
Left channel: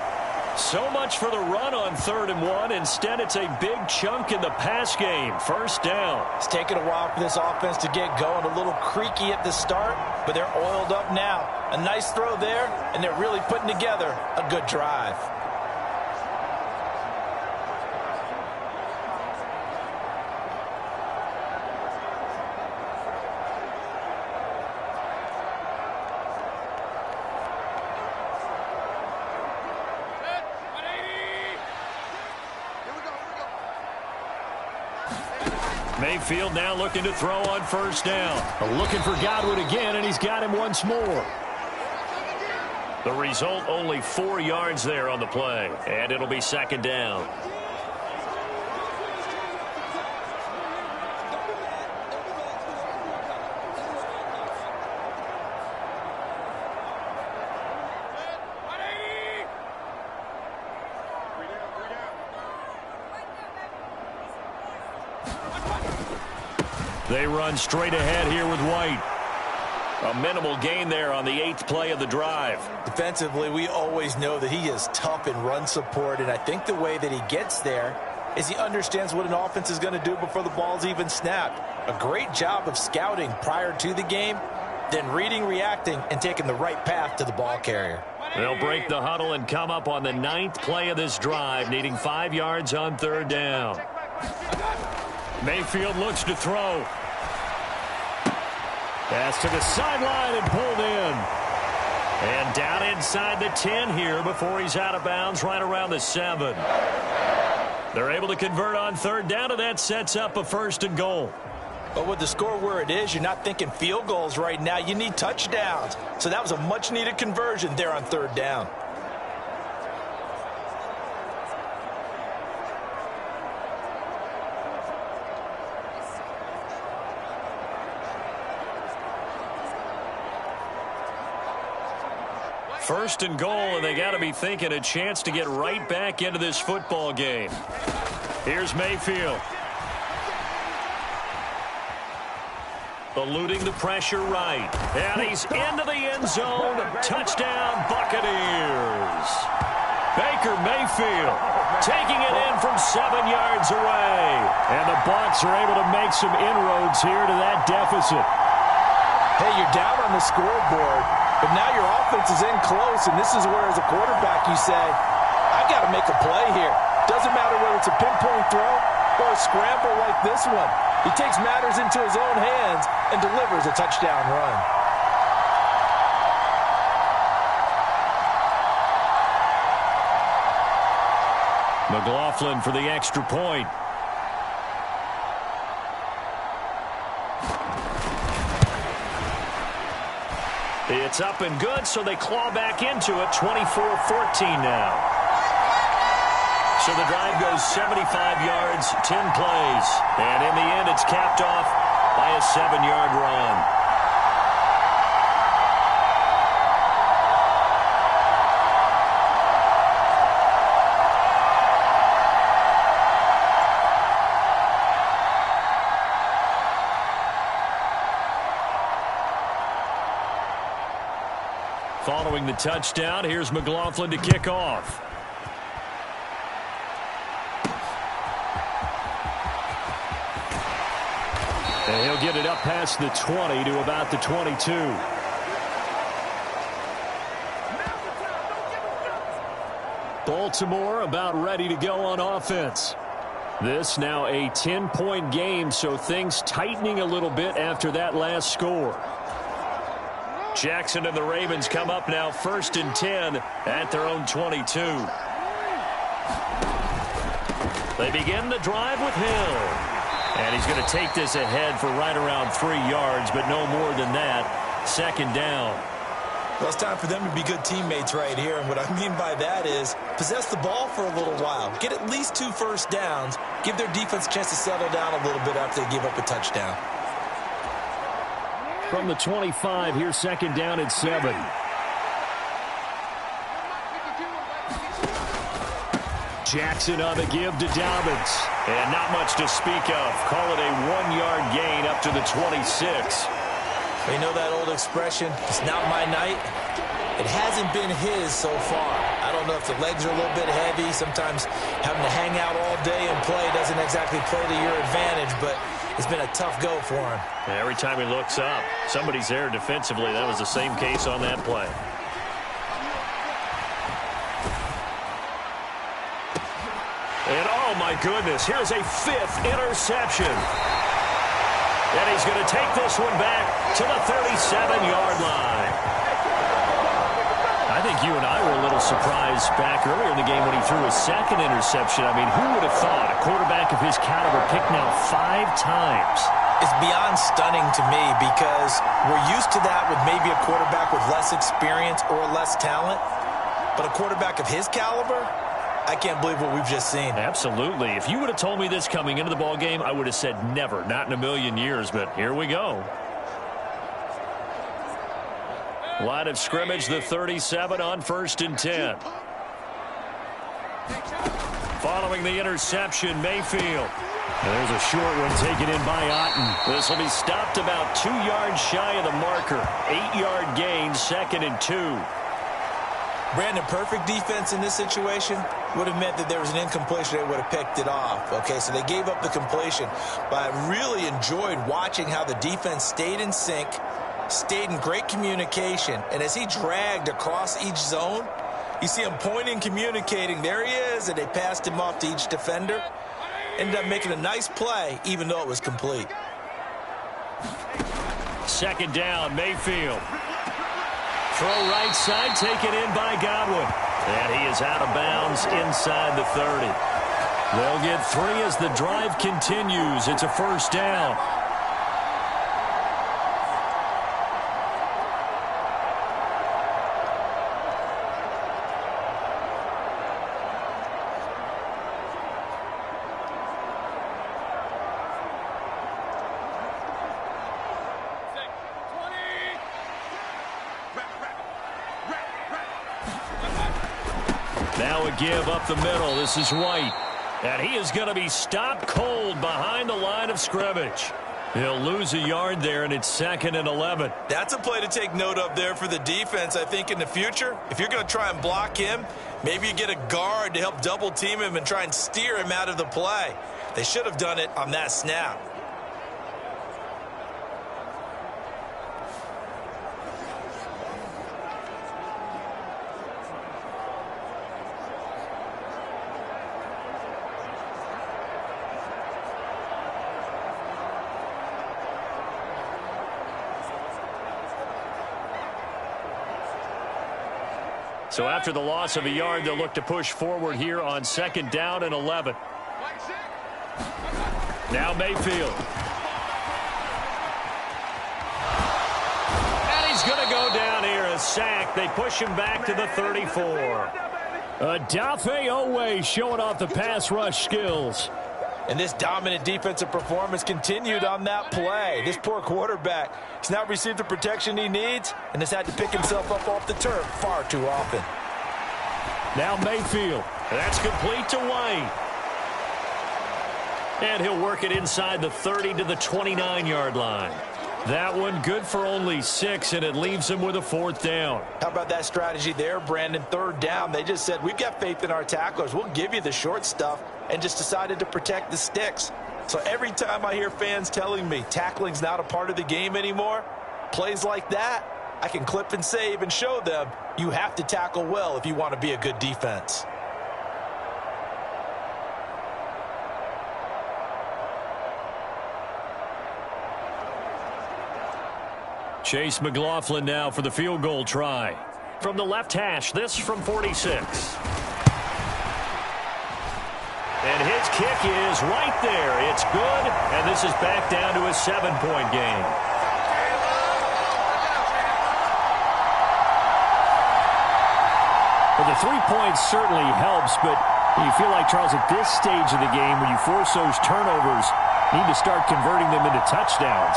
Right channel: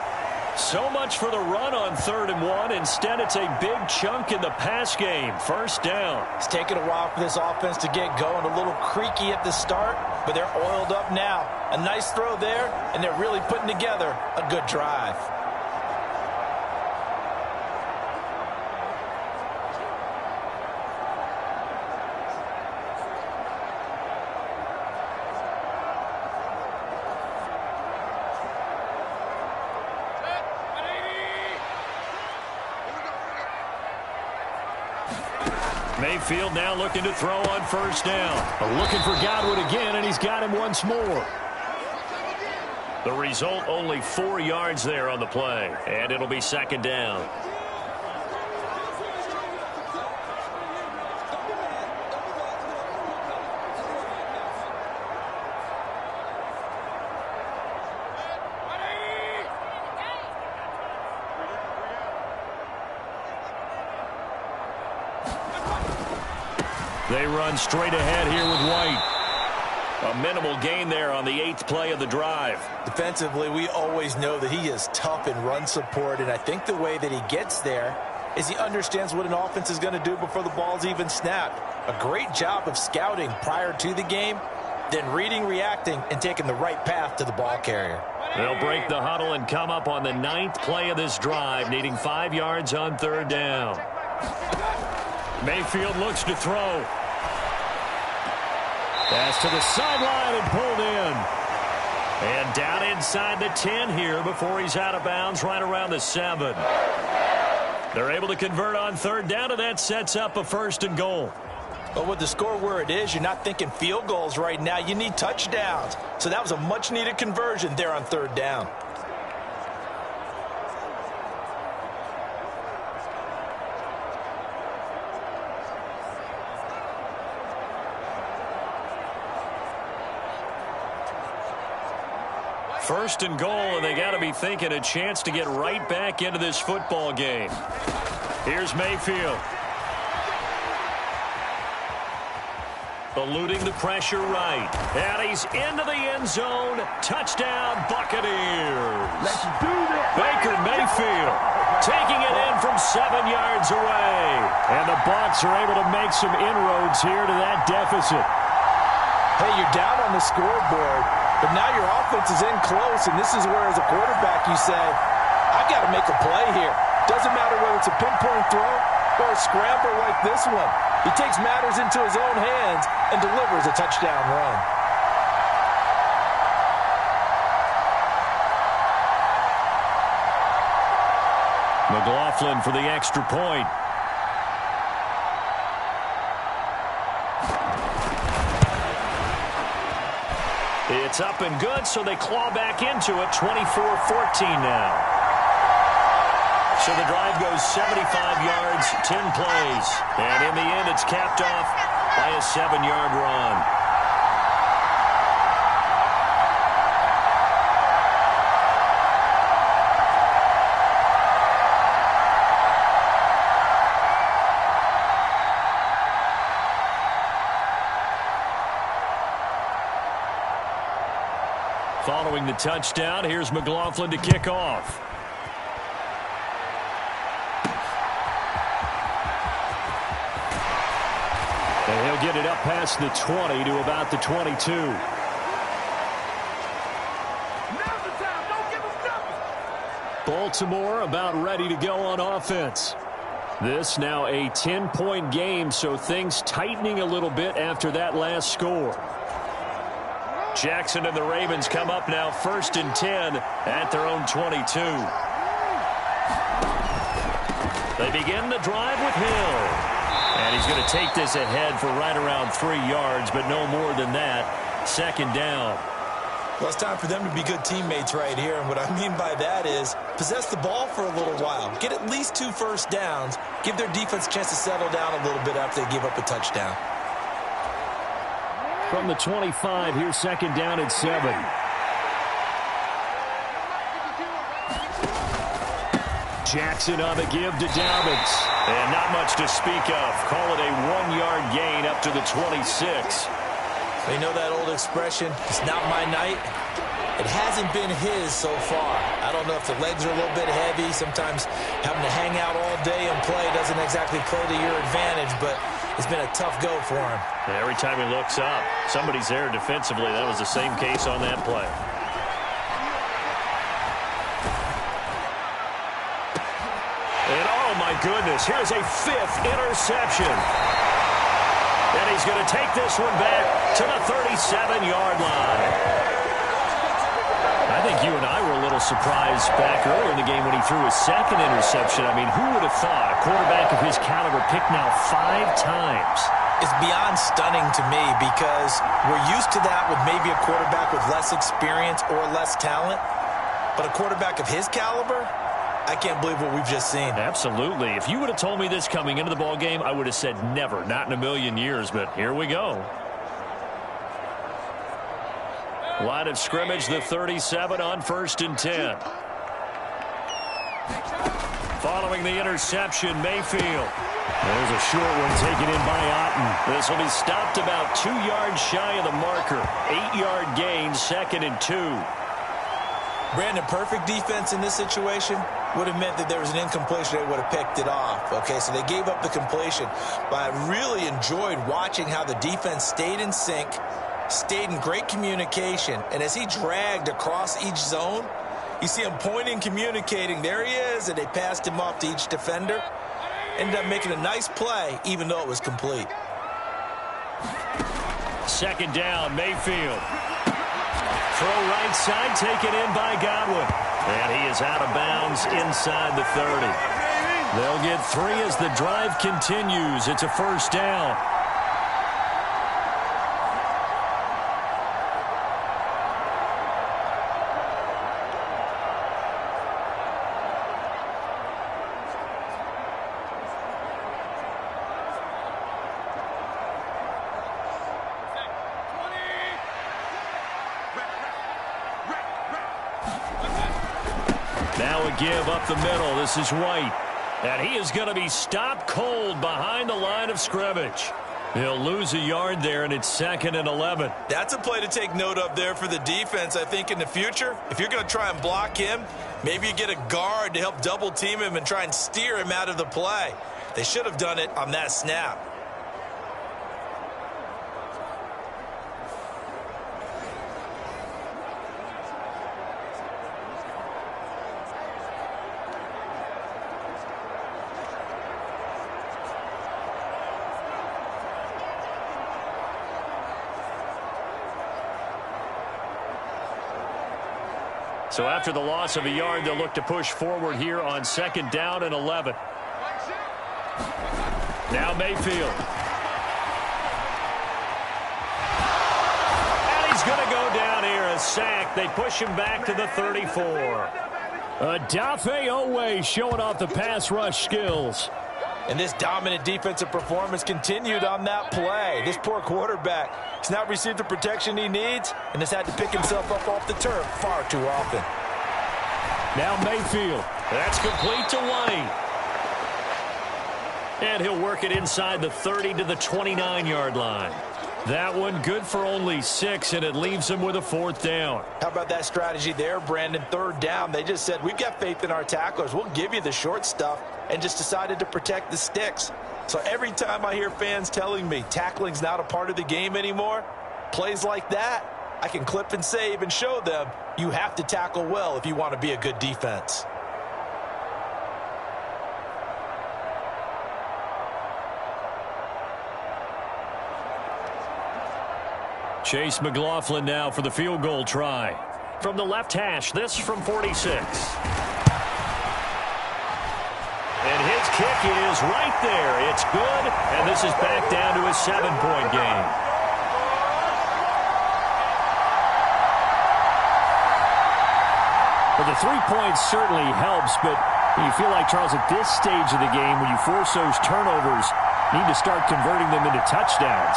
So much for the run on 3rd and 1. Instead, it's a big chunk in the pass game. First down. It's taken a while for this offense to get going. A little creaky at the start, but they're oiled up now. A nice throw there, and they're really putting together a good drive. Mayfield now looking to throw on first down. Looking for Godwin again, and he's got him once more. The result, only 4 yards there on the play, and it'll be second down. They run straight ahead here with White. A minimal gain there on the 8th play of the drive. Defensively, we always know that he is tough in run support, and I think the way that he gets there is he understands what an offense is going to do before the ball's even snapped. A great job of scouting prior to the game, then reading, reacting, and taking the right path to the ball carrier. They'll break the huddle and come up on the 9th play of this drive, needing 5 yards on 3rd down. Mayfield looks to throw. Pass to the sideline and pulled in. And down inside the 10 here before he's out of bounds right around the 7. They're able to convert on 3rd down, and that sets up a 1st and goal. But with the score where it is, you're not thinking field goals right now. You need touchdowns. So that was a much-needed conversion there on 3rd down. First and goal, and they got to be thinking a chance to get right back into this football game. Here's Mayfield. Eluding the pressure right. And he's into the end zone. Touchdown, Buccaneers. Baker Mayfield taking it in from 7 yards away. And the Bucs are able to make some inroads here to that deficit. Hey, you're down on the scoreboard, but now your offense is in close, and this is where, as a quarterback, you say, I've got to make a play here. Doesn't matter whether it's a pinpoint throw or a scramble like this one. He takes matters into his own hands and delivers a touchdown run. McLaughlin for the extra point. It's up and good, so they claw back into it, 24-14 now. So the drive goes 75 yards, 10 plays. And in the end, it's capped off by a 7-yard run. Following the touchdown, here's McLaughlin to kick off. And he'll get it up past the 20 to about the 22. Baltimore about ready to go on offense. This now a 10-point game, so things tightening a little bit after that last score. Jackson and the Ravens come up now 1st and 10 at their own 22. They begin the drive with Hill. And he's going to take this ahead for right around 3 yards, but no more than that. 2nd down. Well, it's time for them to be good teammates right here. And what I mean by that is possess the ball for a little while. Get at least 2 first downs. Give their defense a chance to settle down a little bit after they give up a touchdown. From the 25, here's 2nd down and 7. Jackson on the give to Dobbins. And not much to speak of. Call it a 1-yard gain up to the 26. You know that old expression, it's not my night? It hasn't been his so far. I don't know if the legs are a little bit heavy. Sometimes having to hang out all day and play doesn't exactly play to your advantage, but it's been a tough go for him. Every time he looks up, somebody's there defensively. That was the same case on that play. And oh my goodness, here's a 5th interception. And he's going to take this one back to the 37-yard line. I think you and I were a little surprised back earlier in the game when he threw his 2nd interception. I mean, who would have thought a quarterback of his caliber picked now 5 times? It's beyond stunning to me because we're used to that with maybe a quarterback with less experience or less talent. But a quarterback of his caliber, I can't believe what we've just seen. Absolutely. If you would have told me this coming into the ball game, I would have said never, not in a million years, but here we go. Line of scrimmage, the 37 on 1st and 10. Following the interception, Mayfield. There's a short one taken in by Otten. This will be stopped about 2 yards shy of the marker. 8-yard gain, 2nd and 2. Brandon, perfect defense in this situation would have meant that there was an incompletion. They would have picked it off. Okay, so they gave up the completion. But I really enjoyed watching how the defense stayed in sync, stayed in great communication. And as he dragged across each zone, you see him pointing, communicating. There he is, and they passed him off to each defender. Ended up making a nice play, even though it was complete. 2nd down, Mayfield. Throw right side, taken in by Godwin. And he is out of bounds inside the 30. They'll get 3 as the drive continues. It's a 1st down. Now a give up the middle. This is White. And he is going to be stopped cold behind the line of scrimmage. He'll lose a yard there, and it's 2nd and 11. That's a play to take note of there for the defense, I think, in the future. If you're going to try and block him, maybe you get a guard to help double team him and try and steer him out of the play. They should have done it on that snap. So after the loss of a yard, they'll look to push forward here on 2nd down and 11. Now Mayfield. And he's going to go down here, a sack. They push him back to the 34. Odafe Oweh showing off the pass rush skills. And this dominant defensive performance continued on that play. This poor quarterback has not received the protection he needs and has had to pick himself up off the turf far too often. Now Mayfield. That's complete to White. And he'll work it inside the 30 to the 29-yard line. That one good for only 6, and it leaves him with a 4th down. How about that strategy there, Brandon? 3rd down. They just said, we've got faith in our tacklers. We'll give you the short stuff, and just decided to protect the sticks. So every time I hear fans telling me tackling's not a part of the game anymore, plays like that, I can clip and save and show them you have to tackle well if you want to be a good defense. Chase McLaughlin now for the field goal try. From the left hash, this from 46. And his kick is right there. It's good, and this is back down to a 7-point game. Well, the 3 points certainly helps, but you feel like, Charles, at this stage of the game, when you force those turnovers, you need to start converting them into touchdowns.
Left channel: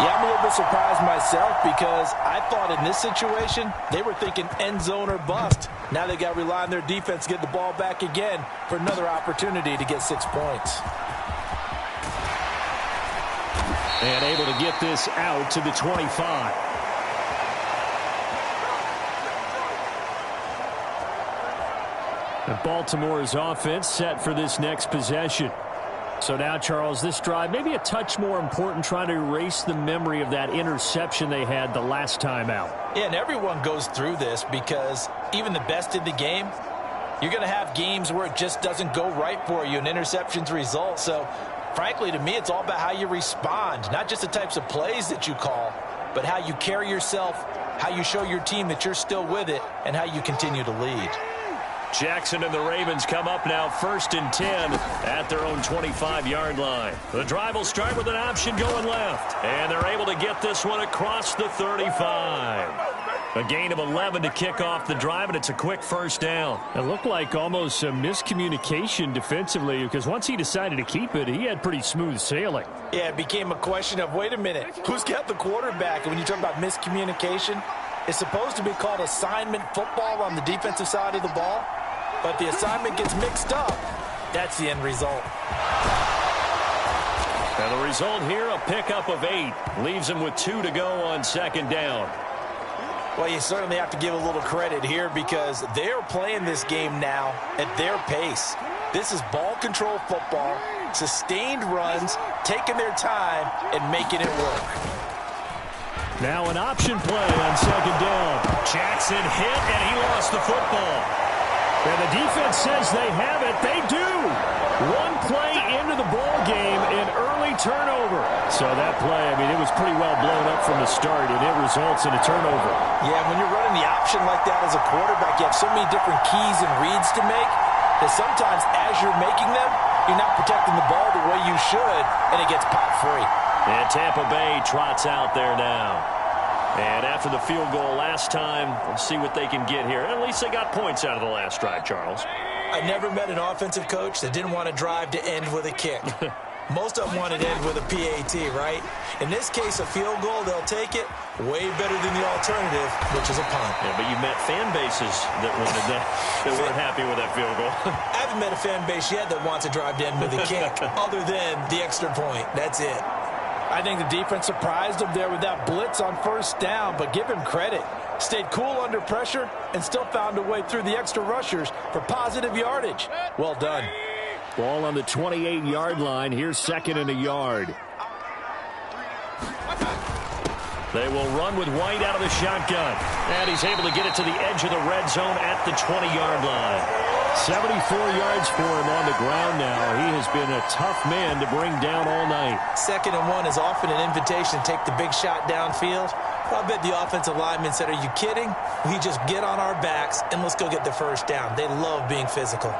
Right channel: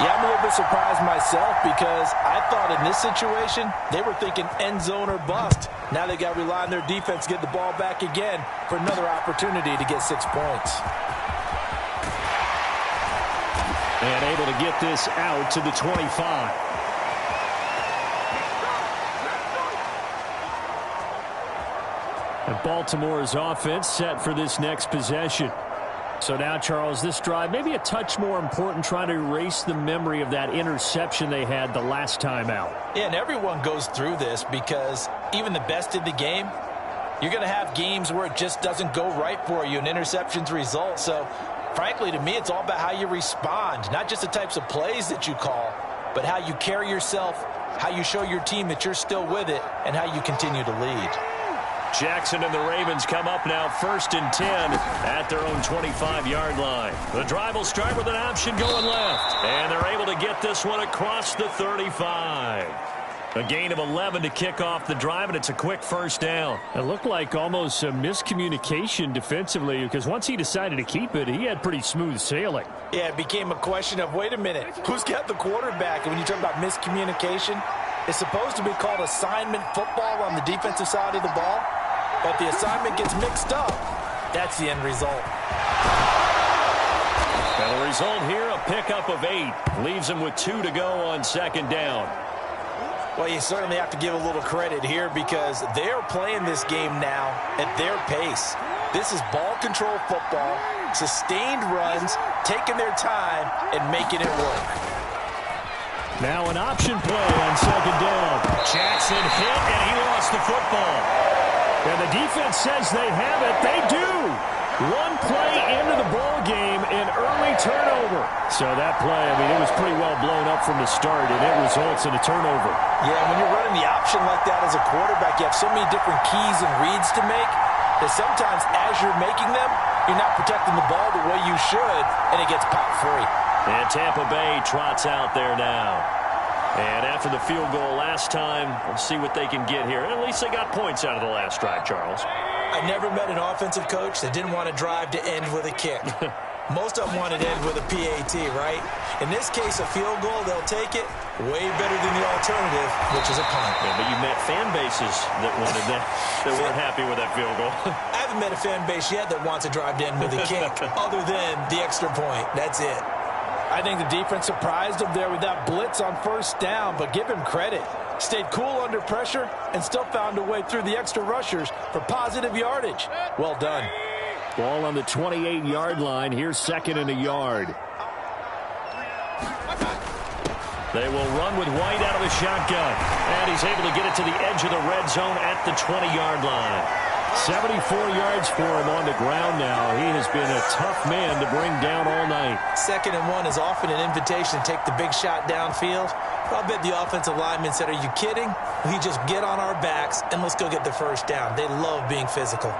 Yeah, I'm a little bit surprised myself because I thought in this situation they were thinking end zone or bust. Now they got to rely on their defense to get the ball back again for another opportunity to get 6 points. And able to get this out to the 25. And Baltimore's offense set for this next possession. So now, Charles, this drive maybe a touch more important, trying to erase the memory of that interception they had the last time out. Yeah, and everyone goes through this because even the best in the game, you're going to have games where it just doesn't go right for you and interceptions result. So, frankly, to me, it's all about how you respond, not just the types of plays that you call, but how you carry yourself, how you show your team that you're still with it, and how you continue to lead. Jackson and the Ravens come up now 1st and 10 at their own 25-yard line. The drive will start with an option going left, and they're able to get this one across the 35. A gain of 11 to kick off the drive, and it's a quick first down. It looked like almost a miscommunication defensively because once he decided to keep it, he had pretty smooth sailing. Yeah, it became a question of, wait a minute, who's got the quarterback? And when you talk about miscommunication, it's supposed to be called assignment football on the defensive side of the ball. But the assignment gets mixed up. That's the end result. And the result here, a pickup of 8. Leaves them with 2 to go on 2nd down. Well, you certainly have to give a little credit here because they're playing this game now at their pace. This is ball control football, sustained runs, taking their time, and making it work. Now an option play on 2nd down. Jackson hit, and he lost the football. And the defense says they have it. They do. One play into the ball game, an early turnover. So that play, I mean, it was pretty well blown up from the start, and it results in a turnover. Yeah, when you're running the option like that as a quarterback, you have so many different keys and reads to make that sometimes as you're making them, you're not protecting the ball the way you should, and it gets popped free. And Tampa Bay trots out there now. And after the field goal last time, let's see what they can get here. At least they got points out of the last drive, Charles. I never met an offensive coach that didn't want to drive to end with a kick. Most of them want to end with a PAT, right? In this case, a field goal, they'll take it. Way better than the alternative, which is a punt. Yeah, but you met fan bases that wanted that, that weren't happy with that field goal. I haven't met a fan base yet that wants to drive to end with a kick, other than the extra point. That's it. I think the defense surprised him there with that blitz on 1st down, but give him credit. Stayed cool under pressure and still found a way through the extra rushers for positive yardage. Well done. Ball on the 28-yard line. Here's 2nd and a yard. They will run with White out of the shotgun. And he's able to get it to the edge of the red zone at the 20-yard line. 74 yards for him on the ground now. He has been a tough man to bring down all night. 2nd and 1 is often an invitation to take the big shot downfield. I bet the offensive lineman said, are you kidding? We just get on our backs and let's go get the 1st down. They love being physical.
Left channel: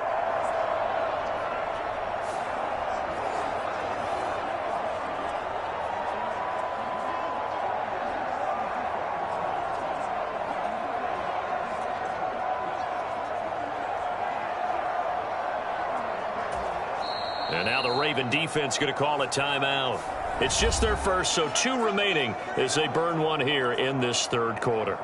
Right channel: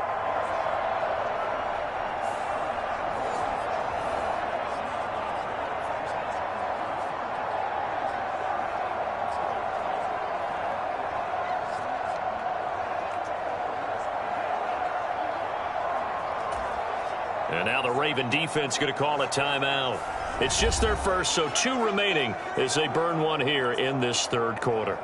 And now the Raven defense going to call a timeout. It's just their first, so 2 remaining as they burn one here in this 3rd quarter.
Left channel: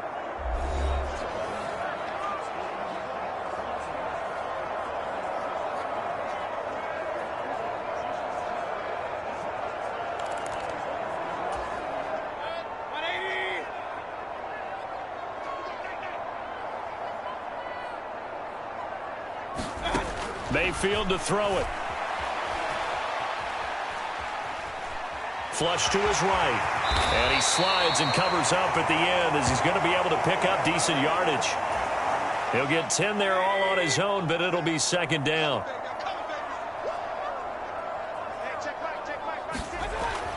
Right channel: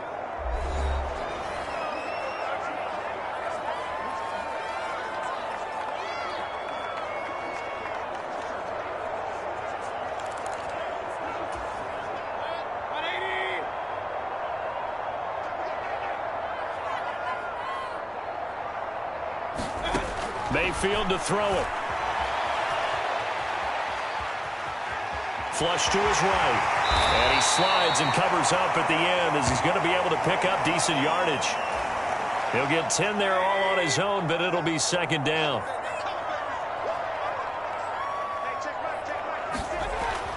Mayfield to throw it. flush to his right. And he slides and covers up at the end as he's going to be able to pick up decent yardage. He'll get 10 there all on his own, but it'll be second down.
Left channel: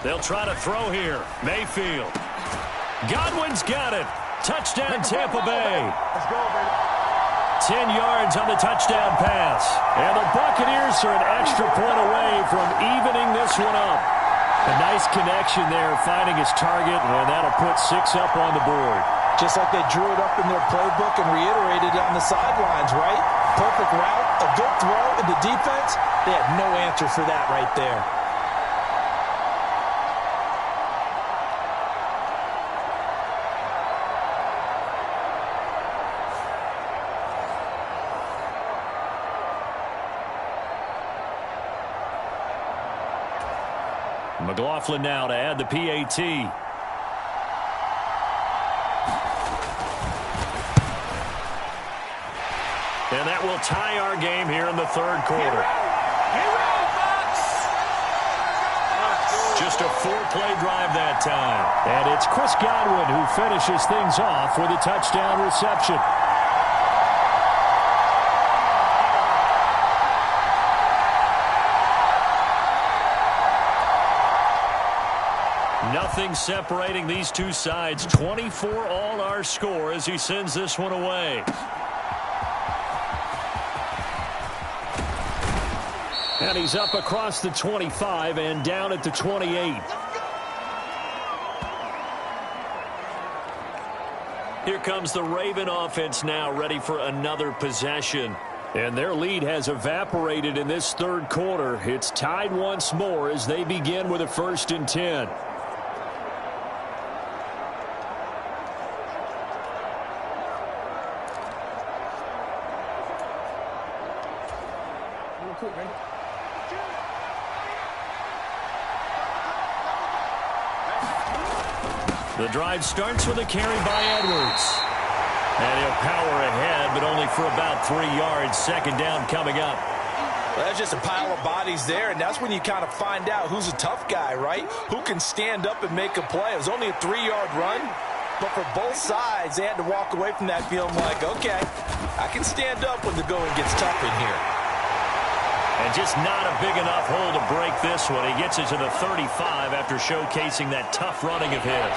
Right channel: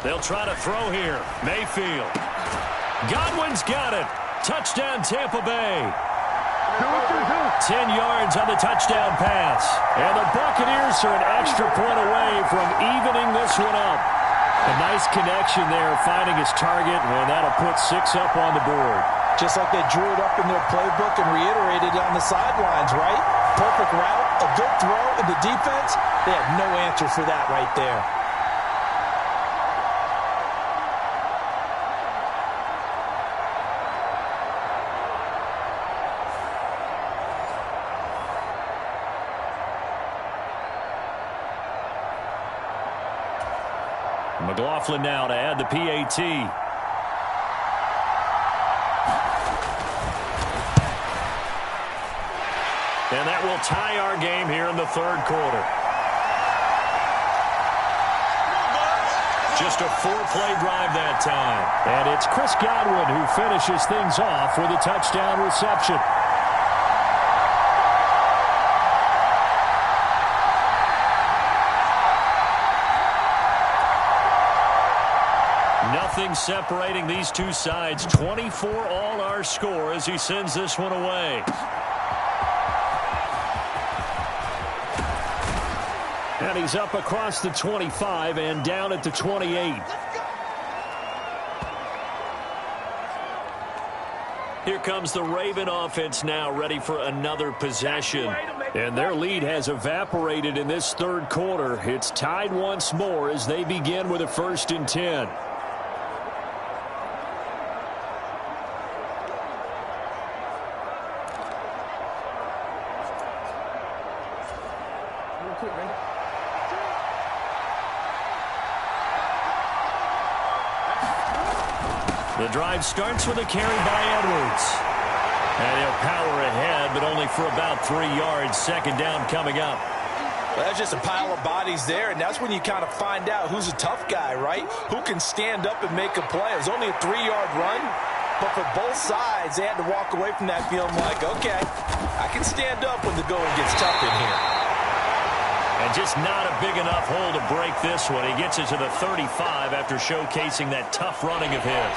They'll try to throw here. Mayfield. Godwin's got it. Touchdown, Tampa Bay. 10 yards on the touchdown pass. And the Buccaneers are an extra point away from evening this one up. A nice connection there, finding his target, and that'll put 6 up on the board. Just like they drew it up in their playbook and reiterated it on the sidelines, right? Perfect route, a good throw, and the defense, they had no answer for that right there. McLaughlin now to add the PAT. And that will tie our game here in the third quarter. Just a 4-play drive that time. And it's Chris Godwin who finishes things off with a touchdown reception. Nothing separating these two sides. 24 all our score as he sends this one away. And he's up across the 25 and down at the 28. Here comes the Raven offense now, ready for another possession. And their lead has evaporated in this third quarter. It's tied once more as they begin with a 1st and 10. The drive starts with a carry by Edwards. And he'll power ahead, but only for about 3 yards. Second down coming up. Well, that's just a pile of bodies there, and that's when you kind of find out who's a tough guy, right? Who can stand up and make a play. It was only a 3-yard run, but for both sides, they had to walk away from that feeling like, okay, I can stand up when the going gets tough in here. And just not a big enough hole to break this one. He gets it to the 35 after showcasing that tough running of his.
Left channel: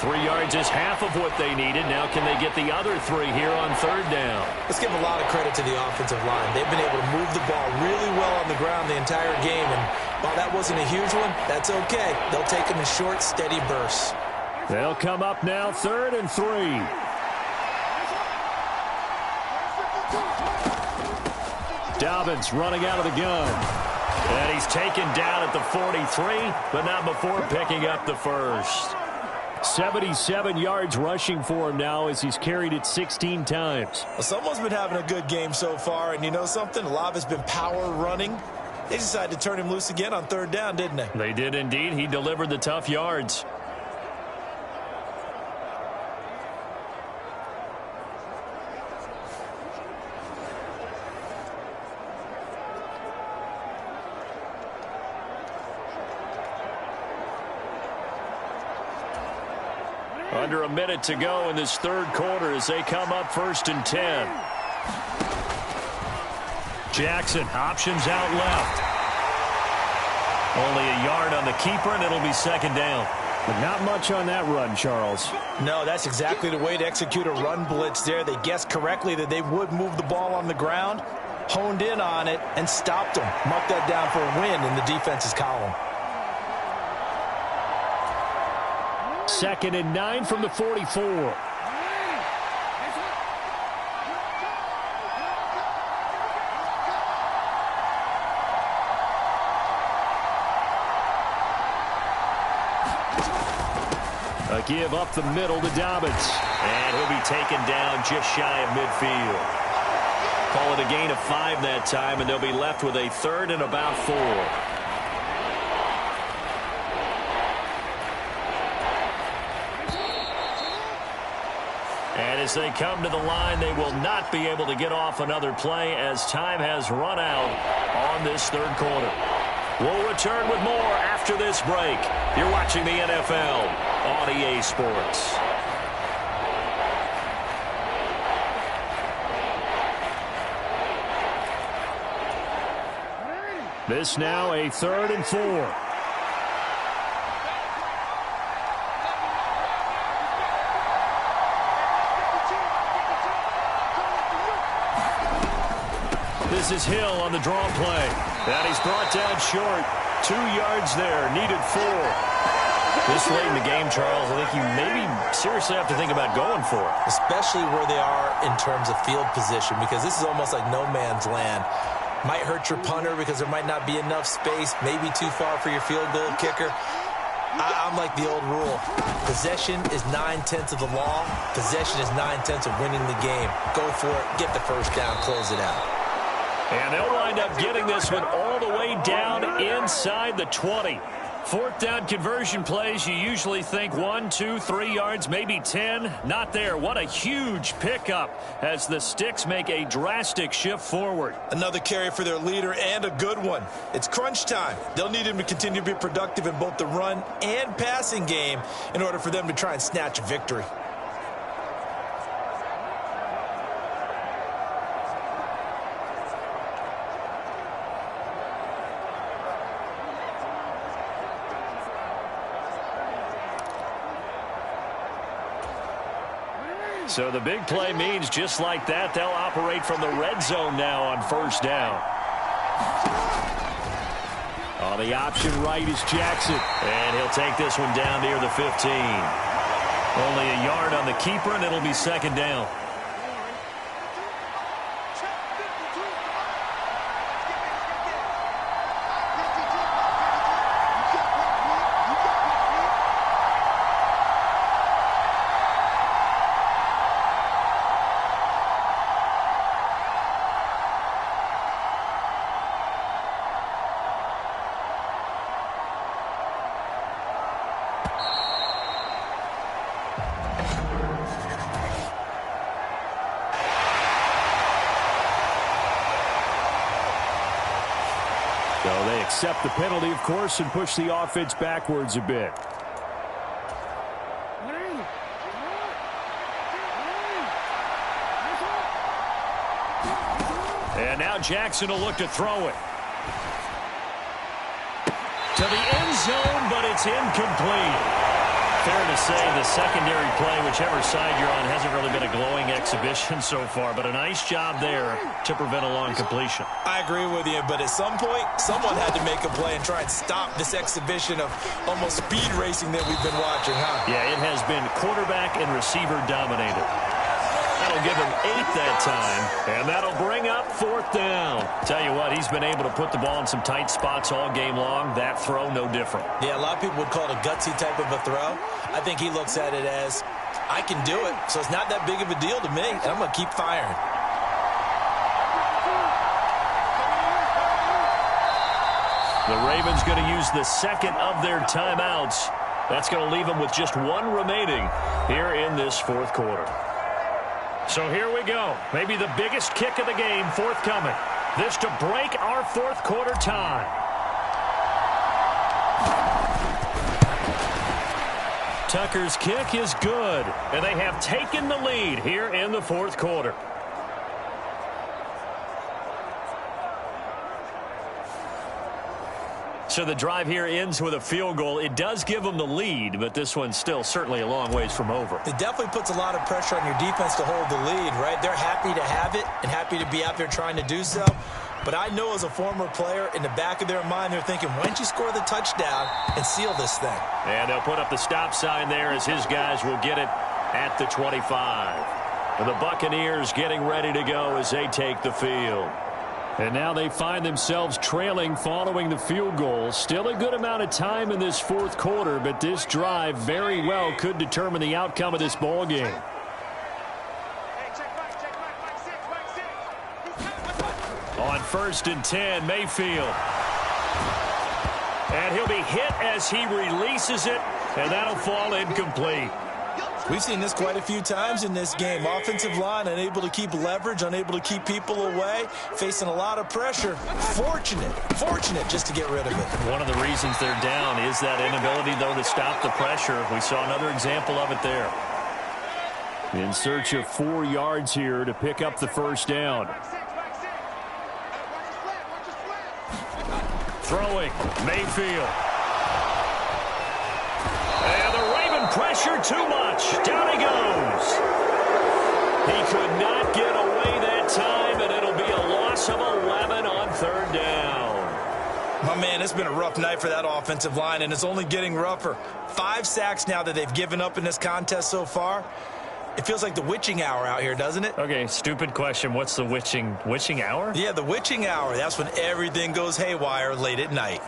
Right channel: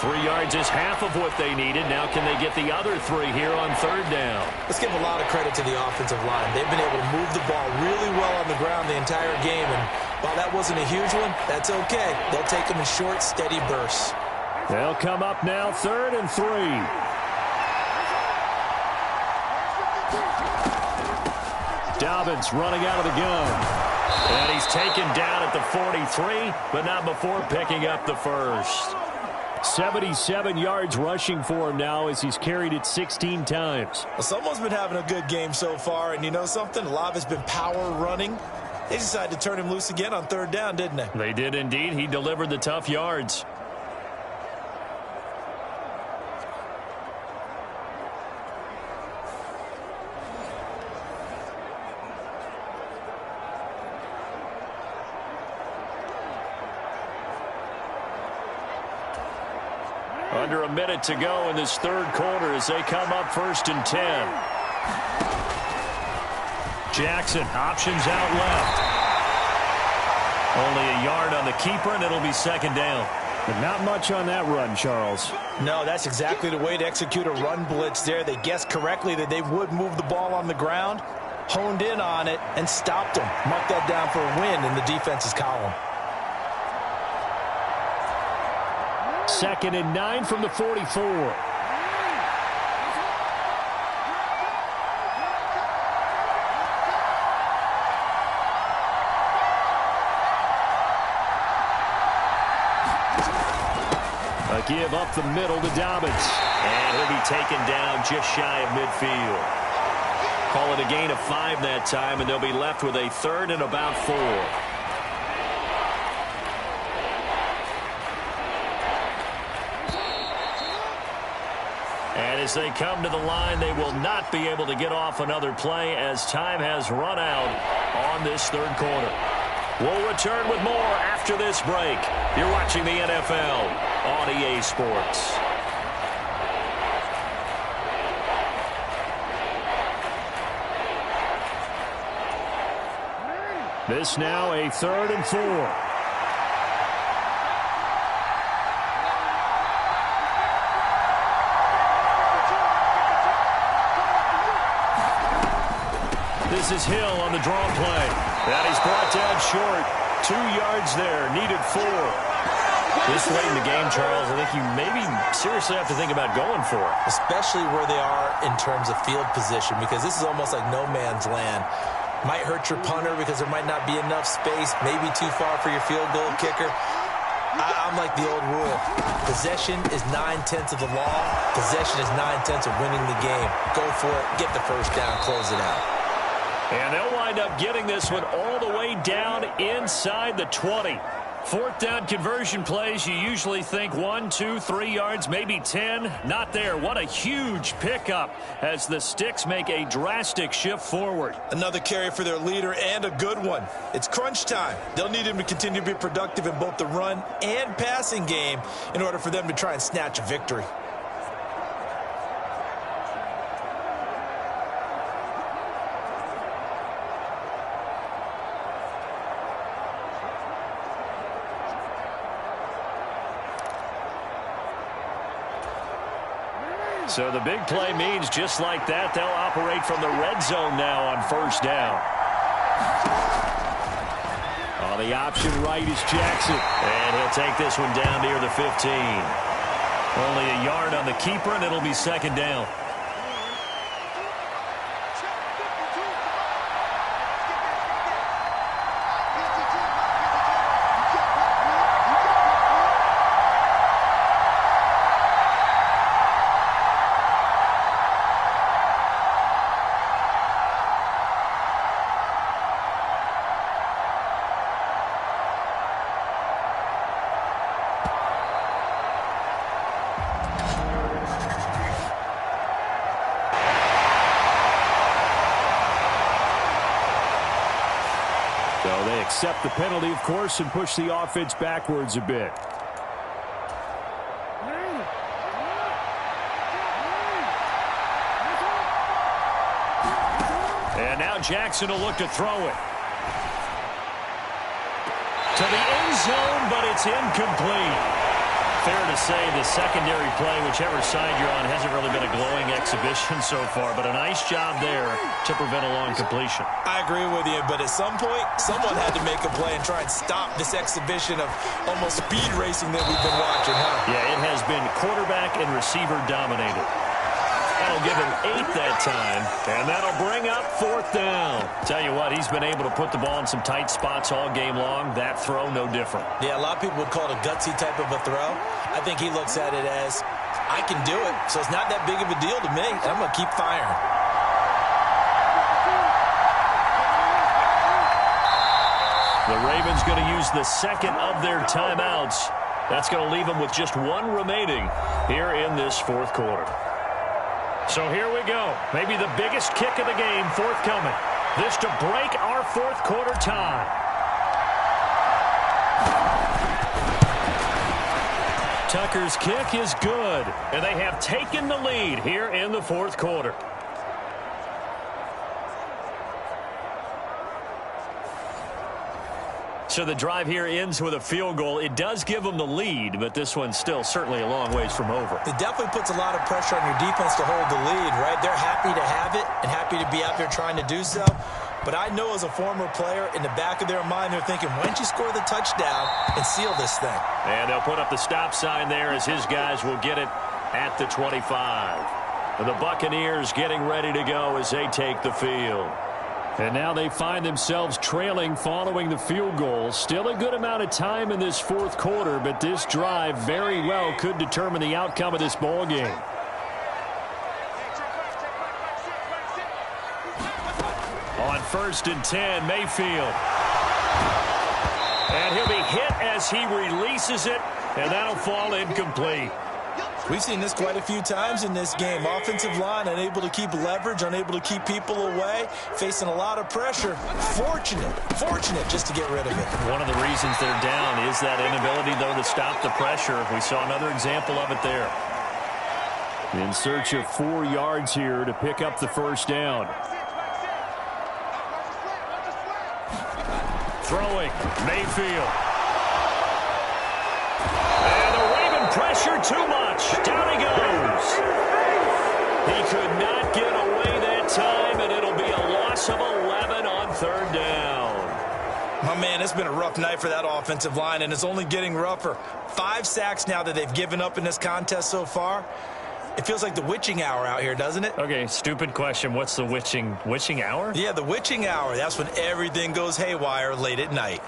3 yards is half of what they needed. Now can they get the other 3 here on third down? Let's give a lot of credit to the offensive line. They've been able to move the ball really well on the ground the entire game. And while that wasn't a huge one, that's okay. They'll take them in short, steady bursts. They'll come up now 3rd and 3. Dobbins running out of the gun. And he's taken down at the 43, but not before picking up the first. 77 yards rushing for him now as he's carried it 16 times. Well, someone's been having a good game so far, and you know something? A lot of it's been power running. They decided to turn him loose again on third down, didn't they? They did indeed. He delivered the tough yards. Under a minute to go in this third quarter as they come up 1st and 10. Jackson options out left. Only a yard on the keeper, and it'll be second down. But not much on that run, Charles. No, that's exactly the way to execute a run blitz there. They guessed correctly that they would move the ball on the ground, honed in on it, and stopped them. Mark that down for a win in the defense's column. 2nd and 9 from the 44. A give up the middle to Dobbins. And he'll be taken down just shy of midfield. Call it a gain of 5 that time, and they'll be left with a 3rd and about 4. And as they come to the line, they will not be able to get off another play as time has run out on this third quarter. We'll return with more after this break. You're watching the NFL on EA Sports. This now a 3rd and 4. This is Hill on the draw play. And he's brought down short. 2 yards there. Needed 4. This late in the game, Charles, I think you maybe seriously have to think about going for it. Especially where they are in terms of field position, because this is almost like no man's land. Might hurt your punter because there might not be enough space, maybe too far for your field goal kicker. I'm like the old rule. Possession is 9/10 of the law. Possession is 9/10 of winning the game. Go for it. Get the first down. Close it out. And they'll wind up getting this one all the way down inside the 20. 4th down conversion plays, you usually think 1, 2, 3 yards, maybe 10. Not there. What a huge pickup as the Sticks make a drastic shift forward. Another carry for their leader, and a good one. It's crunch time. They'll need him to continue to be productive in both the run and passing game in order for them to try and snatch a victory. So the big play means just like that, they'll operate from the red zone now on 1st down. On the option right is Jackson. And he'll take this one down near the 15. Only a yard on the keeper, and it'll be 2nd down. So they accept the penalty, of course, and push the offense backwards a bit. And now Jackson will look to throw it. To the end zone, but it's incomplete. Fair to say the secondary play, whichever side you're on, hasn't really been a glowing exhibition so far, but a nice job there to prevent a long completion. I agree with you, but at some point, someone had to make a play and try and stop this exhibition of almost speed racing that we've been watching, huh? Yeah, it has been quarterback and receiver dominated. That'll give him 8 that time, and that'll bring up 4th down. Tell you what, he's been able to put the ball in some tight spots all game long. That throw, no different. Yeah, a lot of people would call it a gutsy type of a throw. I think he looks at it as, I can do it, so it's not that big of a deal to me, and I'm going to keep firing. The Ravens going to use the 2nd of their timeouts. That's going to leave them with just 1 remaining here in this 4th quarter. So here we go. Maybe the biggest kick of the game forthcoming. This to break our 4th quarter tie. Tucker's kick is good, and they have taken the lead here in the 4th quarter. So the drive here ends with a field goal. It does give them the lead, but this one's still certainly a long ways from over. It definitely puts a lot of pressure on your defense to hold the lead, right? They're happy to have it and happy to be out there trying to do so. But I know as a former player, in the back of their mind, they're thinking, why don't you score the touchdown and seal this thing? And they'll put up the stop sign there as his guys will get it at the 25. And the Buccaneers getting ready to go as they take the field. And now they find themselves trailing following the field goal. Still a good amount of time in this 4th quarter, but this drive very well could determine the outcome of this ball game. On 1st and 10, Mayfield. And he'll be hit as he releases it, and that'll fall incomplete. We've seen this quite a few times in this game. Offensive line unable to keep leverage, unable to keep people away, facing a lot of pressure. Fortunate just to get rid of it. One of the reasons they're down is that inability, though, to stop the pressure. We saw another example of it there. In search of 4 yards here to pick up the first down. Throwing, Mayfield. And the Raven pressure too much. Down he goes. He could not get away that time, and it'll be a loss of 11 on 3rd down. My man, it's been a rough night for that offensive line, and it's only getting rougher. 5 sacks now that they've given up in this contest so far. It feels like the witching hour out here, doesn't it? Okay, stupid question. What's the witching hour? Yeah, the witching hour. That's when everything goes haywire late at night.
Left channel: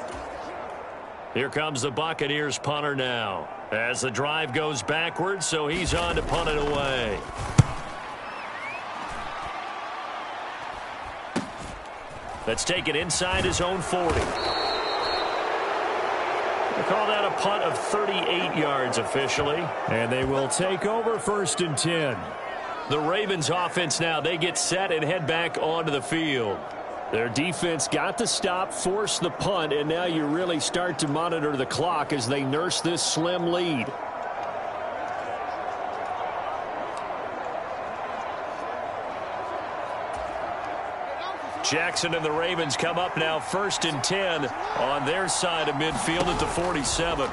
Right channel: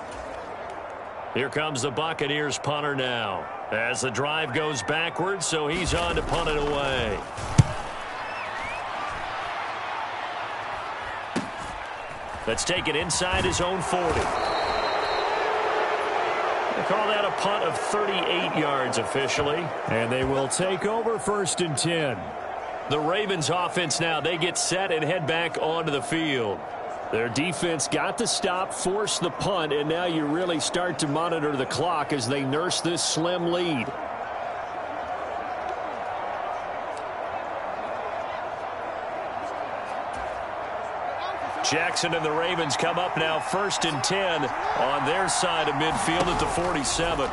Here comes the Buccaneers punter now. As the drive goes backwards, so he's on to punt it away. Let's take it inside his own 40. They call that a punt of 38 yards officially. And they will take over 1st and 10. The Ravens offense now, they get set and head back onto the field. Their defense got the stop, forced the punt, and now you really start to monitor the clock as they nurse this slim lead. Jackson and the Ravens come up now 1st and 10 on their side of midfield at the 47.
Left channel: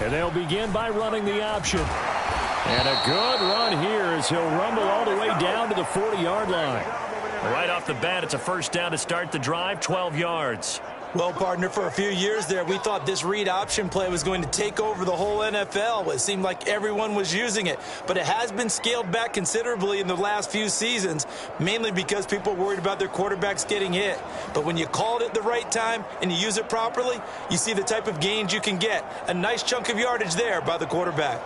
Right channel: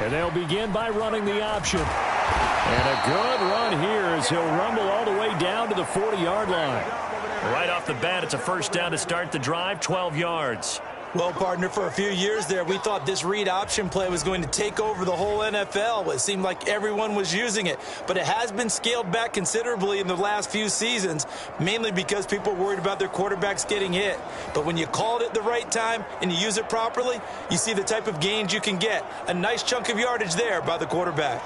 And they'll begin by running the option. And a good run here as he'll rumble all the way down to the 40-yard line. Right off the bat, it's a first down to start the drive, 12 yards. Well, partner, for a few years there, we thought this read option play was going to take over the whole NFL. It seemed like everyone was using it. But it has been scaled back considerably in the last few seasons, mainly because people are worried about their quarterbacks getting hit. But when you call it at the right time and you use it properly, you see the type of gains you can get. A nice chunk of yardage there by the quarterback.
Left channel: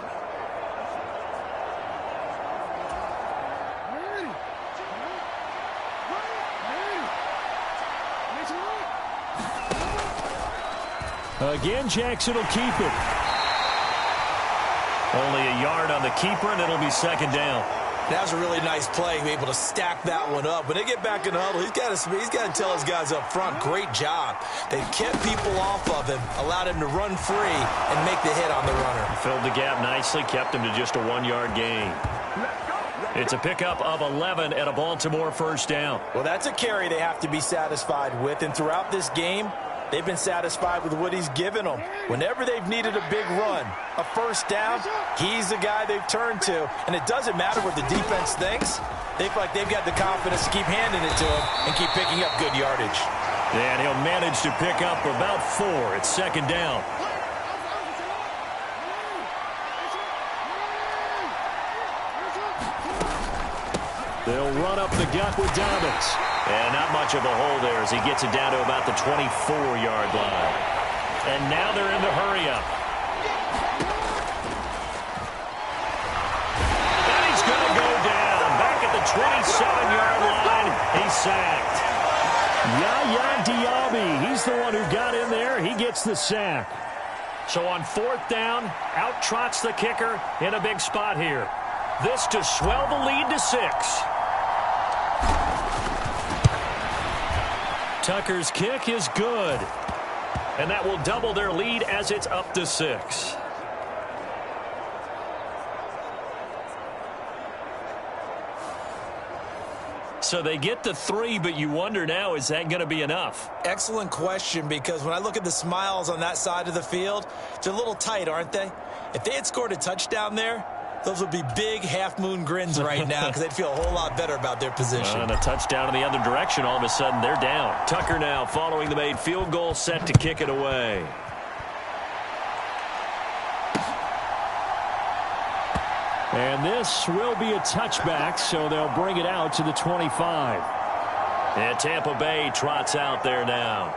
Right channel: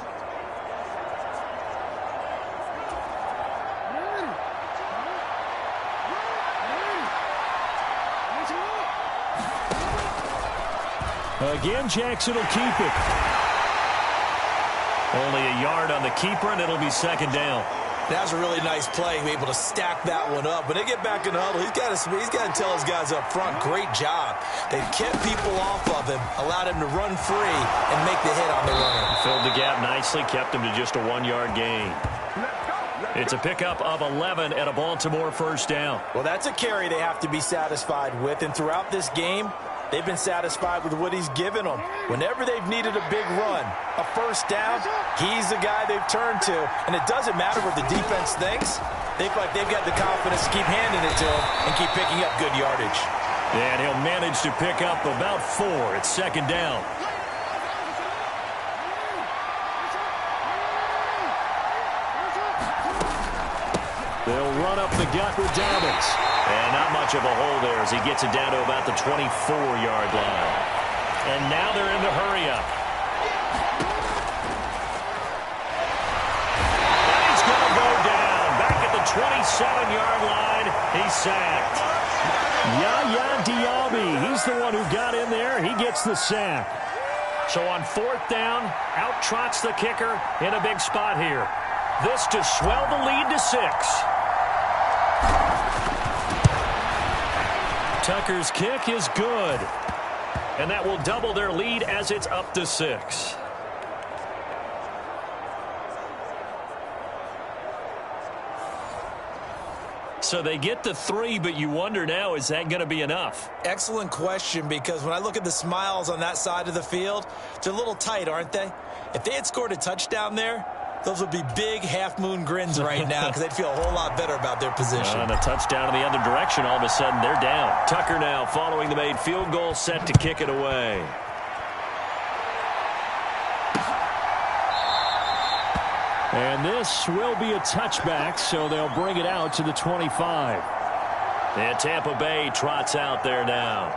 Again, Jackson will keep it. Only a yard on the keeper, and it'll be 2nd down. That was a really nice play, able to stack that one up. When they get back in the huddle, he's got to tell his guys up front, great job. They kept people off of him, allowed him to run free and make the hit on the runner. Filled the gap nicely, kept him to just a 1-yard gain. It's a pickup of 11 at a Baltimore 1st down. Well, that's a carry they have to be satisfied with, and throughout this game, they've been satisfied with what he's given them. Whenever they've needed a big run, a 1st down, he's the guy they've turned to. And it doesn't matter what the defense thinks. They feel like they've got the confidence to keep handing it to him and keep picking up good yardage. And he'll manage to pick up about 4. It's 2nd down. They'll run up the gut with Dobbins. And not much of a hole there as he gets it down to about the 24-yard line. And now they're in the hurry-up. And he's going to go down. Back at the 27-yard line, he's sacked. Yaya Diaby, he's the one who got in there. He gets the sack. So on 4th down, out trots the kicker in a big spot here. This to swell the lead to 6. Tucker's kick is good. And that will double their lead as it's up to 6. So they get the 3, but you wonder now, is that going to be enough? Excellent question, because when I look at the smiles on that side of the field, they're a little tight, aren't they? If they had scored a touchdown there, those would be big half-moon grins right now because they'd feel a whole lot better about their position. And a touchdown in the other direction, all of a sudden they're down. Tucker now following the made field goal, set to kick it away. And this will be a touchback, so they'll bring it out to the 25. And Tampa Bay trots out there now.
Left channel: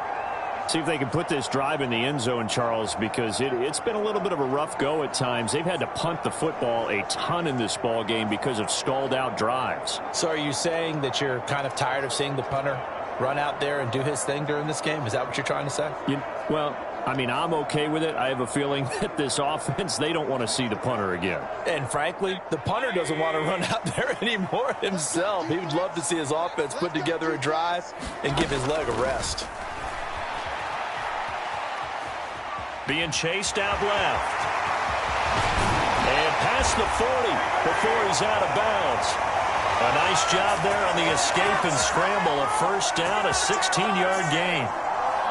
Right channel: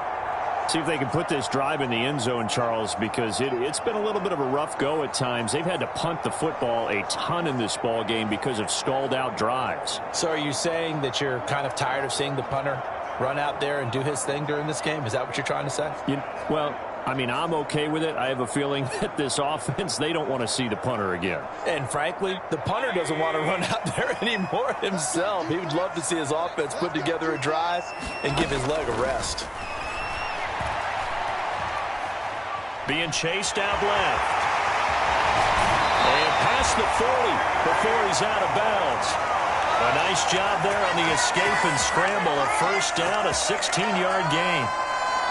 See if they can put this drive in the end zone, Charles, because it's been a little bit of a rough go at times. They've had to punt the football a ton in this ball game because of stalled out drives. So are you saying that you're kind of tired of seeing the punter run out there and do his thing during this game? Is that what you're trying to say? Well, I mean, I'm okay with it. I have a feeling that this offense, they don't want to see the punter again. And frankly, the punter doesn't want to run out there anymore himself. He would love to see his offense put together a drive and give his leg a rest. Being chased out left. And past the 40 before he's out of bounds. A nice job there on the escape and scramble. A first down, a 16-yard gain.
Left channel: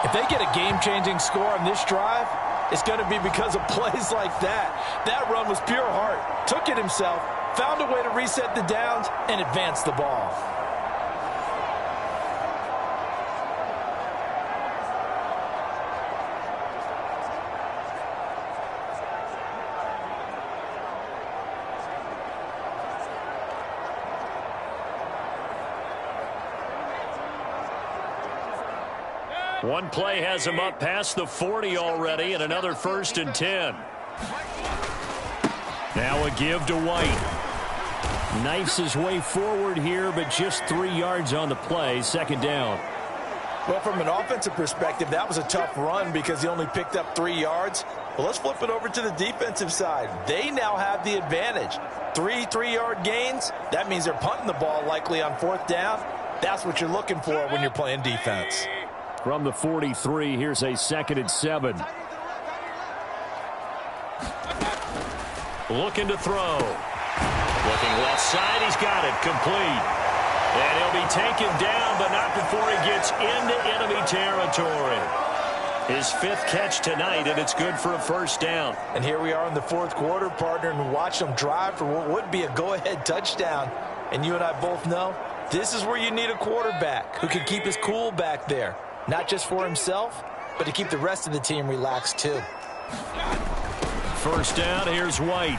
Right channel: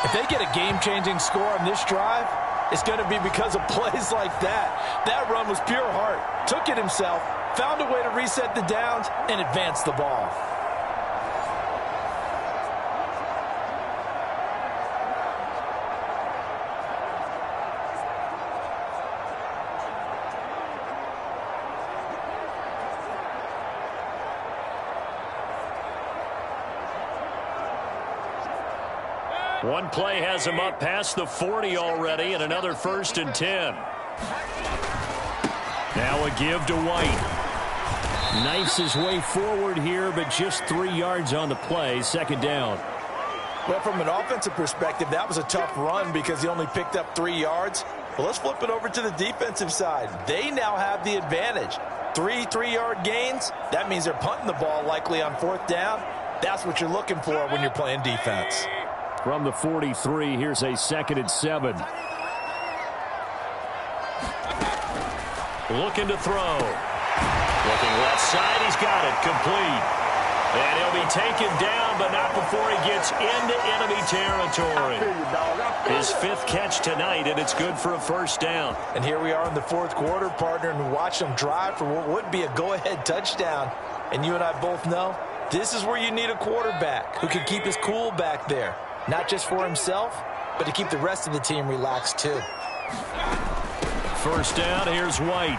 If they get a game-changing score on this drive, it's going to be because of plays like that. That run was pure heart. Took it himself, found a way to reset the downs, and advance the ball. One play has him up past the 40 already, and another 1st and 10. Now a give to White. Knifes his way forward here, but just 3 yards on the play. 2nd down. Well, from an offensive perspective, that was a tough run because he only picked up 3 yards. Well, let's flip it over to the defensive side. They now have the advantage. 3 3-yard gains. That means they're punting the ball likely on 4th down. That's what you're looking for when you're playing defense. From the 43, here's a 2nd and 7. Looking to throw. Looking left side, he's got it, complete. And he'll be taken down, but not before he gets into enemy territory. His 5th catch tonight, and it's good for a 1st down. And here we are in the 4th quarter, partner, and watch them drive for what would be a go-ahead touchdown. And you and I both know this is where you need a quarterback who can keep his cool back there. Not just for himself, but to keep the rest of the team relaxed too. 1st down, here's White.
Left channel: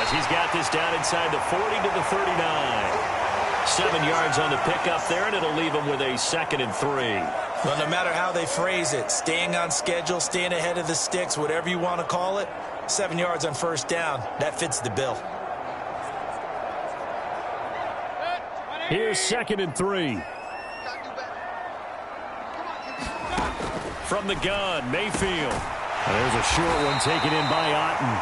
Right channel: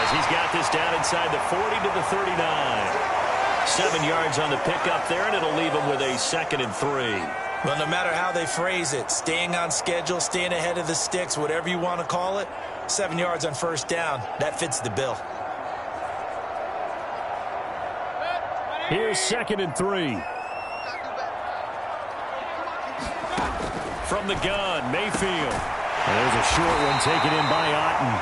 As he's got this down inside the 40 to the 39. 7 yards on the pickup there, and it'll leave him with a 2nd and 3. Well, no matter how they phrase it, staying on schedule, staying ahead of the sticks, whatever you want to call it, 7 yards on 1st down, that fits the bill. Here's 2nd and 3. From the gun, Mayfield. And there's a short one taken in by Otten.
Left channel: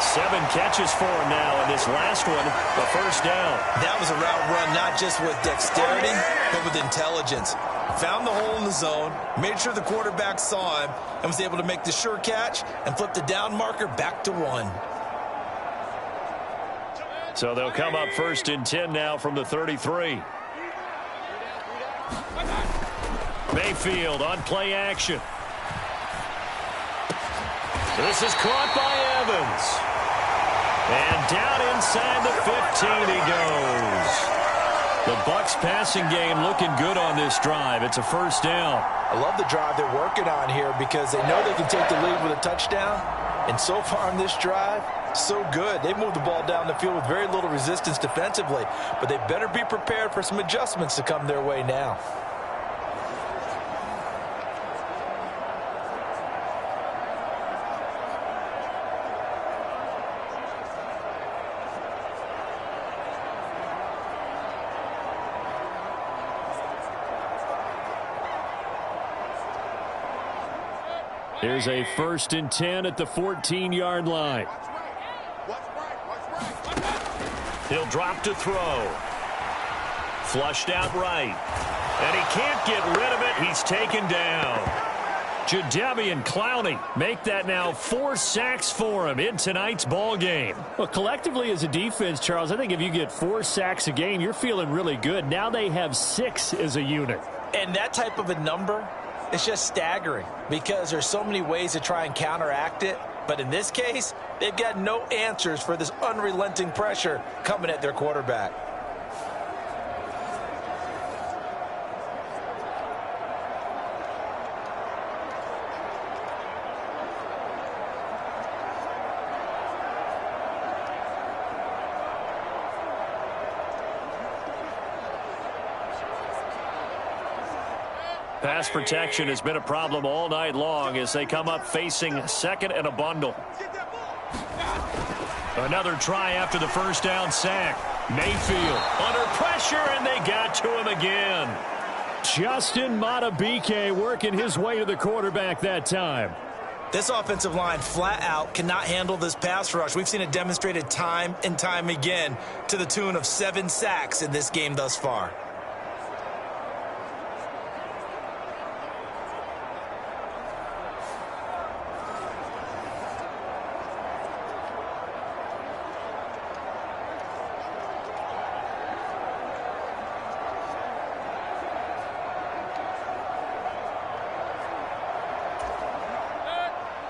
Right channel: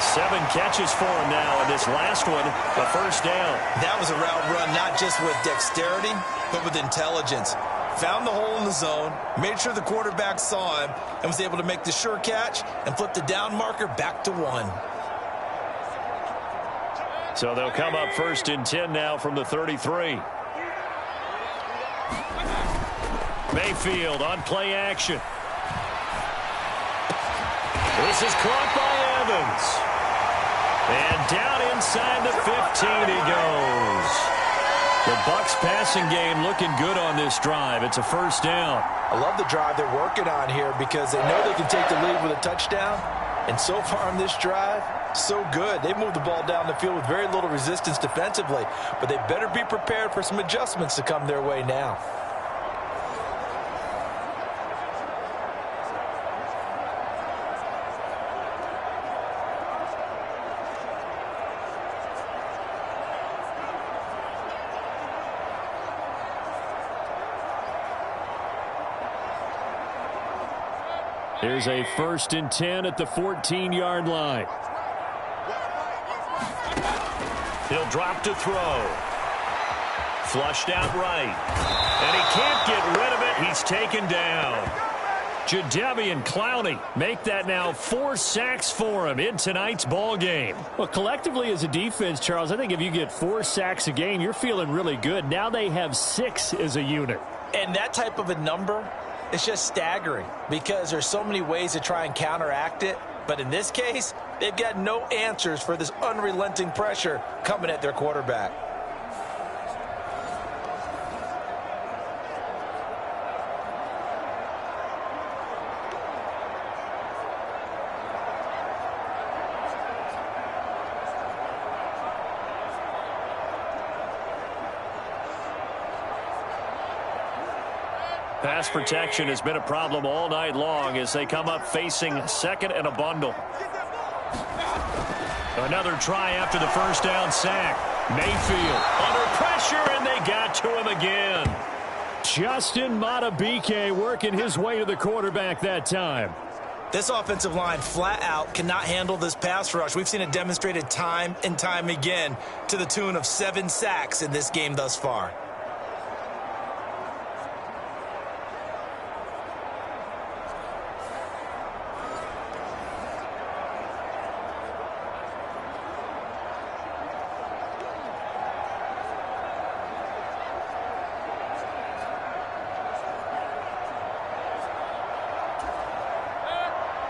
7 catches for him now, and this last one, a 1st down. That was a route run not just with dexterity, but with intelligence. Found the hole in the zone, made sure the quarterback saw him, and was able to make the sure catch and flip the down marker back to 1. So they'll come up 1st and 10 now from the 33. Mayfield on play action. This is caught by Evans. And down inside the 15 he goes. The Bucs passing game looking good on this drive. It's a 1st down. I love the drive they're working on here because they know they can take the lead with a touchdown. And so far on this drive, so good. They moved the ball down the field with very little resistance defensively. But they better be prepared for some adjustments to come their way now. Here's a 1st and 10 at the 14-yard line. He'll drop to throw. Flushed out right. And he can't get rid of it. He's taken down. Jadeveon Clowney make that now 4 sacks for him in tonight's ball game. Well, collectively as a defense, Charles, I think if you get 4 sacks a game, you're feeling really good. Now they have 6 as a unit. And that type of a number, it's just staggering because there's so many ways to try and counteract it. But in this case, they've got no answers for this unrelenting pressure coming at their quarterback. Pass protection has been a problem all night long as they come up facing 2nd and a bundle. Another try after the 1st down sack. Mayfield under pressure, and they got to him again. Justin Madubuike working his way to the quarterback that time. This offensive line flat out cannot handle this pass rush. We've seen it demonstrated time and time again to the tune of 7 sacks in this game thus far.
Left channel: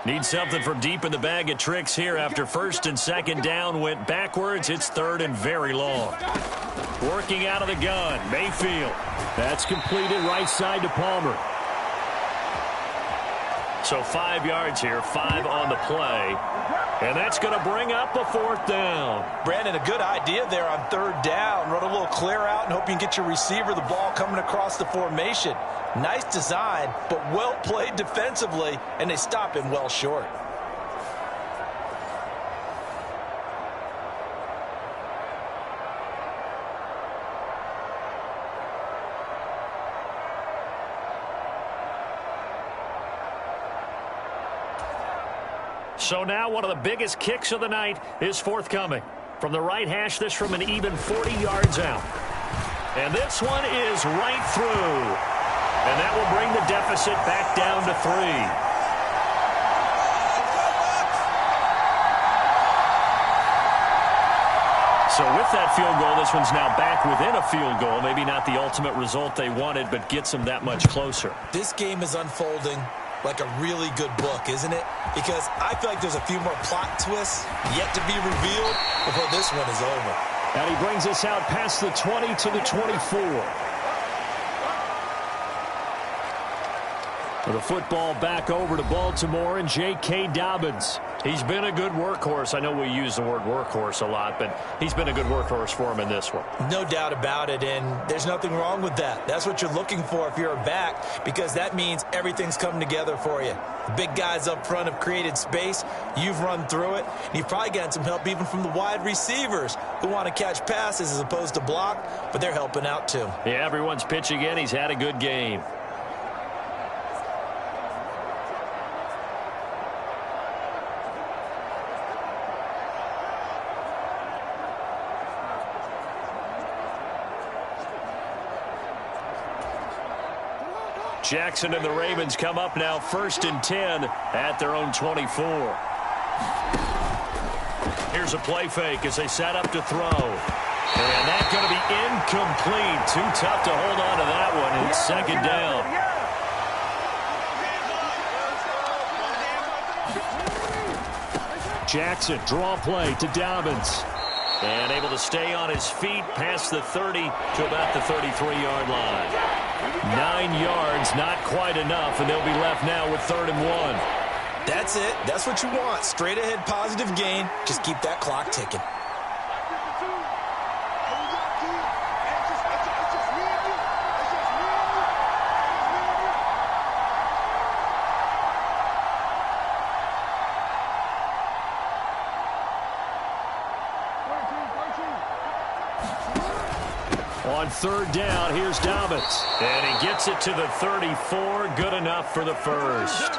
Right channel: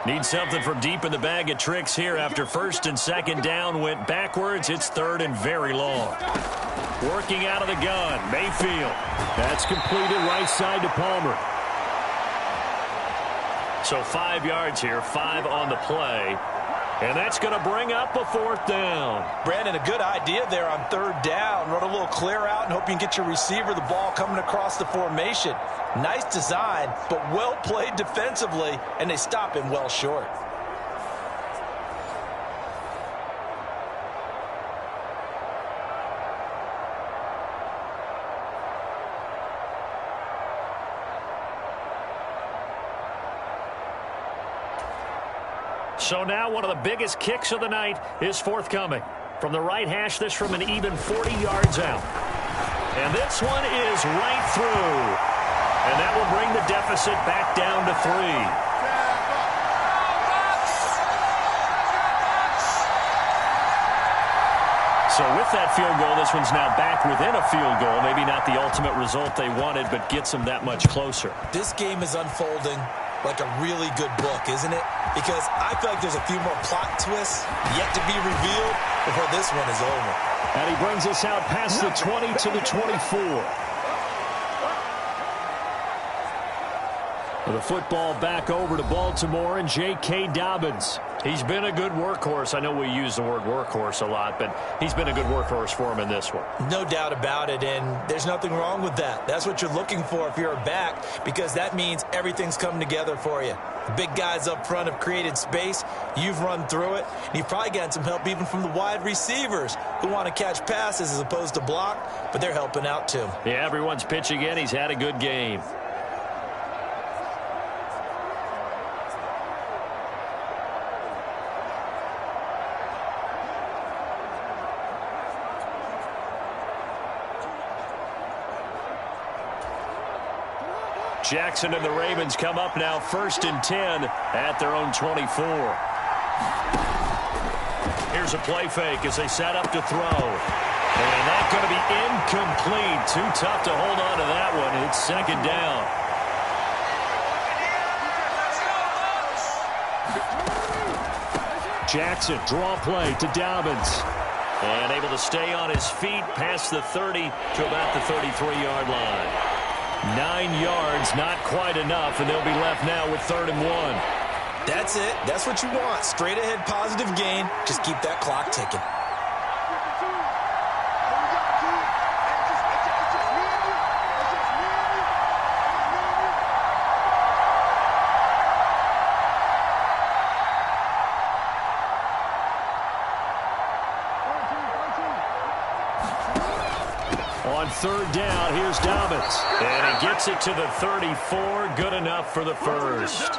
Need something from deep in the bag of tricks here after first and second down went backwards. It's third and very long. Working out of the gun, Mayfield. That's completed right side to Palmer. So 5 yards here, 5 on the play. And that's going to bring up a 4th down. Brandon, a good idea there on 3rd down. Run a little clear out and hope you can get your receiver the ball coming across the formation. Nice design, but well played defensively, and they stop him well short. So now one of the biggest kicks of the night is forthcoming. From the right hash, this from an even 40 yards out. And this one is right through. And that will bring the deficit back down to 3. So with that field goal, this one's now back within a field goal. Maybe not the ultimate result they wanted, but gets them that much closer. This game is unfolding like a really good book, isn't it? Because I feel like there's a few more plot twists yet to be revealed before this one is over. And he brings us out past the 20 to the 24. The football back over to Baltimore and J.K. Dobbins. He's been a good workhorse. I know we use the word workhorse a lot, but he's been a good workhorse for him in this one. No doubt about it, and there's nothing wrong with that. That's what you're looking for if you're a back, because that means everything's coming together for you. The big guys up front have created space. You've run through it. And you've probably gotten some help even from the wide receivers who want to catch passes as opposed to block, but they're helping out too. Yeah, everyone's pitching in. He's had a good game. Jackson and the Ravens come up now 1st and 10 at their own 24. Here's a play fake as they set up to throw. And that's going to be incomplete. Too tough to hold on to that one. It's 2nd down. Jackson, draw play to Dobbins. And able to stay on his feet past the 30 to about the 33-yard line. 9 yards, not quite enough, and they'll be left now with 3rd and 1. That's it. That's what you want. Straight ahead positive gain. Just keep that clock ticking. On 3rd down, here's Dobbins. And he gets it to the 34. Good enough for the first.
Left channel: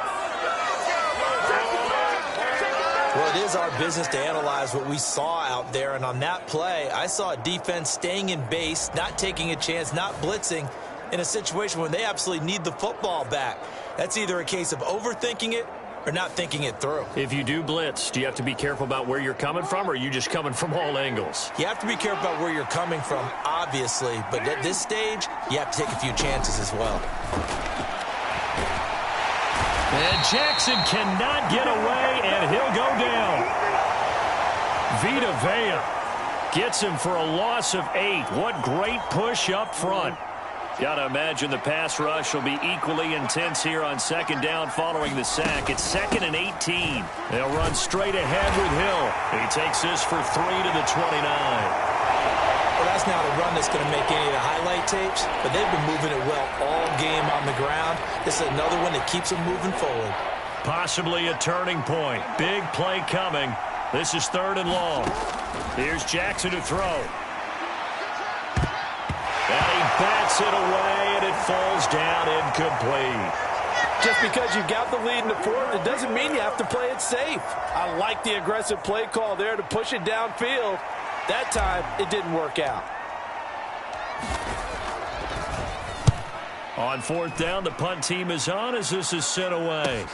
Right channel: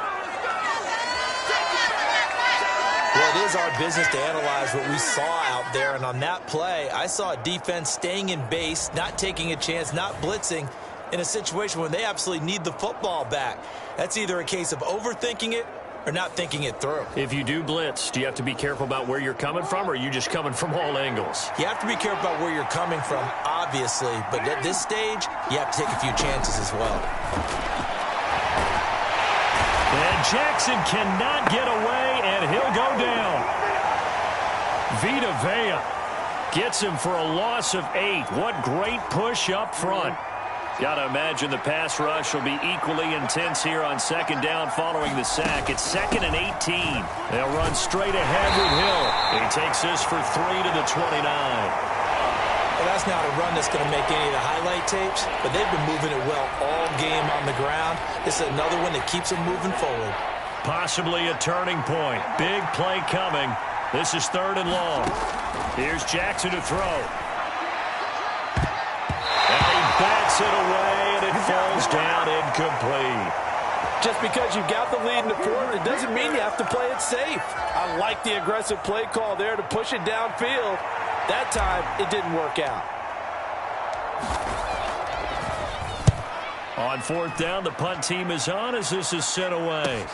Well, it is our business to analyze what we saw out there. And on that play, I saw a defense staying in base, not taking a chance, not blitzing in a situation where they absolutely need the football back. That's either a case of overthinking it or not thinking it through. If you do blitz, do you have to be careful about where you're coming from, or are you just coming from all angles? You have to be careful about where you're coming from, obviously. But at this stage, you have to take a few chances as well. And Jackson cannot get away, and he'll go down. Vita Vea gets him for a loss of 8. What great push up front. Got to imagine the pass rush will be equally intense here on 2nd down following the sack. It's 2nd and 18. They'll run straight ahead with Hill. He takes this for 3 to the 29. Well, that's not a run that's going to make any of the highlight tapes, but they've been moving it well all game on the ground. This is another one that keeps them moving forward. Possibly a turning point. Big play coming. This is 3rd and long. Here's Jackson to throw. And he bats Hits it away, and it falls down incomplete. Just because you've got the lead in the fourth, it doesn't mean you have to play it safe. I like the aggressive play call there to push it downfield. That time, it didn't work out. On fourth down, the punt team is on as this is sent away.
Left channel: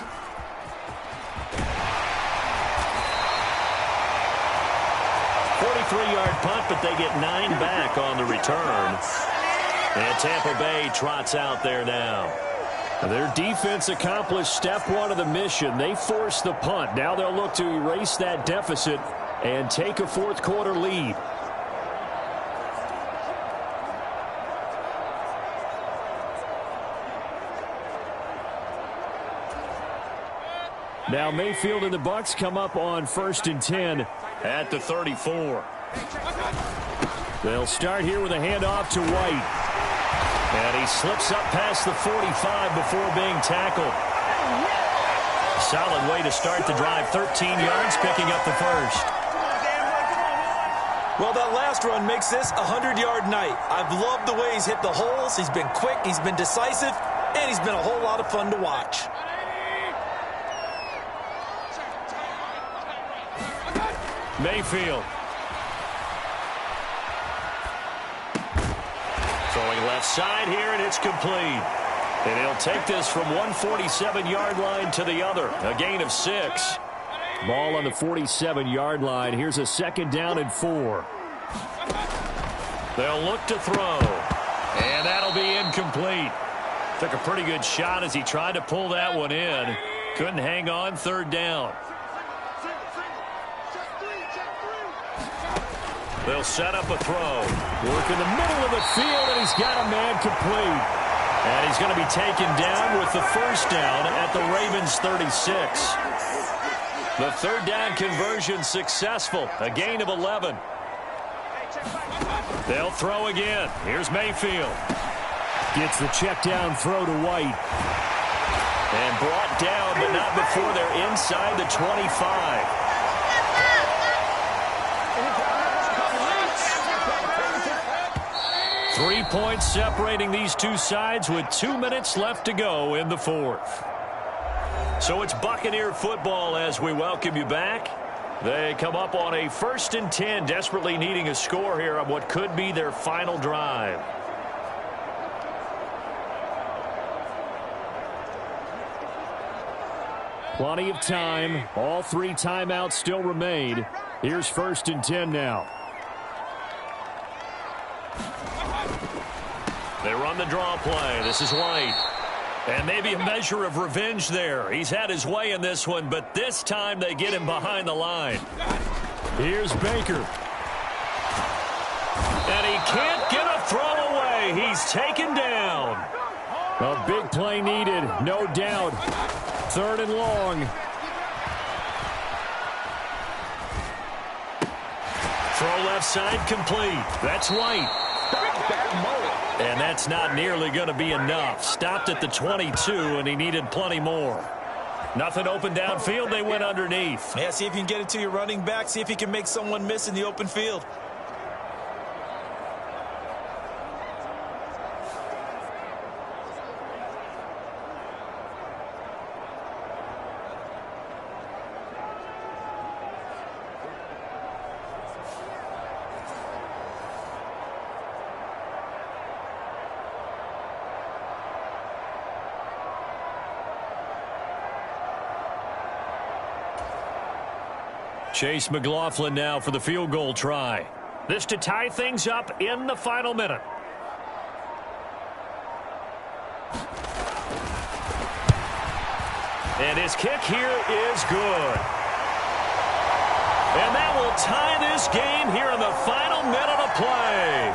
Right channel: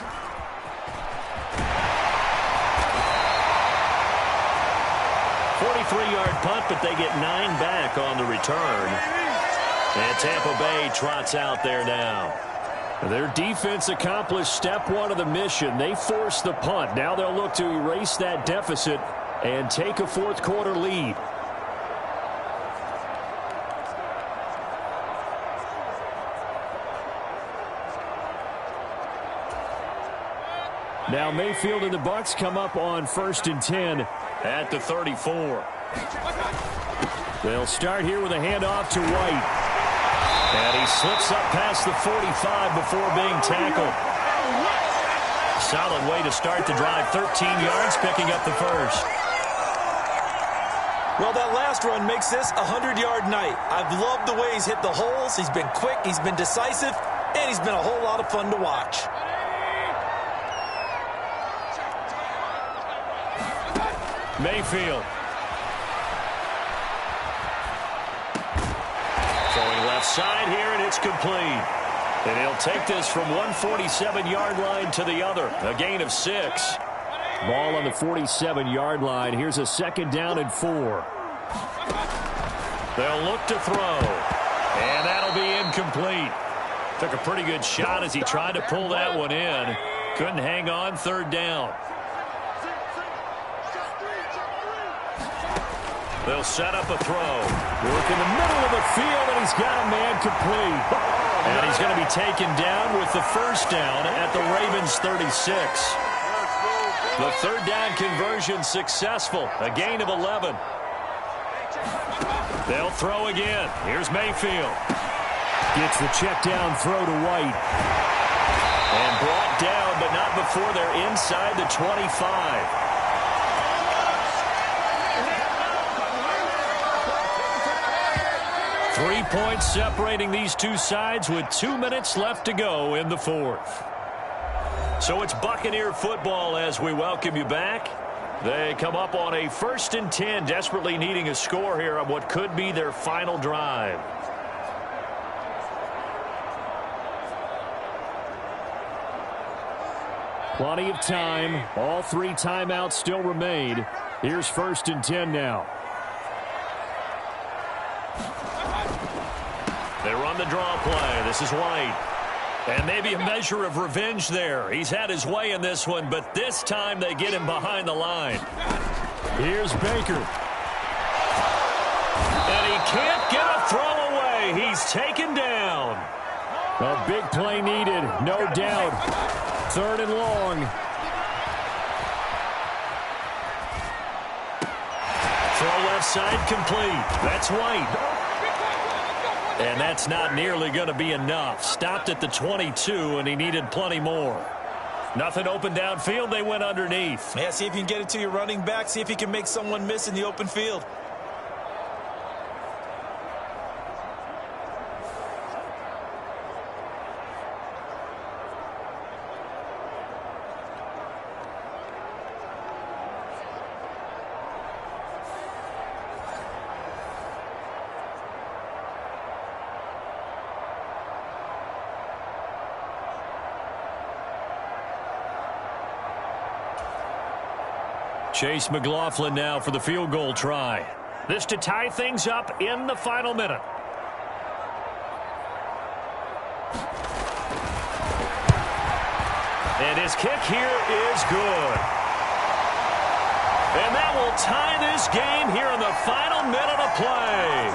.43-yard punt, but they get 9 back on the return. And Tampa Bay trots out there now. Their defense accomplished step one of the mission. They forced the punt. Now they'll look to erase that deficit and take a fourth quarter lead. Now Mayfield and the Bucs come up on 1st and 10 at the 34. They'll start here with a handoff to White. And he slips up past the 45 before being tackled. Solid way to start the drive. 13 yards, picking up the first. Well, that last run makes this a 100-yard night. I've loved the way he's hit the holes. He's been quick, he's been decisive, and he's been a whole lot of fun to watch. Mayfield. Throwing left side here, and it's complete. And he'll take this from 147-yard line to the other. A gain of 6. Ball on the 47-yard line. Here's a 2nd down and 4. They'll look to throw. And that'll be incomplete. Took a pretty good shot as he tried to pull that one in. Couldn't hang on. 3rd down. They'll set up a throw. Work in the middle of the field, and he's got a man complete. And he's going to be taken down with the 1st down at the Ravens 36. The 3rd down conversion successful. A gain of 11. They'll throw again. Here's Mayfield. Gets the check down throw to White. And brought down, but not before they're inside the 25. 3 points separating these two sides with 2 minutes left to go in the fourth. So it's Buccaneer football as we welcome you back. They come up on a 1st and 10, desperately needing a score here on what could be their final drive. Plenty of time. All 3 timeouts still remain. Here's 1st and 10 now. They run the draw play. This is White. And maybe a measure of revenge there. He's had his way in this one, but this time they get him behind the line. Here's Baker. And he can't get a throw away. He's taken down. A big play needed, no doubt. 3rd and long. Throw left side complete. That's White. And that's not nearly going to be enough. Stopped at the 22, and he needed plenty more. Nothing open downfield. They went underneath. Yeah, see if you can get it to your running back. See if you can make someone miss in the open field. Chase McLaughlin now for the field goal try. This to tie things up in the final minute. And his kick here is good. And that will tie this game here in the final minute of play.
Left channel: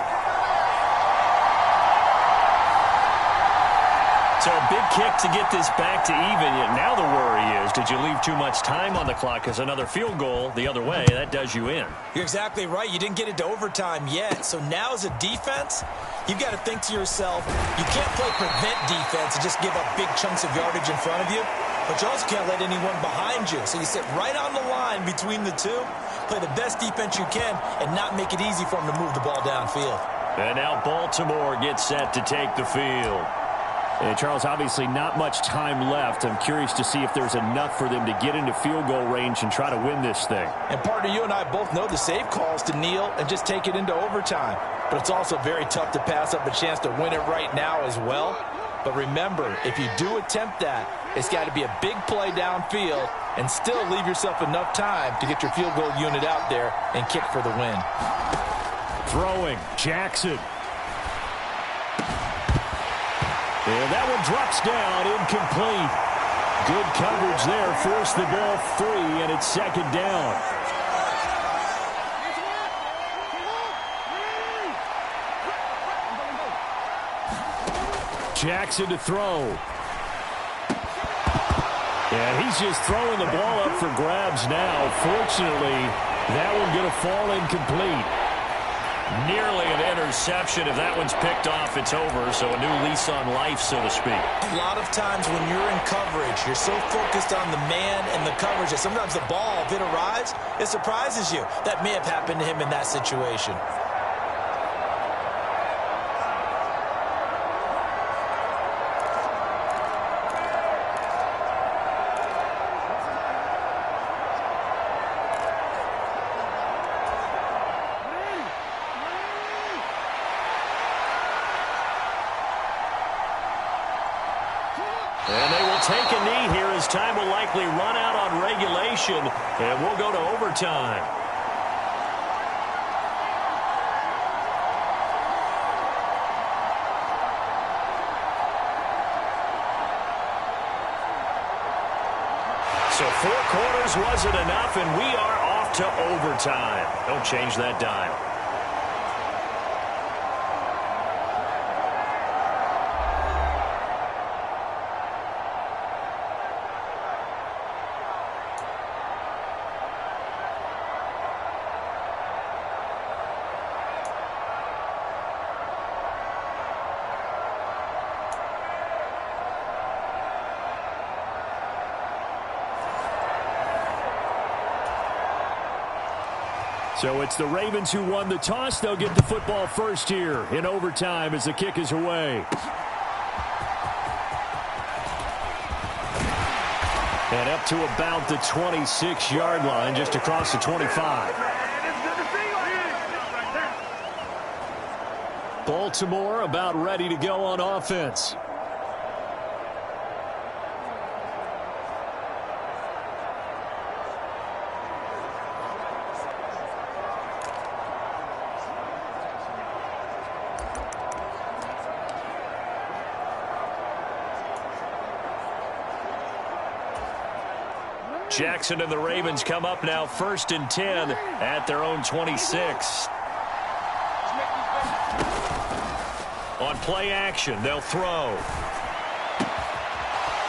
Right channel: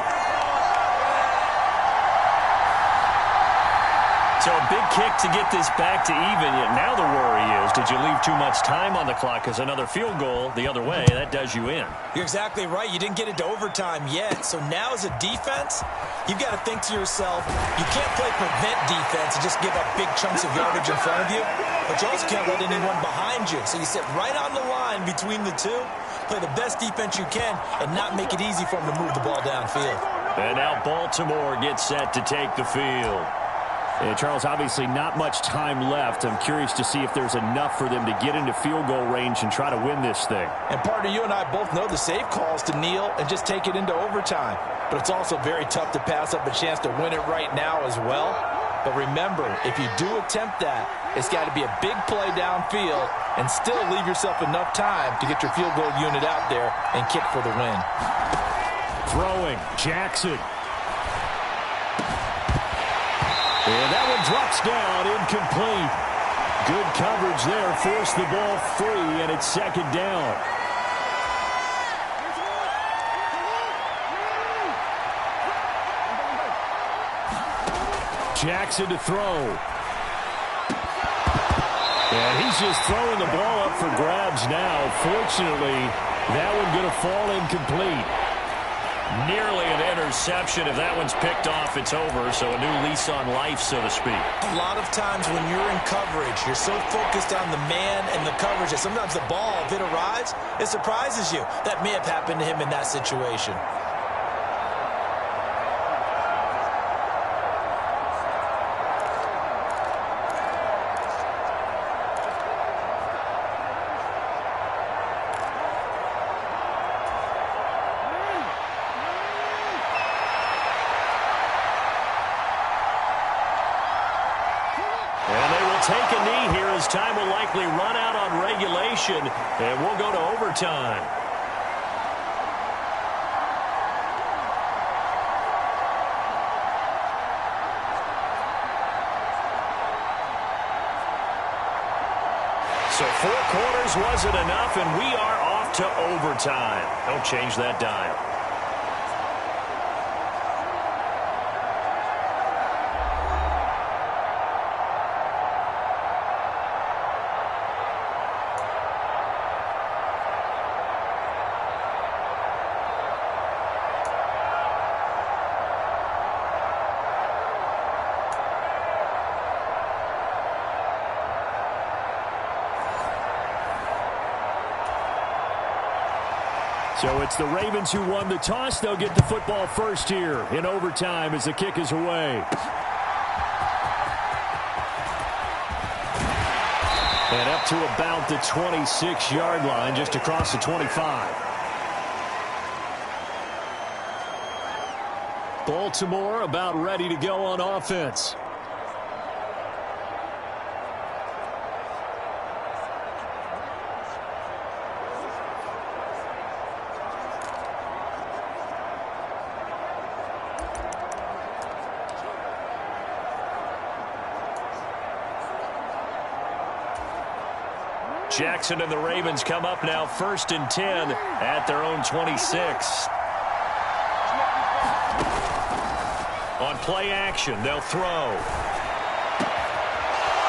So a big kick to get this back to even. Now the worry is, did you leave too much time on the clock? Because another field goal the other way, that does you in. You're exactly right. You didn't get into overtime yet. So now as a defense, you've got to think to yourself, you can't play prevent defense and just give up big chunks of yardage in front of you. But you also can't let anyone behind you. So you sit right on the line between the two, play the best defense you can, and not make it easy for them to move the ball downfield. And now Baltimore gets set to take the field. And Charles, obviously not much time left. I'm curious to see if there's enough for them to get into field goal range and try to win this thing. And partner, you and I both know the safe calls to kneel and just take it into overtime. But it's also very tough to pass up a chance to win it right now as well. But remember, if you do attempt that, it's got to be a big play downfield and still leave yourself enough time to get your field goal unit out there and kick for the win. Throwing, Jackson. And that one drops down, incomplete. Good coverage there, forced the ball free, and it's second down. Jackson to throw. And he's just throwing the ball up for grabs now. Fortunately, that one going to fall incomplete. Nearly an interception. If that one's picked off, it's over. So a new lease on life, so to speak. A lot of times when you're in coverage, you're so focused on the man and the coverage that sometimes the ball, if it arrives, it surprises you. That may have happened to him in that situation. And they will take a knee here as time will likely run out on regulation, and we'll go to overtime. So 4 quarters wasn't enough, and we are off to overtime. Don't change that dial. So it's the Ravens who won the toss. They'll get the football first here in overtime as the kick is away. And up to about the 26-yard line, just across the 25. Baltimore about ready to go on offense. Jackson and the Ravens come up now 1st and 10 at their own 26. On play action, they'll throw.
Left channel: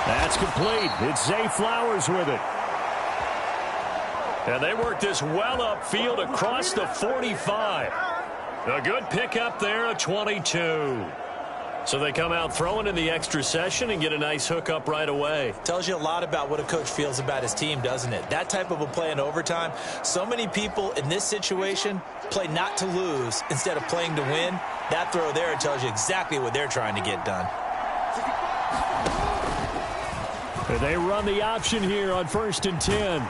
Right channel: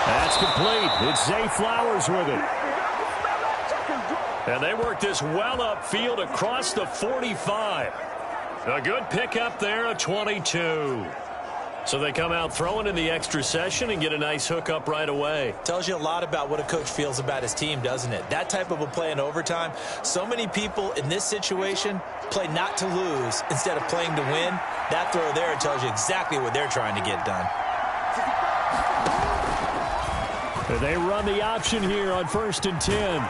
That's complete. It's Zay Flowers with it. And they work this well upfield across the 45. A good pickup there, a 22. So they come out throwing in the extra session and get a nice hookup right away. Tells you a lot about what a coach feels about his team, doesn't it? That type of a play in overtime. So many people in this situation play not to lose instead of playing to win. That throw there tells you exactly what they're trying to get done. They run the option here on 1st and 10.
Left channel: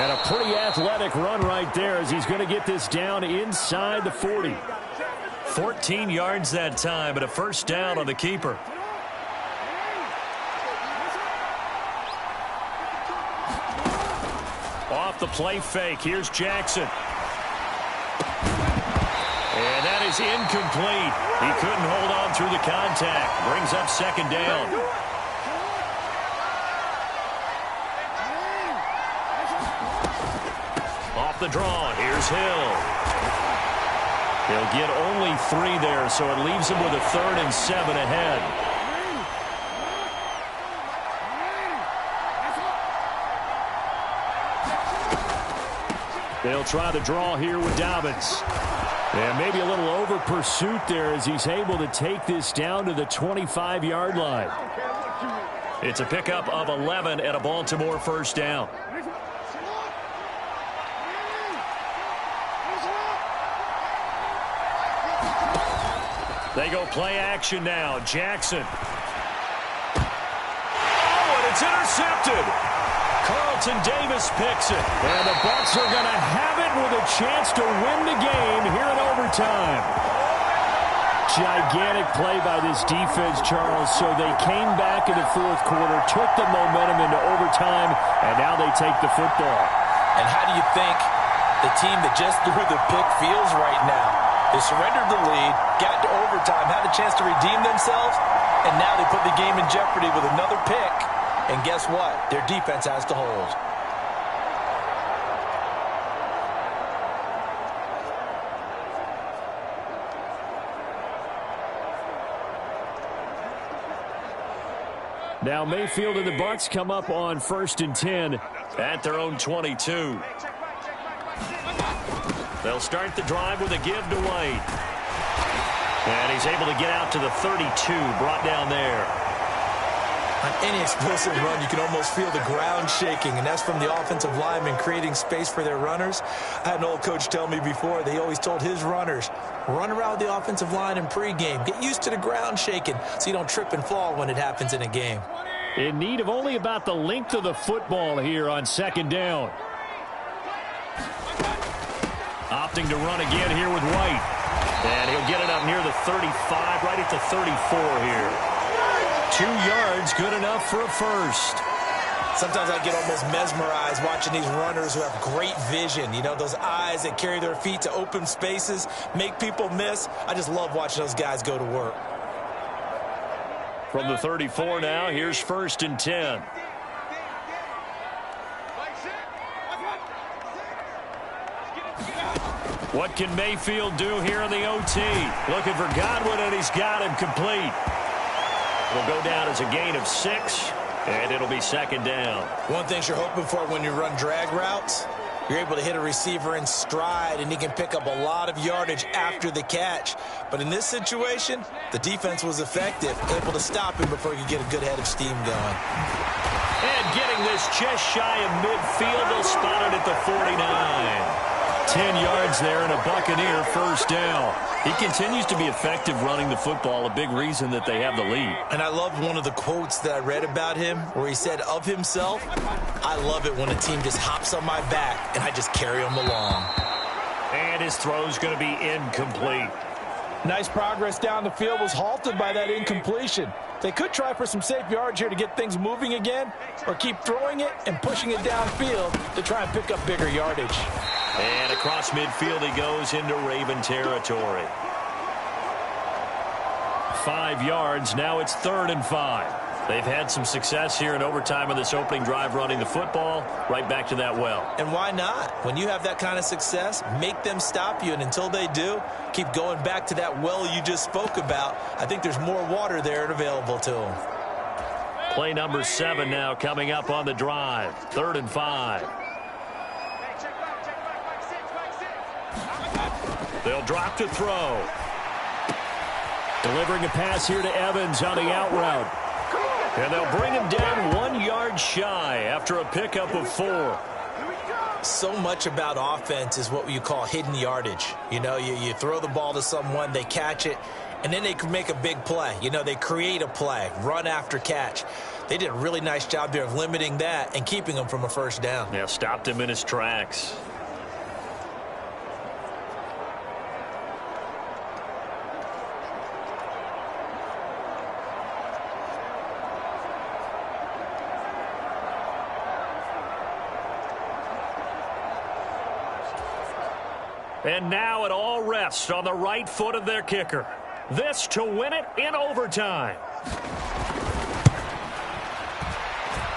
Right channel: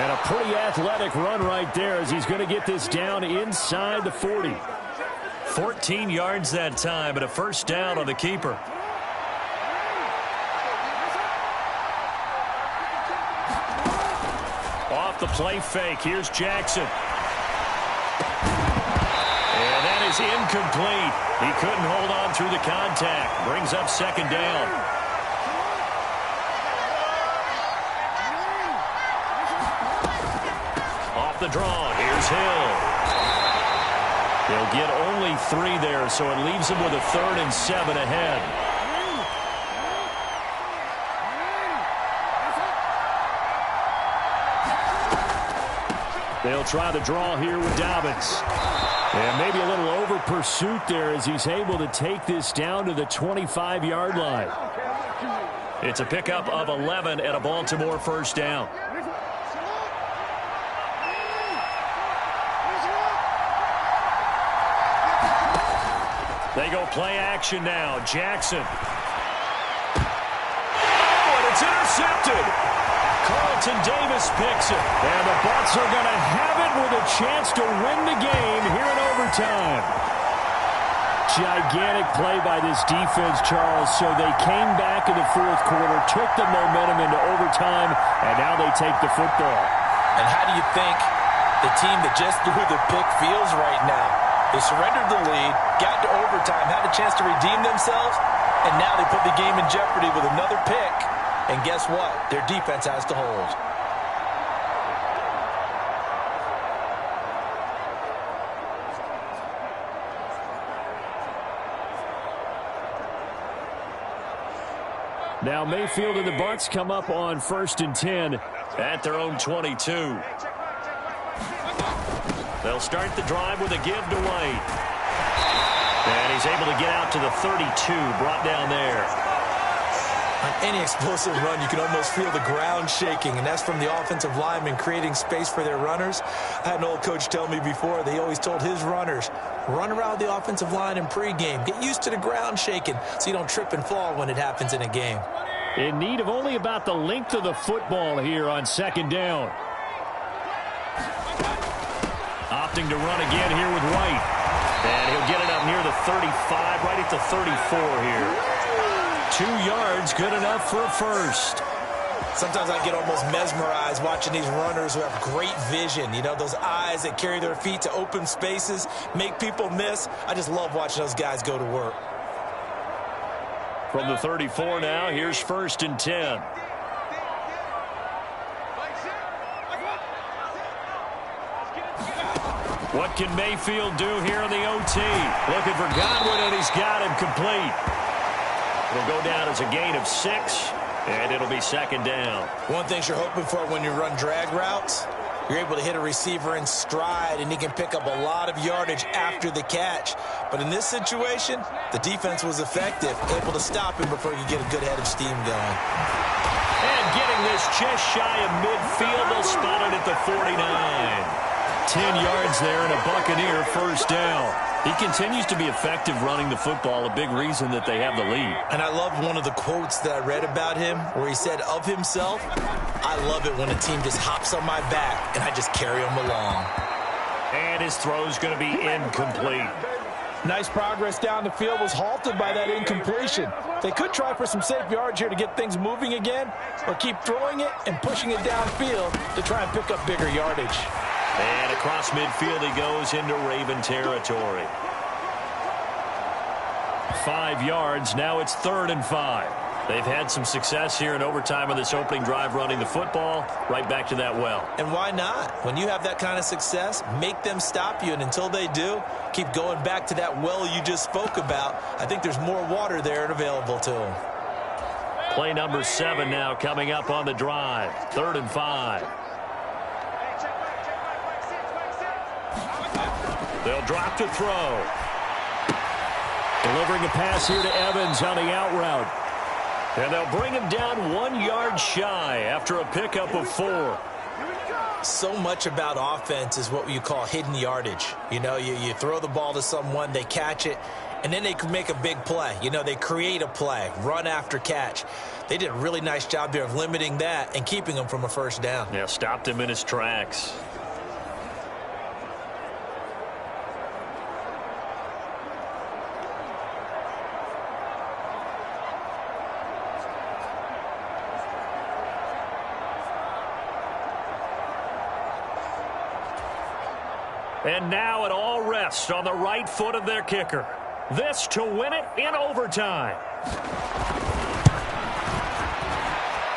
And a pretty athletic run right there as he's going to get this down inside the 40. 14 yards that time, but a first down on the keeper. Off the play fake, here's Jackson. And that is incomplete. He couldn't hold on through the contact. Brings up second down. Off the draw, here's Hill. They'll get only 3 there, so it leaves them with a 3rd and 7 ahead. They'll try the draw here with Dobbins. And maybe a little over pursuit there as he's able to take this down to the 25-yard line. It's a pickup of 11 and a Baltimore first down. They go play action now. Jackson. Oh, and it's intercepted. Carlton Davis picks it. And the Bucs are going to have it with a chance to win the game here in overtime. Gigantic play by this defense, Charles. So they came back in the fourth quarter, took the momentum into overtime, and now they take the football. And how do you think the team that just threw the pick feels right now? They surrendered the lead, got to overtime, had a chance to redeem themselves, and now they put the game in jeopardy with another pick. And guess what? Their defense has to hold. Now Mayfield and the Bucs come up on 1st and 10 at their own 22. They'll start the drive with a give to White. And he's able to get out to the 32, brought down there. On any explosive run, you can almost feel the ground shaking, and that's from the offensive linemen creating space for their runners. I had an old coach tell me before, they always told his runners, run around the offensive line in pregame. Get used to the ground shaking so you don't trip and fall when it happens in a game. In need of only about the length of the football here on 2nd down. Opting to run again here with White. And he'll get it up near the 35, right at the 34 here. 2 yards, good enough for a first. Sometimes I get almost mesmerized watching these runners who have great vision. You know, those eyes that carry their feet to open spaces, make people miss. I just love watching those guys go to work. From the 34 now, here's 1st and 10. What can Mayfield do here in the OT? Looking for Godwin, and he's got him complete. It'll go down as a gain of 6, and it'll be 2nd down. One thing you're hoping for when you run drag routes, you're able to hit a receiver in stride, and he can pick up a lot of yardage after the catch. But in this situation, the defense was effective, able to stop him before he could get a good head of steam going. And getting this just shy of midfield, they'll spot it at the 49. 10 yards there and a Buccaneer first down. He continues to be effective running the football, a big reason that they have the lead. And I loved one of the quotes that I read about him where he said of himself, I love it when a team just hops on my back and I just carry them along. And his throw's going to be incomplete. Nice progress down the field, was halted by that incompletion. They could try for some safe yards here to get things moving again, or keep throwing it and pushing it downfield to try and pick up bigger yardage. And across midfield he goes into Raven territory. 5 yards, now it's 3rd and 5. They've had some success here in overtime on this opening drive running the football. Right back to that well. And why not? When you have that kind of success, make them stop you. And until they do, keep going back to that well you just spoke about. I think there's more water there and available to them. Play number 7 now coming up on the drive. 3rd and 5. They'll drop to throw. Delivering a pass here to Evans on the out route. And they'll bring him down 1 yard shy after a pickup of 4. So much about offense is what you call hidden yardage. You know, you throw the ball to someone, they catch it, and then they can make a big play. You know, they create a play, run after catch. They did a really nice job there of limiting that and keeping him from a first down. Yeah, stopped him in his tracks. And now it all rests on the right foot of their kicker. This to win it in overtime.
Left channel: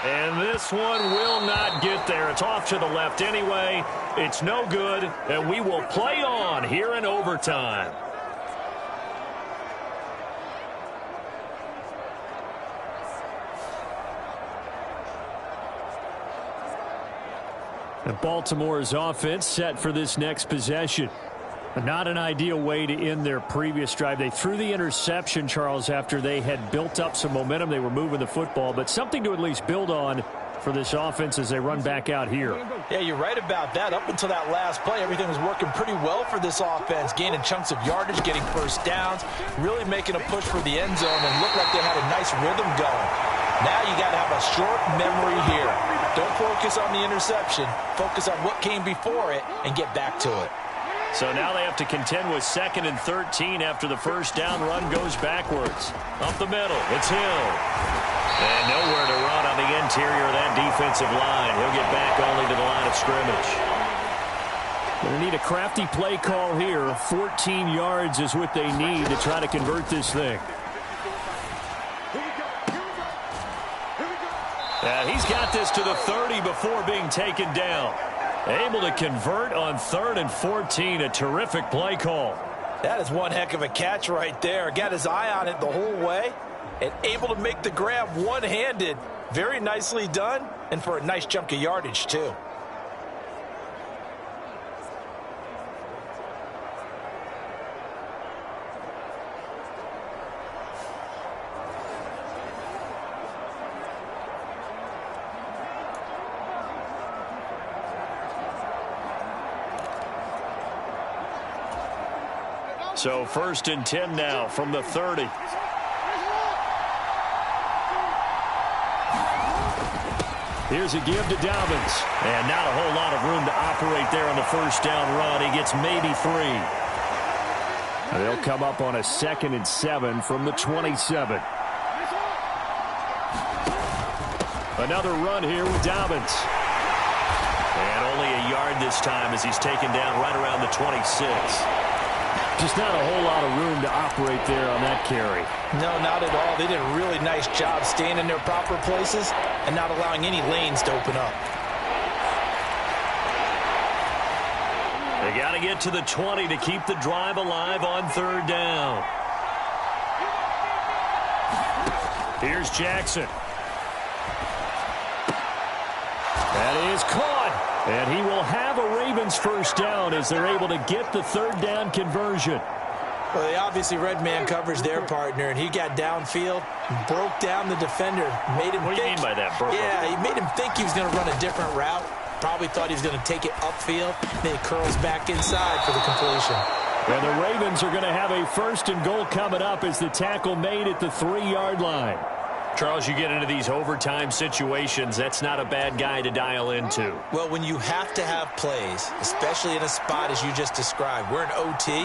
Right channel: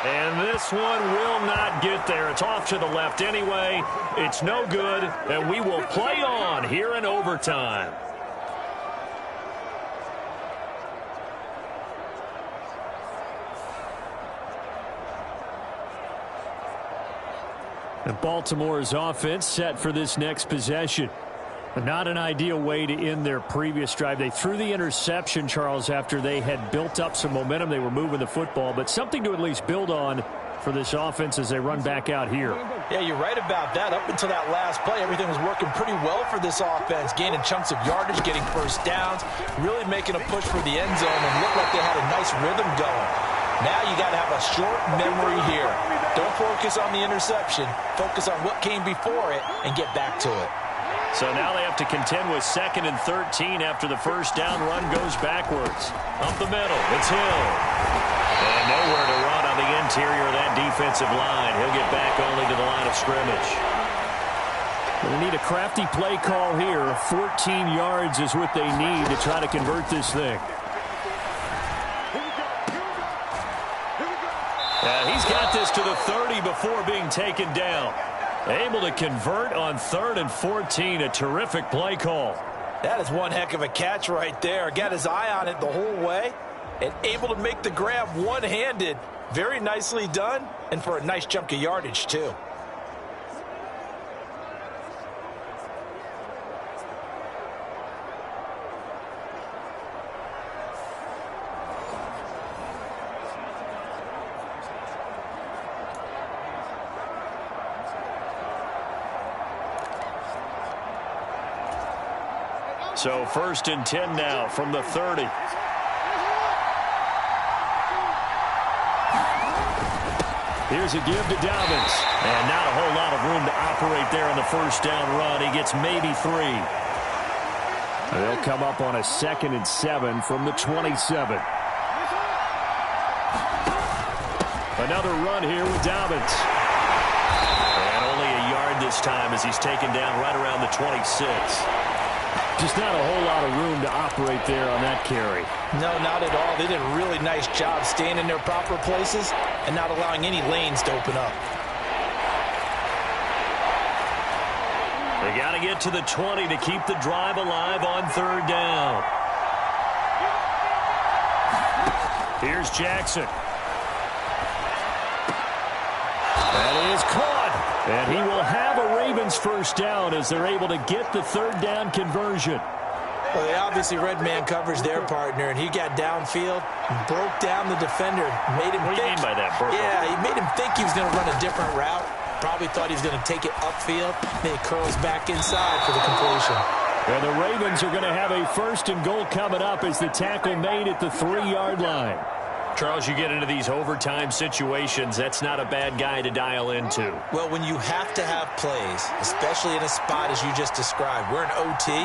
And this one will not get there. It's off to the left anyway. It's no good, and we will play on here in overtime. And Baltimore's offense set for this next possession. Not an ideal way to end their previous drive. They threw the interception, Charles, after they had built up some momentum. They were moving the football, but something to at least build on for this offense as they run back out here. Yeah, you're right about that. Up until that last play, everything was working pretty well for this offense, gaining chunks of yardage, getting first downs, really making a push for the end zone, and looked like they had a nice rhythm going. Now you got to have a short memory here. Don't focus on the interception. Focus on what came before it and get back to it. So now they have to contend with 2nd and 13 after the first down run goes backwards. Up the middle, it's Hill. And nowhere to run on the interior of that defensive line. He'll get back only to the line of scrimmage. Going to need a crafty play call here. 14 yards is what they need to try to convert this thing. He's got this to the 30 before being taken down. Able to convert on 3rd and 14. A terrific play call. That is one heck of a catch right there. Got his eye on it the whole way and able to make the grab one-handed. Very nicely done, and for a nice chunk of yardage, too. So 1st and 10 now from the 30. Here's a give to Dobbins. And not a whole lot of room to operate there on the first down run. He gets maybe 3. And they'll come up on a 2nd and 7 from the 27. Another run here with Dobbins. And only a yard this time as he's taken down right around the 26. Just not a whole lot of room to operate there on that carry. No, not at all. They did a really nice job staying in their proper places and not allowing any lanes to open up. They got to get to the 20 to keep the drive alive on 3rd down. Here's Jackson. That is caught. And he will have a Ravens first down as they're able to get the 3rd down conversion. Well, they obviously read man coverage their partner, and he got downfield, broke down the defender, made him think. What do you mean by that, Burko? Yeah, he made him think he was going to run a different route. Probably thought he was going to take it upfield. Then he curls back inside for the completion. And the Ravens are going to have a 1st and goal coming up as the tackle made at the 3-yard line. Charles, you get into these overtime situations, that's not a bad guy to dial into. Well, when you have to have plays, especially in a spot as you just described, we're in OT,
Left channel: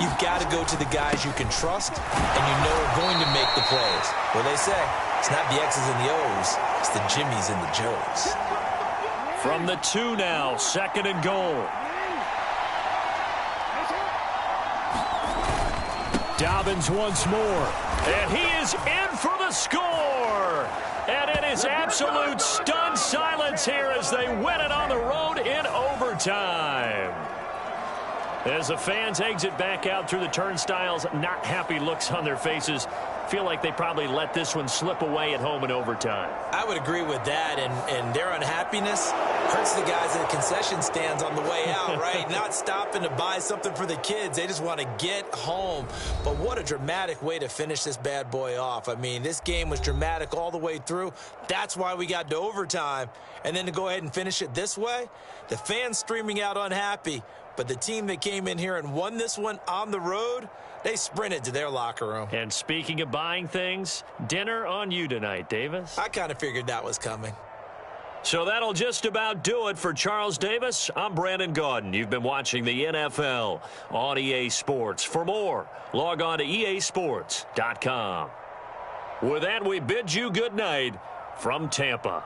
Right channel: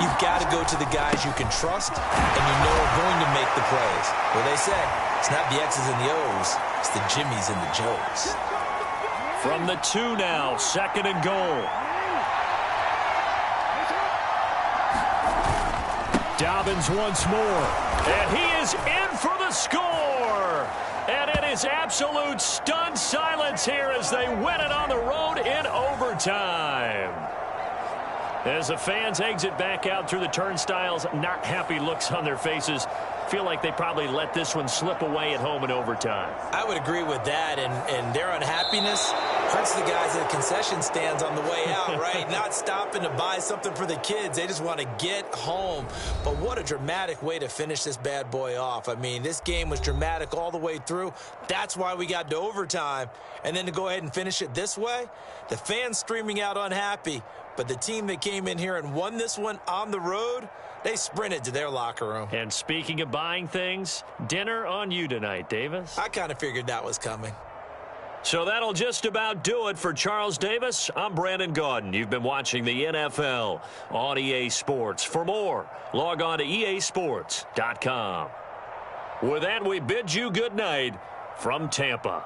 you've got to go to the guys you can trust and you know are going to make the plays. Well, they say, it's not the X's and the O's, it's the Jimmies and the Joes. From the 2 now, 2nd and goal. Dobbins once more. And he is in for the score. And it is absolute stunned silence here as they win it on the road in overtime. As the fans exit back out through the turnstiles, not happy looks on their faces. Feel like they probably let this one slip away at home in overtime. I would agree with that, and their unhappiness hurts the guys at the concession stands on the way out, right? Not stopping to buy something for the kids. They just want to get home. But what a dramatic way to finish this bad boy off. I mean, this game was dramatic all the way through. That's why we got to overtime. And then to go ahead and finish it this way, the fans streaming out unhappy. But the team that came in here and won this one on the road, they sprinted to their locker room. And speaking of buying things, dinner on you tonight, Davis. I kind of figured that was coming. So that'll just about do it for Charles Davis. I'm Brandon Gaudin. You've been watching the NFL on EA Sports. For more, log on to easports.com. With that, we bid you good night from Tampa.